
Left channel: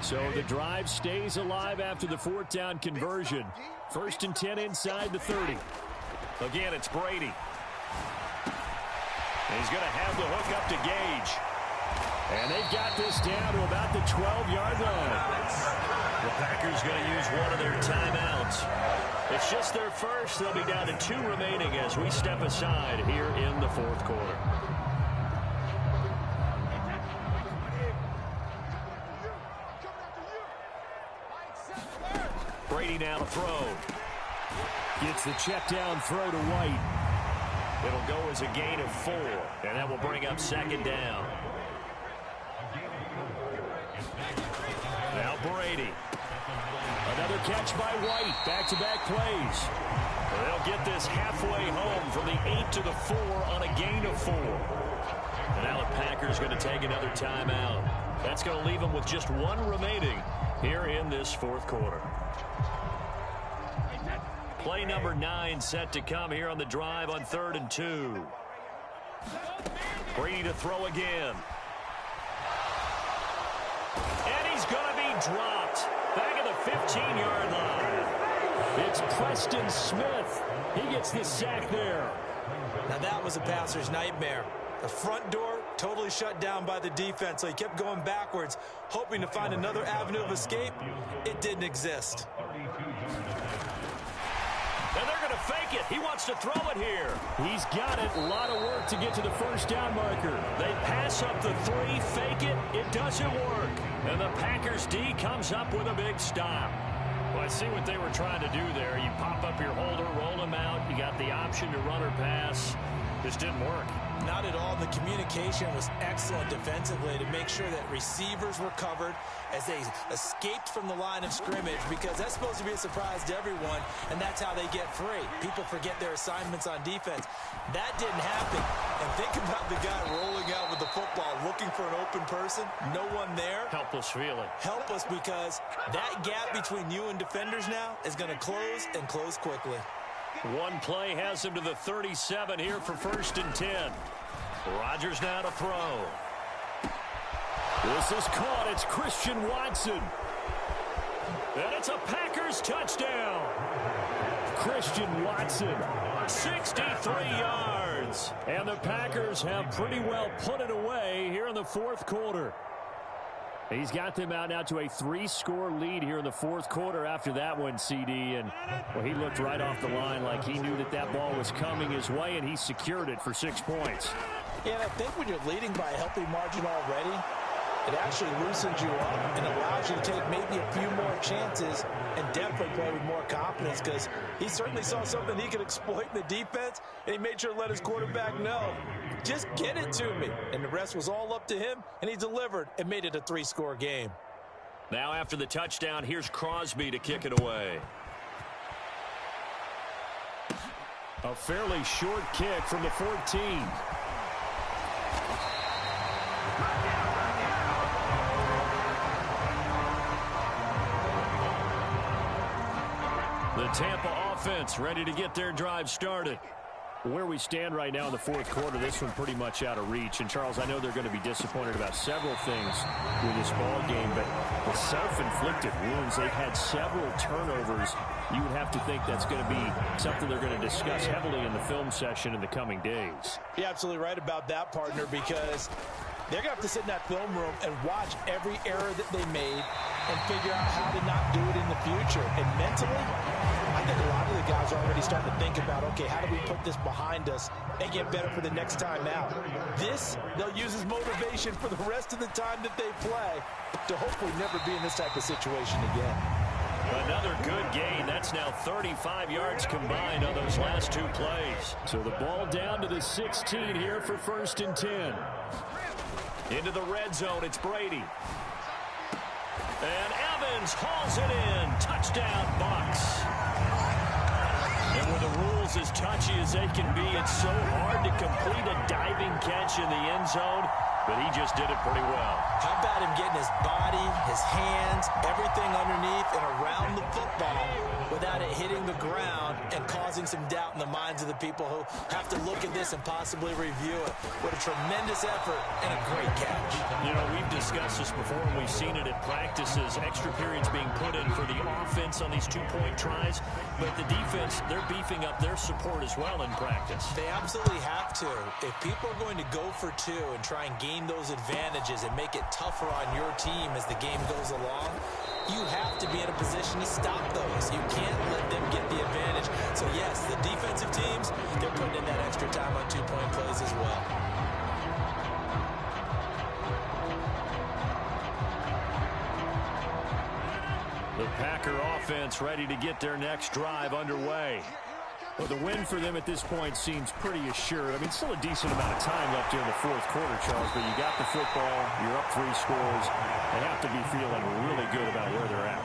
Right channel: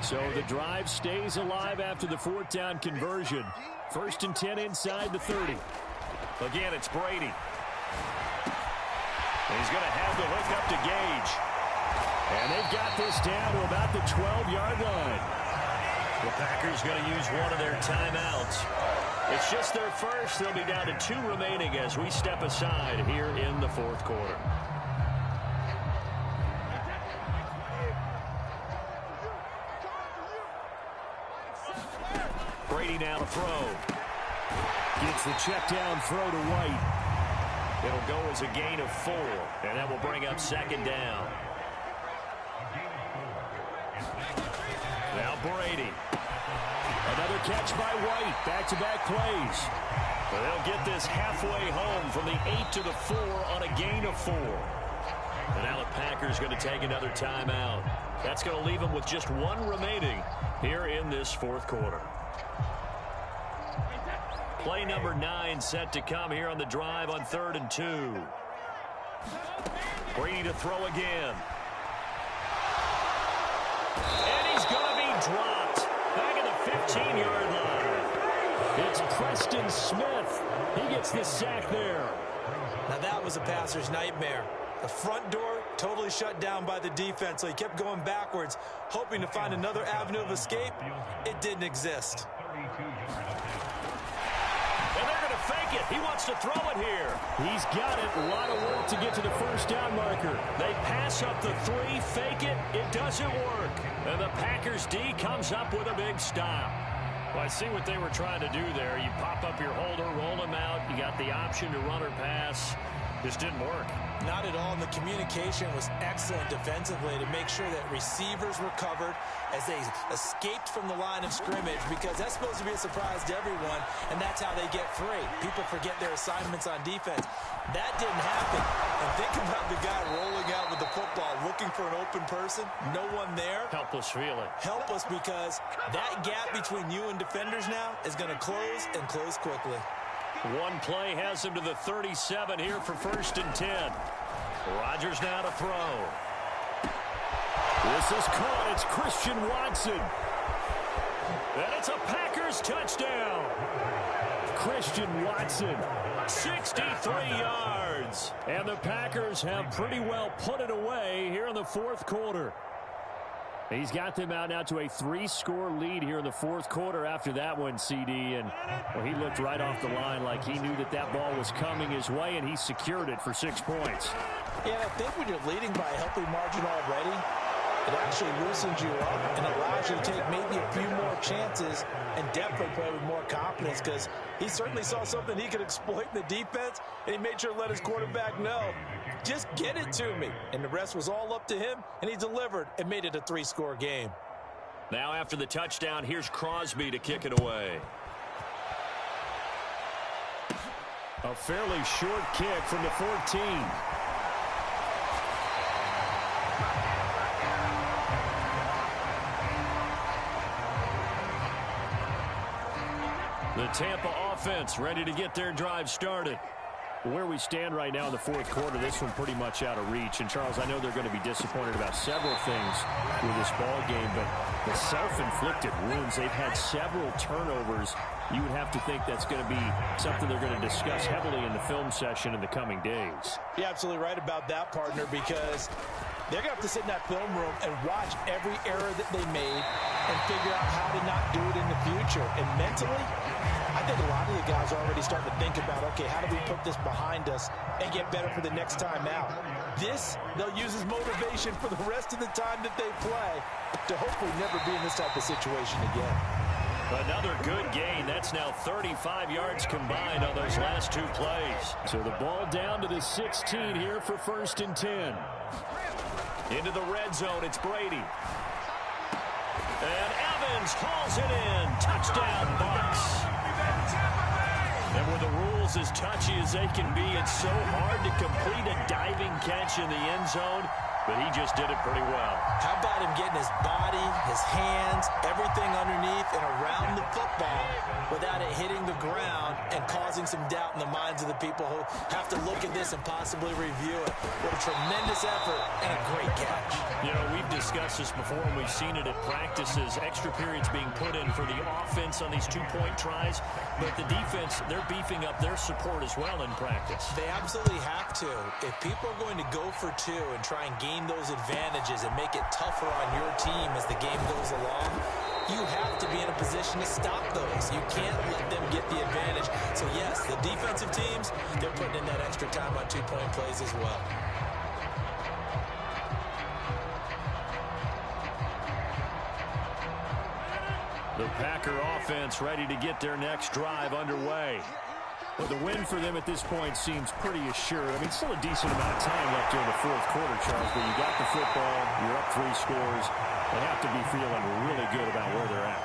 So the drive stays alive after the 4th down conversion. 1st and 10 inside the 30. Again, it's Brady. He's going to have the hook up to Gage. And they've got this down to about the 12-yard line. The Packers going to use one of their timeouts. It's just their first. They'll be down to 2 remaining as we step aside here in the 4th quarter. Brady now to throw. Gets the check down throw to White. It'll go as a gain of 4, and that will bring up 2nd down. Now Brady. Another catch by White. Back-to-back plays. They'll get this halfway home from the 8 to the 4 on a gain of 4. And now the Packers going to take another timeout. That's going to leave them with just 1 remaining here in this 4th quarter. Play number 9 set to come here on the drive on 3rd and 2. Brady to throw again. And he's going to be dropped back at the 15-yard line. It's Preston Smith. He gets the sack there. Now that was a passer's nightmare. The front door totally shut down by the defense, so he kept going backwards, hoping to find another avenue of escape. It didn't exist. And they're going to fake it. He wants to throw it here. He's got it. A lot of work to get to the first down marker. They pass up the 3, fake it. It doesn't work. And the Packers D comes up with a big stop. Well, I see what they were trying to do there. You pop up your holder, roll him out. You got the option to run or pass. Just didn't work. Not at all. And the communication was excellent defensively to make sure that receivers were covered as they escaped from the line of scrimmage, because that's supposed to be a surprise to everyone, and that's how they get free. People forget their assignments on defense. That didn't happen. And think about the guy rolling out with the football, looking for an open person. No one there. Helpless feeling. Helpless, because that gap between you and defenders now is going to close, and close quickly. One play has him to the 37 here for 1st and 10. Rodgers now to throw. This is caught. It's Christian Watson. And it's a Packers touchdown. Christian Watson. 63 yards. And the Packers have pretty well put it away here in the 4th quarter. He's got them out now to a 3-score lead here in the 4th quarter after that one, CD. And, well, he looked right off the line like he knew that that ball was coming his way, and he secured it for 6 points. Yeah, and I think when you're leading by a healthy margin already, it actually loosens you up and allows you to take maybe a few more chances and definitely play with more confidence, because he certainly saw something he could exploit in the defense, and he made sure to let his quarterback know, just get it to me. And the rest was all up to him, and he delivered and made it a 3-score game. Now after the touchdown, here's Crosby to kick it away. A fairly short kick from the 14. The Tampa offense ready to get their drive started. Where we stand right now in the 4th quarter, this one pretty much out of reach. And, Charles, I know they're going to be disappointed about several things with this ball game, but the self-inflicted wounds, they've had several turnovers you would have to think that's going to be something they're going to discuss heavily in the film session in the coming days. You're absolutely right about that, partner, because they're going to have to sit in that film room and watch every error that they made and figure out how to not do it in the future. And mentally, I think a lot of the guys are already starting to think about, okay, how do we put this behind us and get better for the next time out? This, they'll use as motivation for the rest of the time that they play to hopefully never be in this type of situation again. Another good gain. That's now 35 yards combined on those last two plays. So the ball down to the 16 here for 1st and 10. Into the red zone, it's Brady. And Evans hauls it in. Touchdown, Bucs. And with the rules as touchy as they can be, it's so hard to complete a diving catch in the end zone, but he just did it pretty well. How about him getting his body, his hands, everything underneath and around the football without it hitting the ground and causing some doubt in the minds of the people who have to look at this and possibly review it. What a tremendous effort and a great catch. You know, we've discussed this before and we've seen it at practices. Extra periods being put in for the offense on these two-point tries, but the defense, they're beefing up their support as well in practice. They absolutely have to. If people are going to go for two and try and gain those advantages and make it tougher on your team as the game goes along, you have to be in a position to stop those. You can't let them get the advantage. So, yes, the defensive teams, they're putting in that extra time on two-point plays as well. The Packer offense ready to get their next drive underway. Well, the win for them at this point seems pretty assured. I mean, still a decent amount of time left here in the fourth quarter, Charles, but you got the football, you're up 3 scores. They have to be feeling really good about where they're at.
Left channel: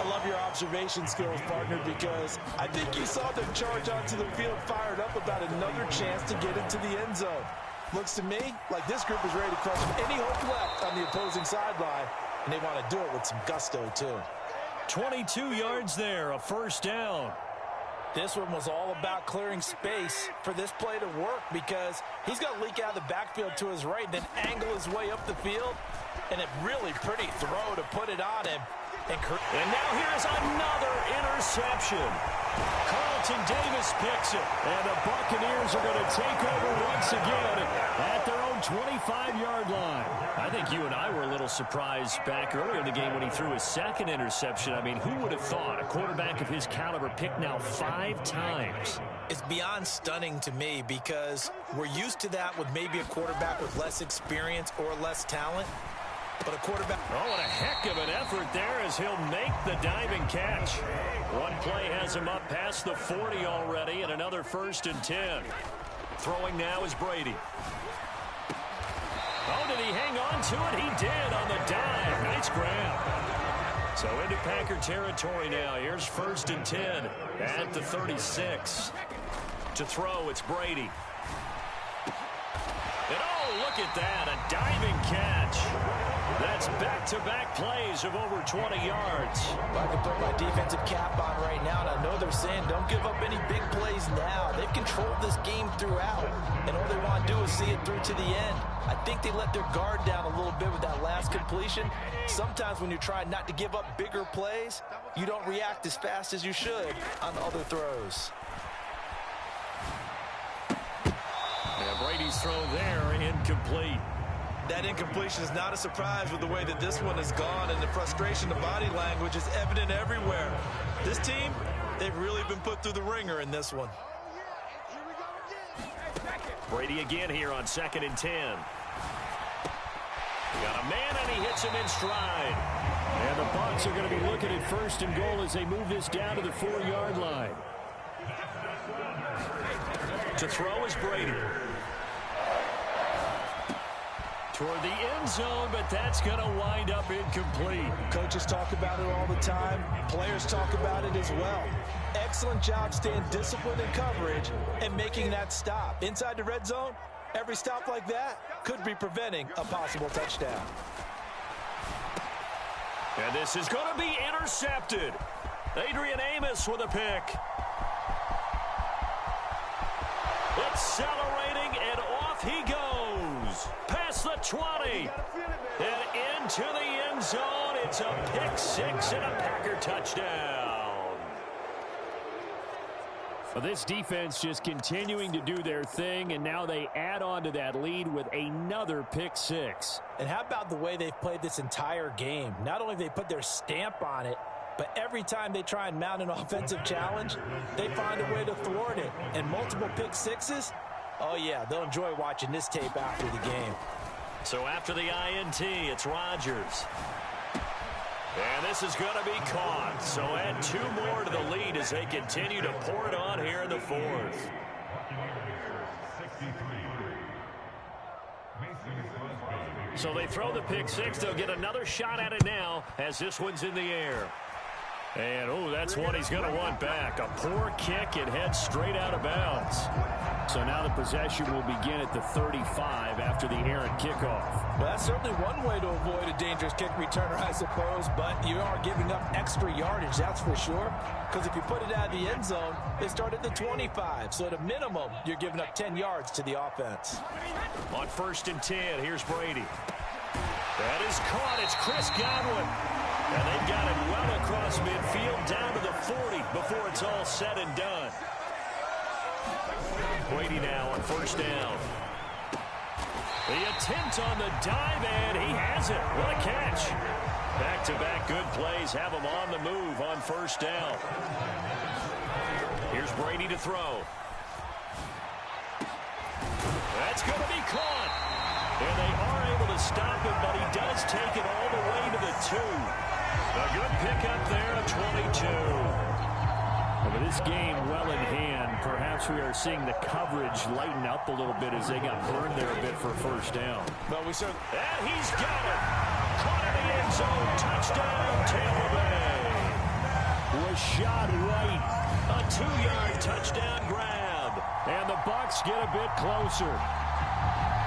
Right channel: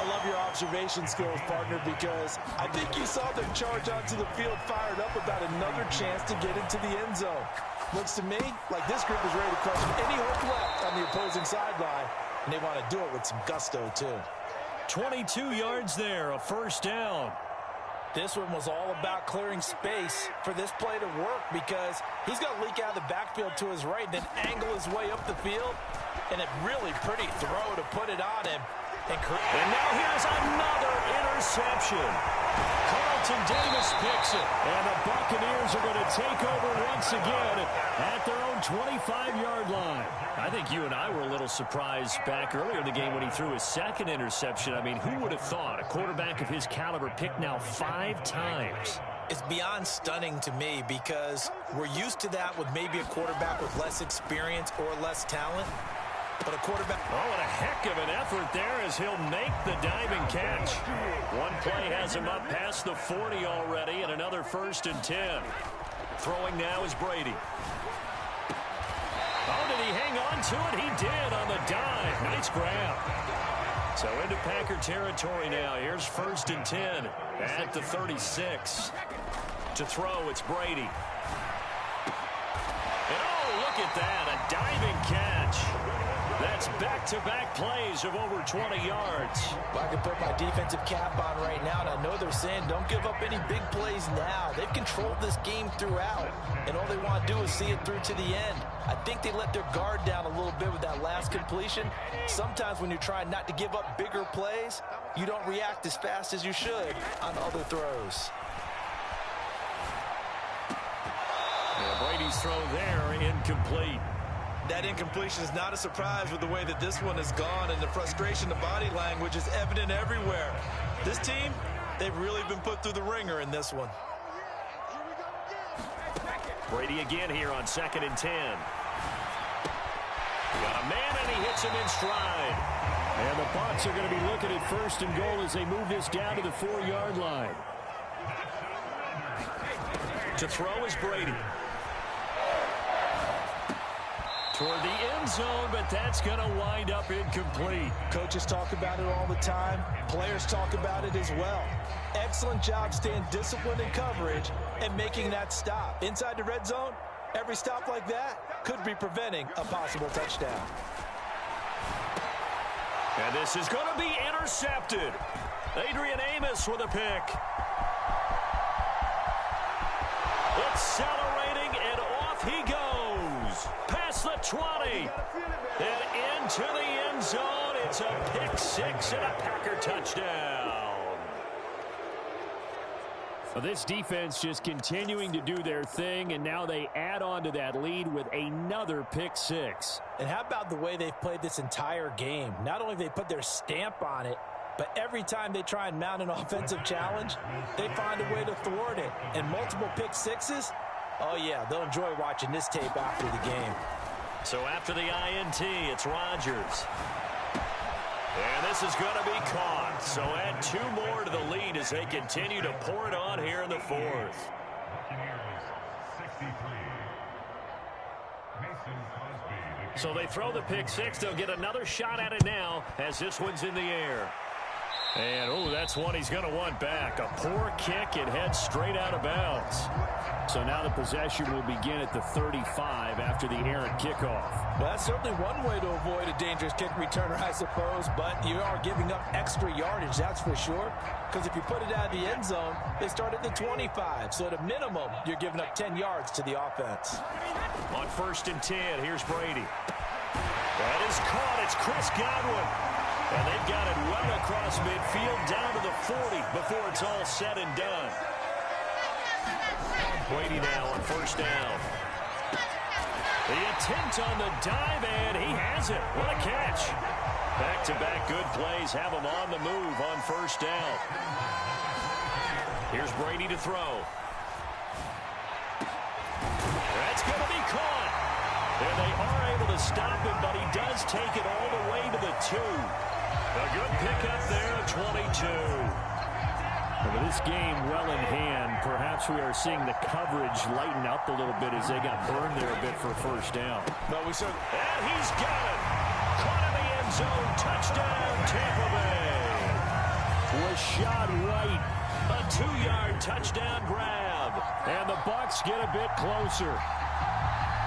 I love your observation skills, partner, because I think you saw them charge onto the field fired up about another chance to get into the end zone. Looks to me like this group is ready to crush any hope left on the opposing sideline, and they want to do it with some gusto, too. 22 yards there, a first down. This one was all about clearing space for this play to work because he's going to leak out of the backfield to his right, then angle his way up the field, and a really pretty throw to put it on him. And now here's another interception. Carlton Davis picks it. And the Buccaneers are going to take over once again at their own 25-yard line. I think you and I were a little surprised back earlier in the game when he threw his second interception. I mean, who would have thought a quarterback of his caliber picked now 5 times? It's beyond stunning to me because we're used to that with maybe a quarterback with less experience or less talent. But a quarterback... Oh, what a heck of an effort there as he'll make the diving catch. One play has him up past the 40 already and another 1st and 10. Throwing now is Brady. Oh, did he hang on to it? He did on the dive. Nice grab. So into Packer territory now. Here's 1st and 10 at the 36. To throw, it's Brady. And oh, look at that, a diving catch. That's back-to-back plays of over 20 yards. Well, I can put my defensive cap on right now, and I know they're saying don't give up any big plays now. They've controlled this game throughout, and all they want to do is see it through to the end. I think they let their guard down a little bit with that last completion. Sometimes when you're trying not to give up bigger plays, you don't react as fast as you should on other throws. Yeah, Brady's throw there, incomplete. That incompletion is not a surprise with the way that this one has gone, and the frustration, the body language is evident everywhere. This team, they've really been put through the ringer in this one. Brady again here on 2nd and 10. Got a man, and he hits him in stride. And the Bucs are going to be looking at 1st and goal as they move this down to the 4-yard line. To throw is Brady. Toward the end zone, but that's going to wind up incomplete. Coaches talk about it all the time. Players talk about it as well. Excellent job staying disciplined in coverage and making that stop. Inside the red zone, every stop like that could be preventing a possible touchdown. And this is going to be intercepted. Adrian Amos with a pick. Accelerating, and off he goes. Past the 20. And into the end zone. It's a pick 6 and a Packer touchdown. Well, this defense just continuing to do their thing, and now they add on to that lead with another pick six. And how about the way they've played this entire game? Not only have they put their stamp on it, but every time they try and mount an offensive challenge, they find a way to thwart it. And multiple pick sixes, oh yeah, they'll enjoy watching this tape after the game. So after the INT, it's Rodgers. And this is going to be caught. So add 2 more to the lead as they continue to pour it on here in the fourth. So they throw the pick six. They'll get another shot at it now as this one's in the air. And, oh, that's one he's going to want back. A poor kick. It heads straight out of bounds. So now the possession will begin at the 35 after the errant kickoff. Well, that's certainly one way to avoid a dangerous kick returner, I suppose, but you are giving up extra yardage, that's for sure, because if you put it out of the end zone, they start at the 25. So at a minimum, you're giving up 10 yards to the offense. On 1st and 10, here's Brady. That is caught. It's Chris Godwin. And they've got it well across midfield down to the 40 before it's all said and done. Brady now on 1st down. The attempt on the dive, and he has it. What a catch. Back-to-back good plays have him on the move on 1st down. Here's Brady to throw. That's going to be caught. And they are able to stop him, but he does take it all the way to the 2. A good pickup there of 22. With this game well in hand, perhaps we are seeing the coverage lighten up a little bit as they got burned there a bit for 1st down. Well, we saw, and he's got it. Caught in the end zone. Touchdown, Tampa Bay. Was shot right. A 2-yard touchdown grab. And the Bucs get a bit closer.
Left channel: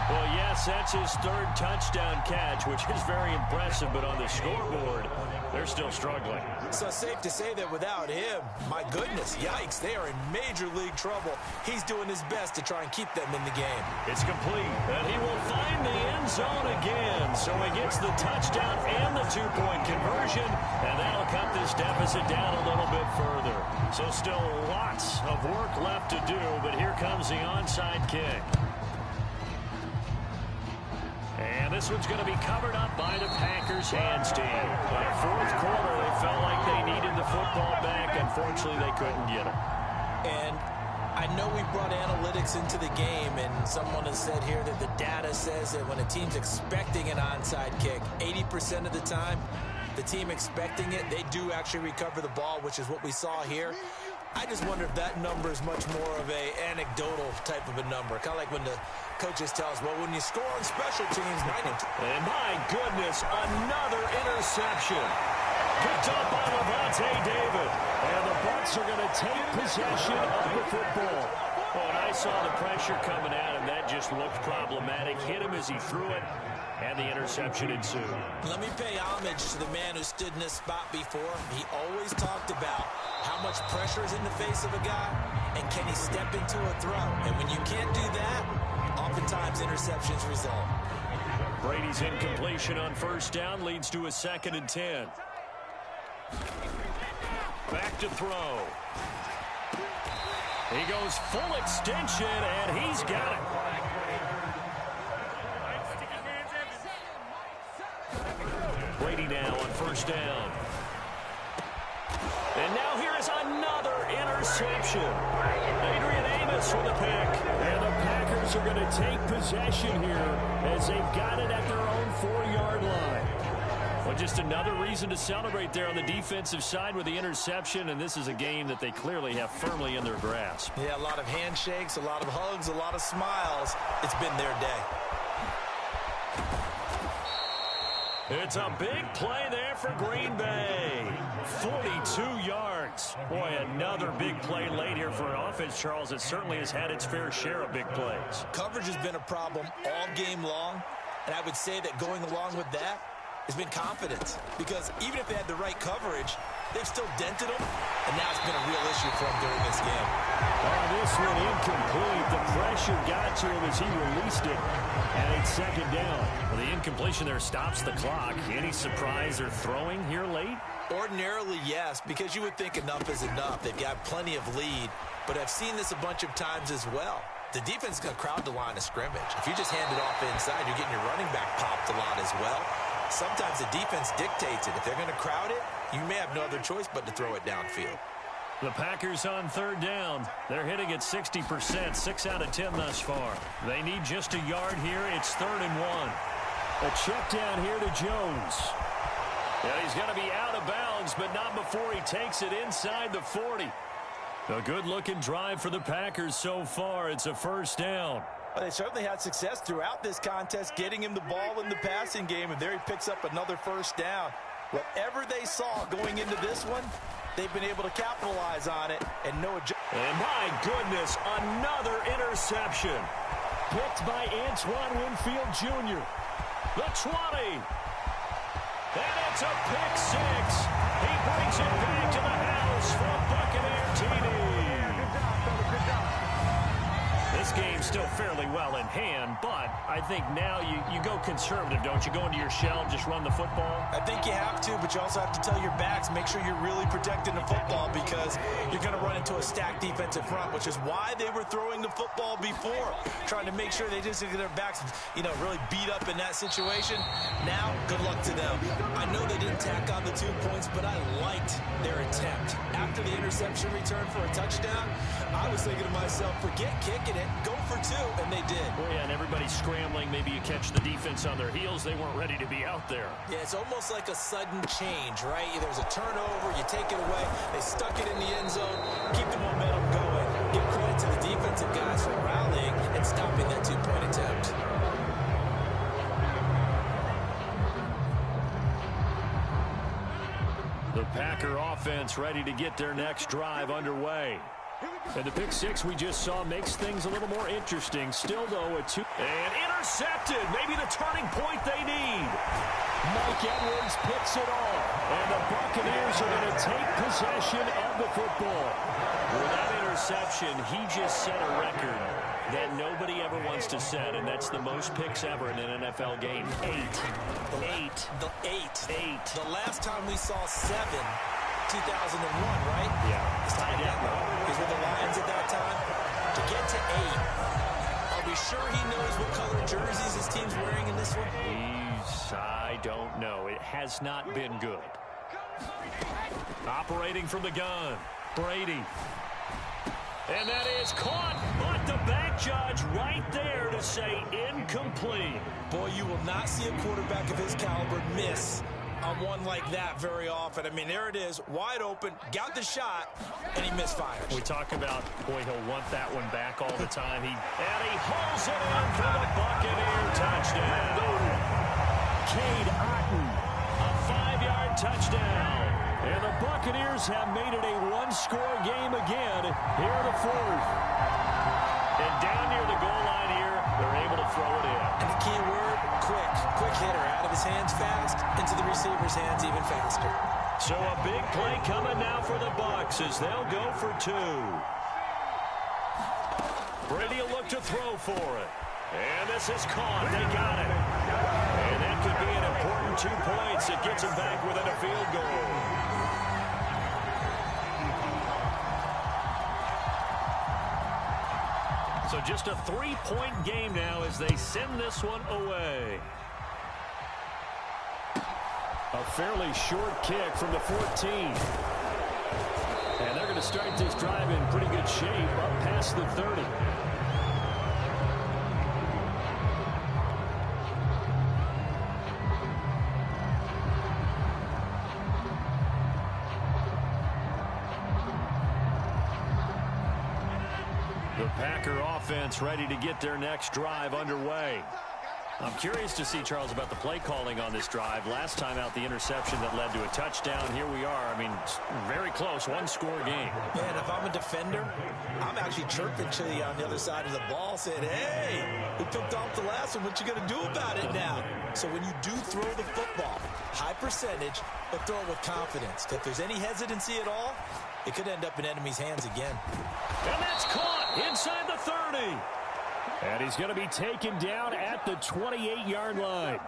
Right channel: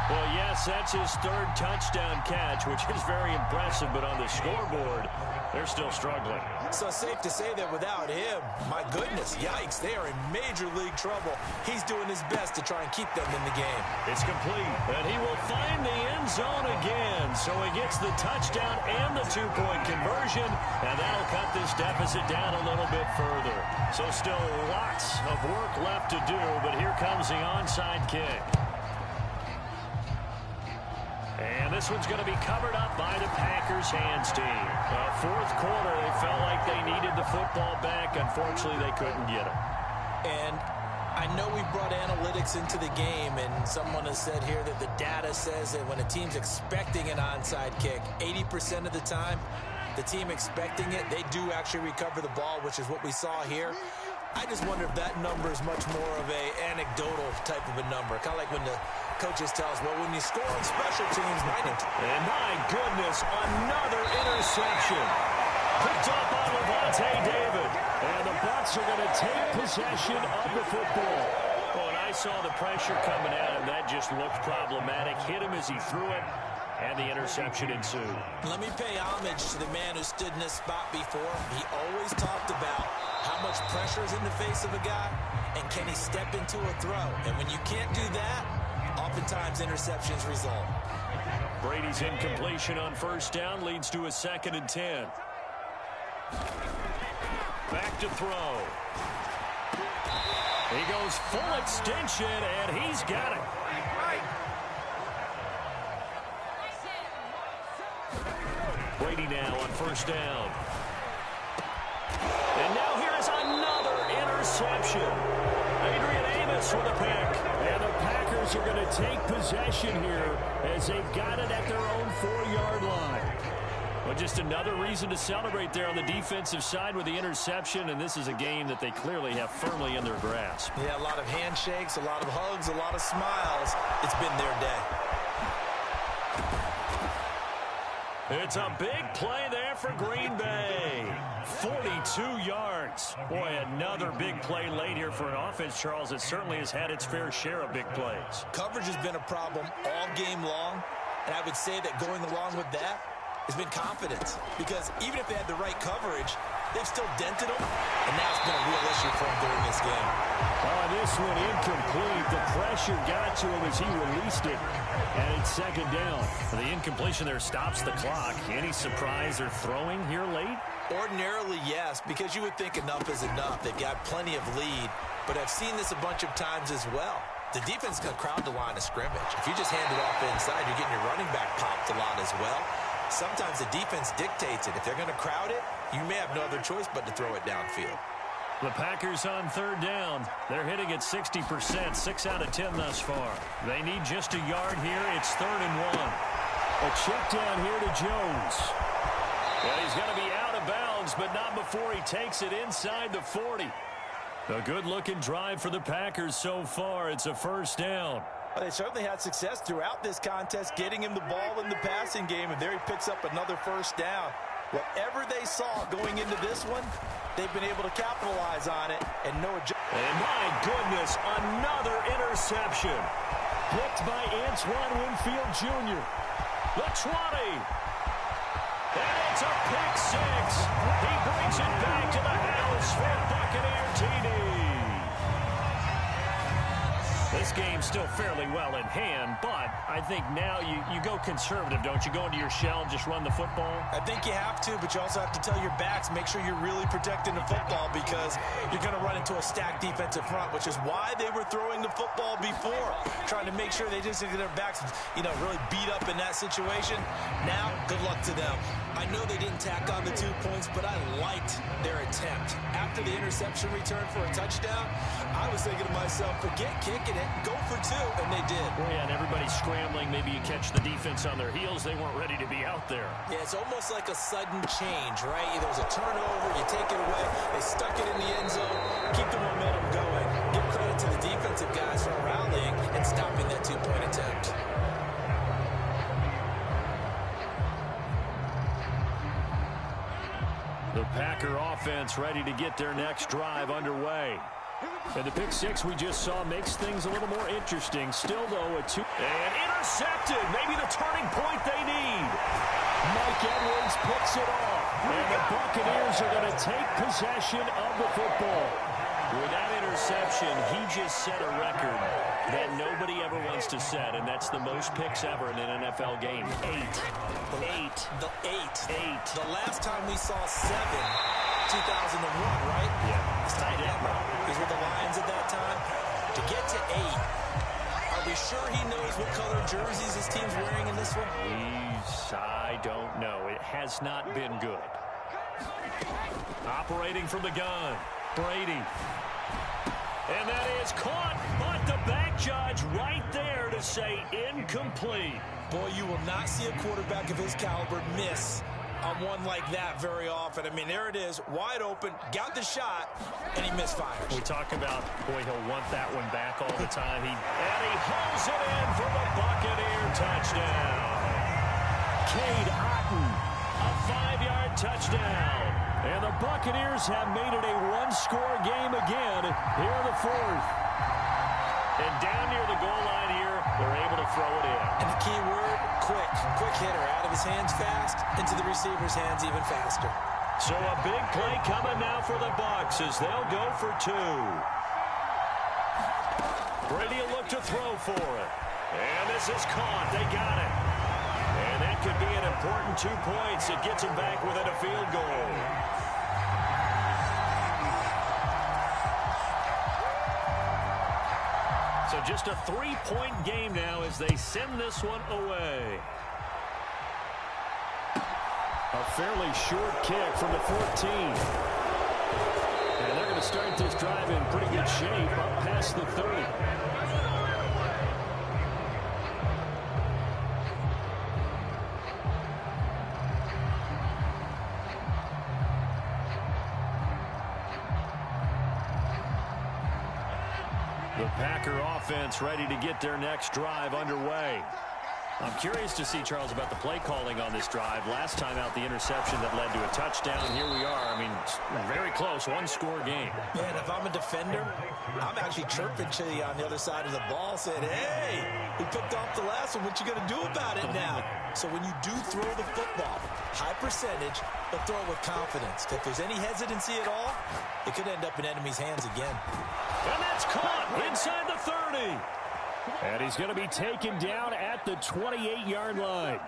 Well, yes, that's his 3rd touchdown catch, which is very impressive, but on the scoreboard, they're still struggling. So safe to say that without him, my goodness, yikes, they are in major league trouble. He's doing his best to try and keep them in the game. It's complete, and he will find the end zone again. So he gets the touchdown and the 2-point conversion, and that'll cut this deficit down a little bit further. So still lots of work left to do, but here comes the onside kick. And this one's going to be covered up by the Packers hands team. 4th quarter, they felt like they needed the football back. Unfortunately, they couldn't get it. And I know we brought analytics into the game, and someone has said here that the data says that when a team's expecting an onside kick, 80% of the time, the team expecting it, they do actually recover the ball, which is what we saw here. I just wonder if that number is much more of a anecdotal type of a number. Kind of like when the coaches tell us, well, when you score on special teams, 90. And my goodness, another interception. Picked up by Levante David. And the Bucs are going to take possession of the football. Oh, and I saw the pressure coming at him. That just looked problematic. Hit him as he threw it. And the interception ensued. Let me pay homage to the man who stood in this spot before. He always talked about how much pressure is in the face of a guy, and can he step into a throw. And when you can't do that, oftentimes interceptions result. Brady's incompletion on 1st down leads to a 2nd and 10. Back to throw. He goes full extension, and he's got it. Brady now on 1st down. And now here is another interception. Adrian Amos with a pick. And the Packers are going to take possession here as they've got it at their own 4-yard line. Well, just another reason to celebrate there on the defensive side with the interception, and this is a game that they clearly have firmly in their grasp. Yeah, a lot of handshakes, a lot of hugs, a lot of smiles. It's been their day. It's a big play there for Green Bay. 42 yards. Boy, another big play late here for an offense, Charles, that certainly has had its fair share of big plays. Coverage has been a problem all game long, and I would say that going along with that has been confidence. Because even if they had the right coverage, they've still dented them, and now it's been a real issue for them during this game. Oh, this one incomplete. The pressure got to him as he released it, and it's 2nd down. Well, the incompletion there stops the clock. Any surprise they're throwing here late? Ordinarily, yes, because you would think enough is enough. They've got plenty of lead. but I've seen this a bunch of times as well. The defense is going to crowd the line of scrimmage. If you just hand it off inside, you're getting your running back popped a lot as well. Sometimes the defense dictates it. If they're going to crowd it, you may have no other choice but to throw it downfield. The Packers on third down. They're hitting at 60%, 6 out of 10 thus far. They need just a yard here. It's 3rd and 1. A check down here to Jones. Yeah, he's going to be out of bounds, but not before he takes it inside the 40. A good-looking drive for the Packers so far. It's a 1st down. Well, they certainly had success throughout this contest, getting him the ball in the passing game, and there he picks up another 1st down. Whatever they saw going into this one, they've been able to capitalize on it, and no adjustment. And my goodness, another interception. Picked by Antoine Winfield Jr. The 20. And it's a pick 6. He brings it back to the house for a Buccaneer TD. This game's still fairly well in hand, but I think now you go conservative, don't you? Go into your shell and just run the football? I think you have to, but you also have to tell your backs, make sure you're really protecting the football because you're going to run into a stacked defensive front, which is why they were throwing the football before, trying to make sure they just get their backs, really beat up in that situation. Now, good luck to them. I know they didn't tack on the 2 points, but I liked their attempt. After the interception return for a touchdown, I was thinking to myself, forget kicking it, go for 2, and they did. Well, yeah, and everybody's scrambling. Maybe you catch the defense on their heels. They weren't ready to be out there. Yeah, it's almost like a sudden change, right? There's a turnover, you take it away, they stuck it in the end zone, keep the momentum going. Give credit to the defensive guys for rallying and stopping that 2-point attempt. The Packer offense ready to get their next drive underway. And the pick 6 we just saw makes things a little more interesting. Still, though, a 2. And intercepted. Maybe the turning point they need. Mike Edwards picks it off. And the Buccaneers are going to take possession of the football. With that interception, he just set a record that nobody ever wants to set, and that's the most picks ever in an NFL game. 8. The last time we saw 7, 2001, right? Yeah. It's tied down. Because with the Lions at that time. To get to 8, are we sure he knows what color jerseys his team's wearing in this one? I don't know. It has not been good. Operating from the gun, Brady. And that is caught, but the back judge right there to say incomplete. Boy, you will not see a quarterback of his caliber miss on one like that very often. I mean, there it is, wide open, got the shot, and he misfires. We talk about, boy, he'll want that one back all the time. And he hauls it in for the Buccaneer touchdown. Cade Otton, a 5-yard touchdown. And the Buccaneers have made it a 1-score game again here in the 4th. And down near the goal line here, they're able to throw it in. And the key word, quick. Quick hitter, out of his hands fast, into the receiver's hands even faster. So a big play coming now for the Bucs as they'll go for 2. Brady will look to throw for it. And this is caught. They got it. And that could be an important 2 points. It gets them back within a field goal. So just a 3-point game now as they send this one away. A fairly short kick from the 14. And they're going to start this drive in pretty good shape up past the 30. The Packer offense ready to get their next drive underway. I'm curious to see, Charles, about the play calling on this drive. Last time out, the interception that led to a touchdown. Here we are. I mean, very close, 1-score game. Yeah, and if I'm a defender, I'm actually chirping to you on the other side of the ball, saying, hey, we picked off the last one. What you going to do about it now? So when you do throw the football, high percentage, but throw it with confidence. If there's any hesitancy at all, it could end up in enemy's hands again. And that's caught inside the 30. And he's going to be taken down at the 28-yard line.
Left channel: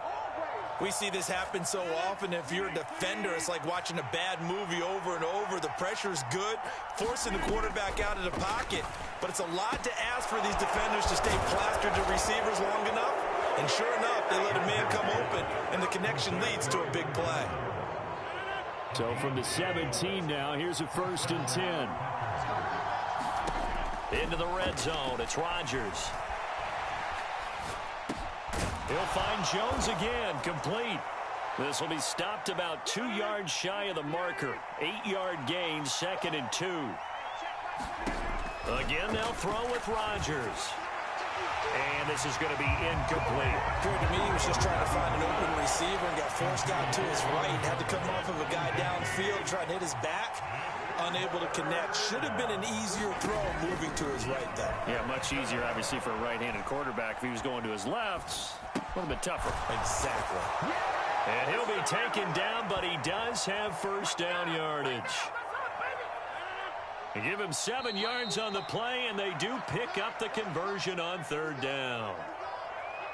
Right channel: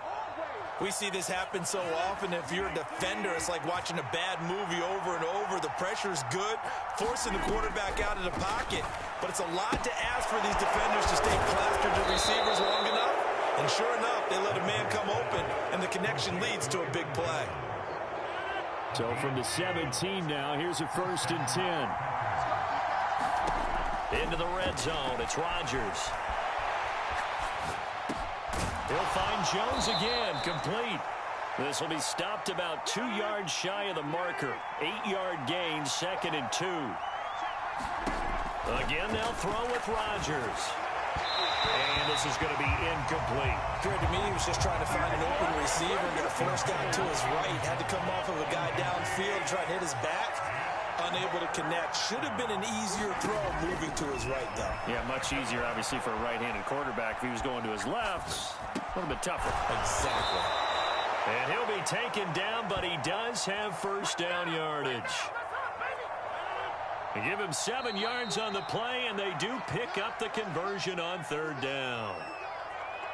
We see this happen so often. If you're a defender, it's like watching a bad movie over and over. The pressure's good, forcing the quarterback out of the pocket. But it's a lot to ask for these defenders to stay plastered to receivers long enough. And sure enough, they let a man come open, and the connection leads to a big play. So from the 17 now, here's a 1st and 10. Into the red zone, it's Rodgers. He'll find Jones again, complete. This will be stopped about 2 yards shy of the marker. 8-yard gain, 2nd and 2. Again, they'll throw with Rodgers. And this is going to be incomplete. Appeared to me he was just trying to find an open receiver and got forced out to his right. Had to come off of a guy downfield, try to hit his back. Unable to connect. Should have been an easier throw moving to his right, though. Yeah, much easier, obviously, for a right-handed quarterback. If he was going to his left, a little bit tougher. Exactly. And he'll be taken down, but he does have 1st down yardage. They give him 7 yards on the play, and they do pick up the conversion on 3rd down.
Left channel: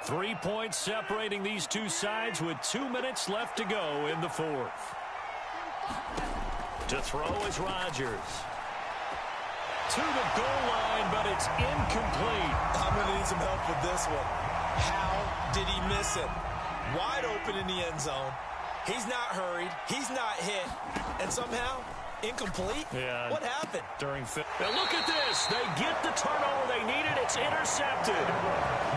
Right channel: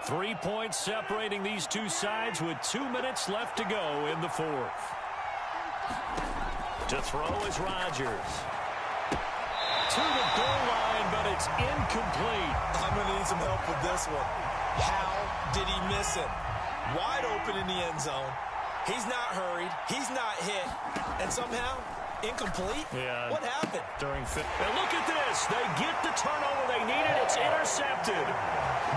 3 points separating these two sides with 2 minutes left to go in the 4th. To throw is Rodgers. To the goal line, but it's incomplete. I'm going to need some help with this one. How did he miss it? Wide open in the end zone. He's not hurried. He's not hit. And somehow, incomplete? Yeah. What happened? Now look at this. They get the turnover they needed. It's intercepted.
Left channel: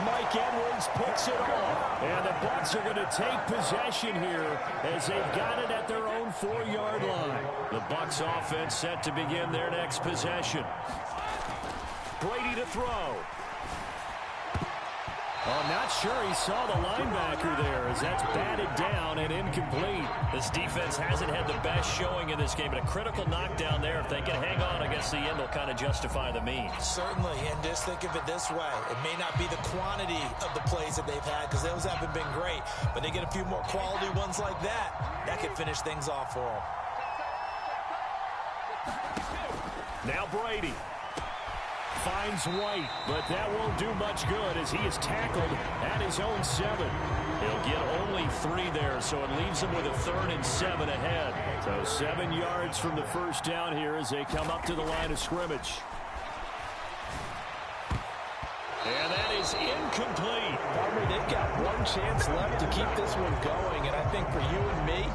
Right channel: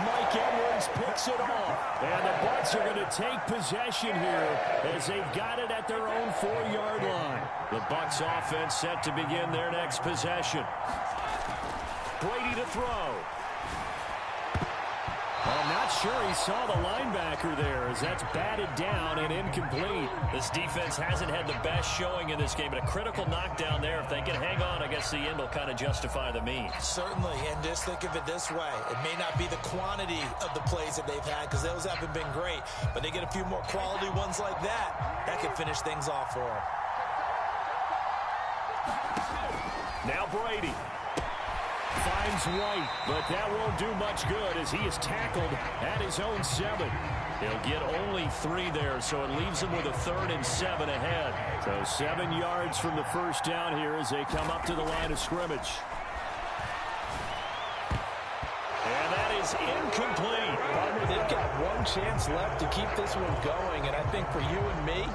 Mike Edwards picks it off. And the Bucs are going to take possession here as they've got it at their own 4-yard line. The Bucs offense set to begin their next possession. Brady to throw. I'm not sure he saw the linebacker there as that's batted down and incomplete. This defense hasn't had the best showing in this game, but a critical knockdown there. If they can hang on, I guess the end will kind of justify the means. Certainly, and just think of it this way. It may not be the quantity of the plays that they've had because those haven't been great, but they get a few more quality ones like that. That could finish things off for them. Now Brady. Finds White, but that won't do much good as he is tackled at his own 7. He'll get only 3 there, so it leaves him with a 3rd and 7 ahead. So 7 yards from the 1st down here as they come up to the line of scrimmage. And that is incomplete. Partner, they've got one chance left to keep this one going, and I think for you and me,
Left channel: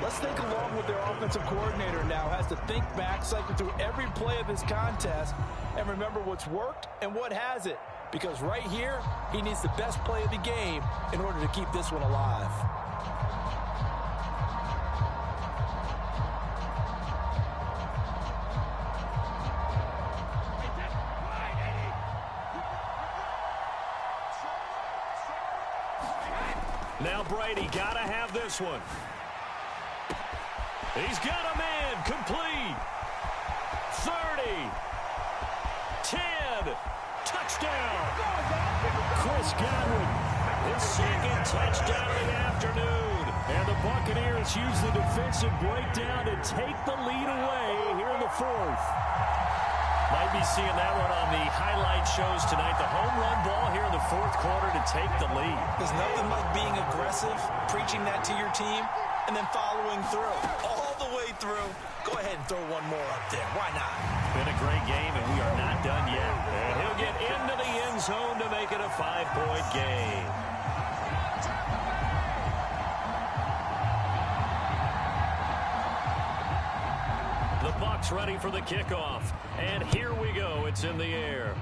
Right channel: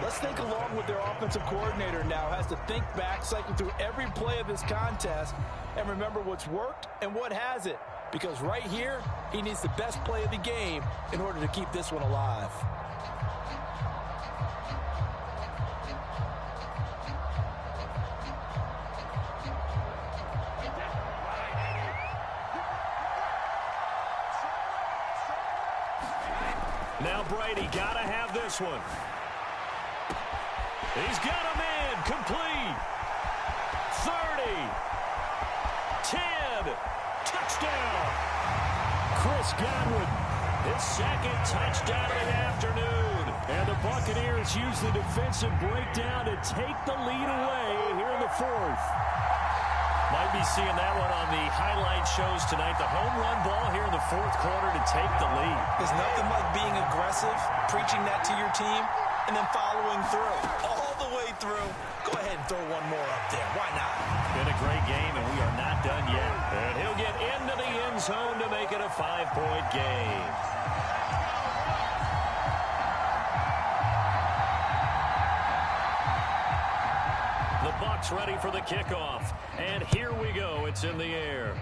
let's think along with their offensive coordinator now. Has to think back, cycle through every play of this contest, and remember what's worked and what hasn't. Because right here, he needs the best play of the game in order to keep this one alive. Now Brady got to have this one. He's got a man, complete. 30. 10. Touchdown. Chris Godwin. His 2nd touchdown of the afternoon. And the Buccaneers use the defensive breakdown to take the lead away here in the 4th. Might be seeing that one on the highlight shows tonight. The home run ball here in the 4th quarter to take the lead. There's nothing like being aggressive, preaching that to your team, and then following through. All the way through. Go ahead and throw one more up there. Why not? Been a great game, and we are not done yet. And he'll get into the end zone to make it a 5-point game. The Bucs ready for the kickoff. And here we go. It's in the air.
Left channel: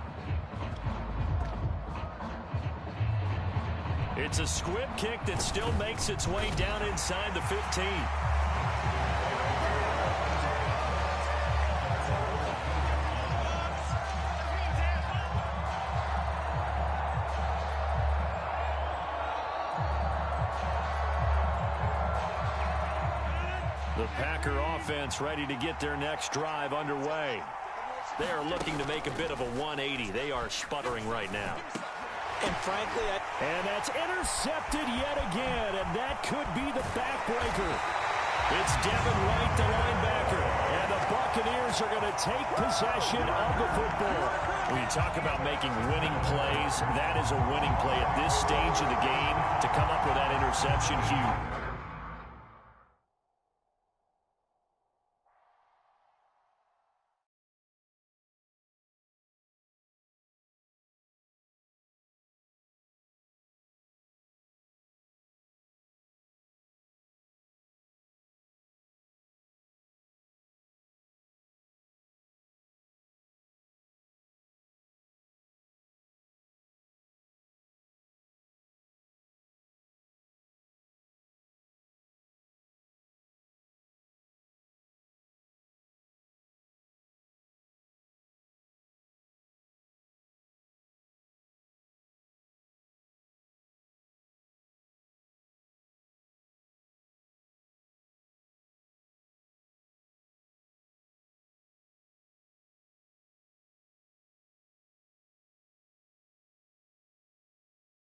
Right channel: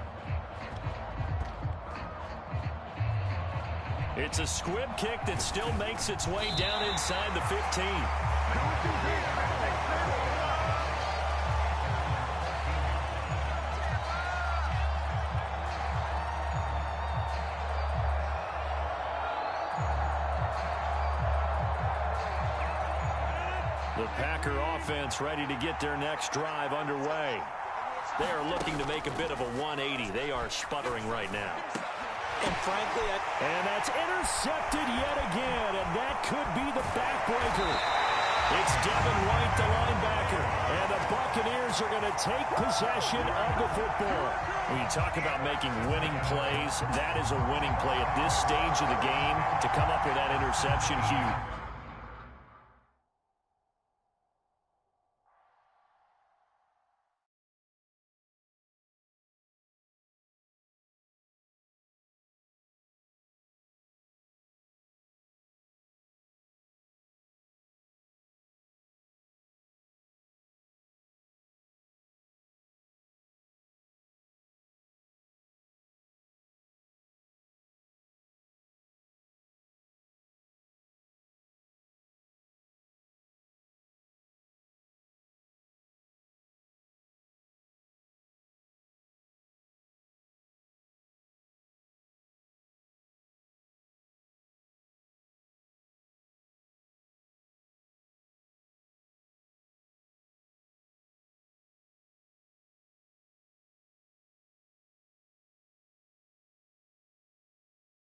It's a squib kick that still makes its way down inside the 15. The Packer offense ready to get their next drive underway. They are looking to make a bit of a 180. They are sputtering right now. And frankly, and that's intercepted yet again, and that could be the backbreaker. It's Devin White, the linebacker, and the Buccaneers are going to take possession of the football. When you talk about making winning plays, that is a winning play at this stage of the game to come up with that interception. Hugh,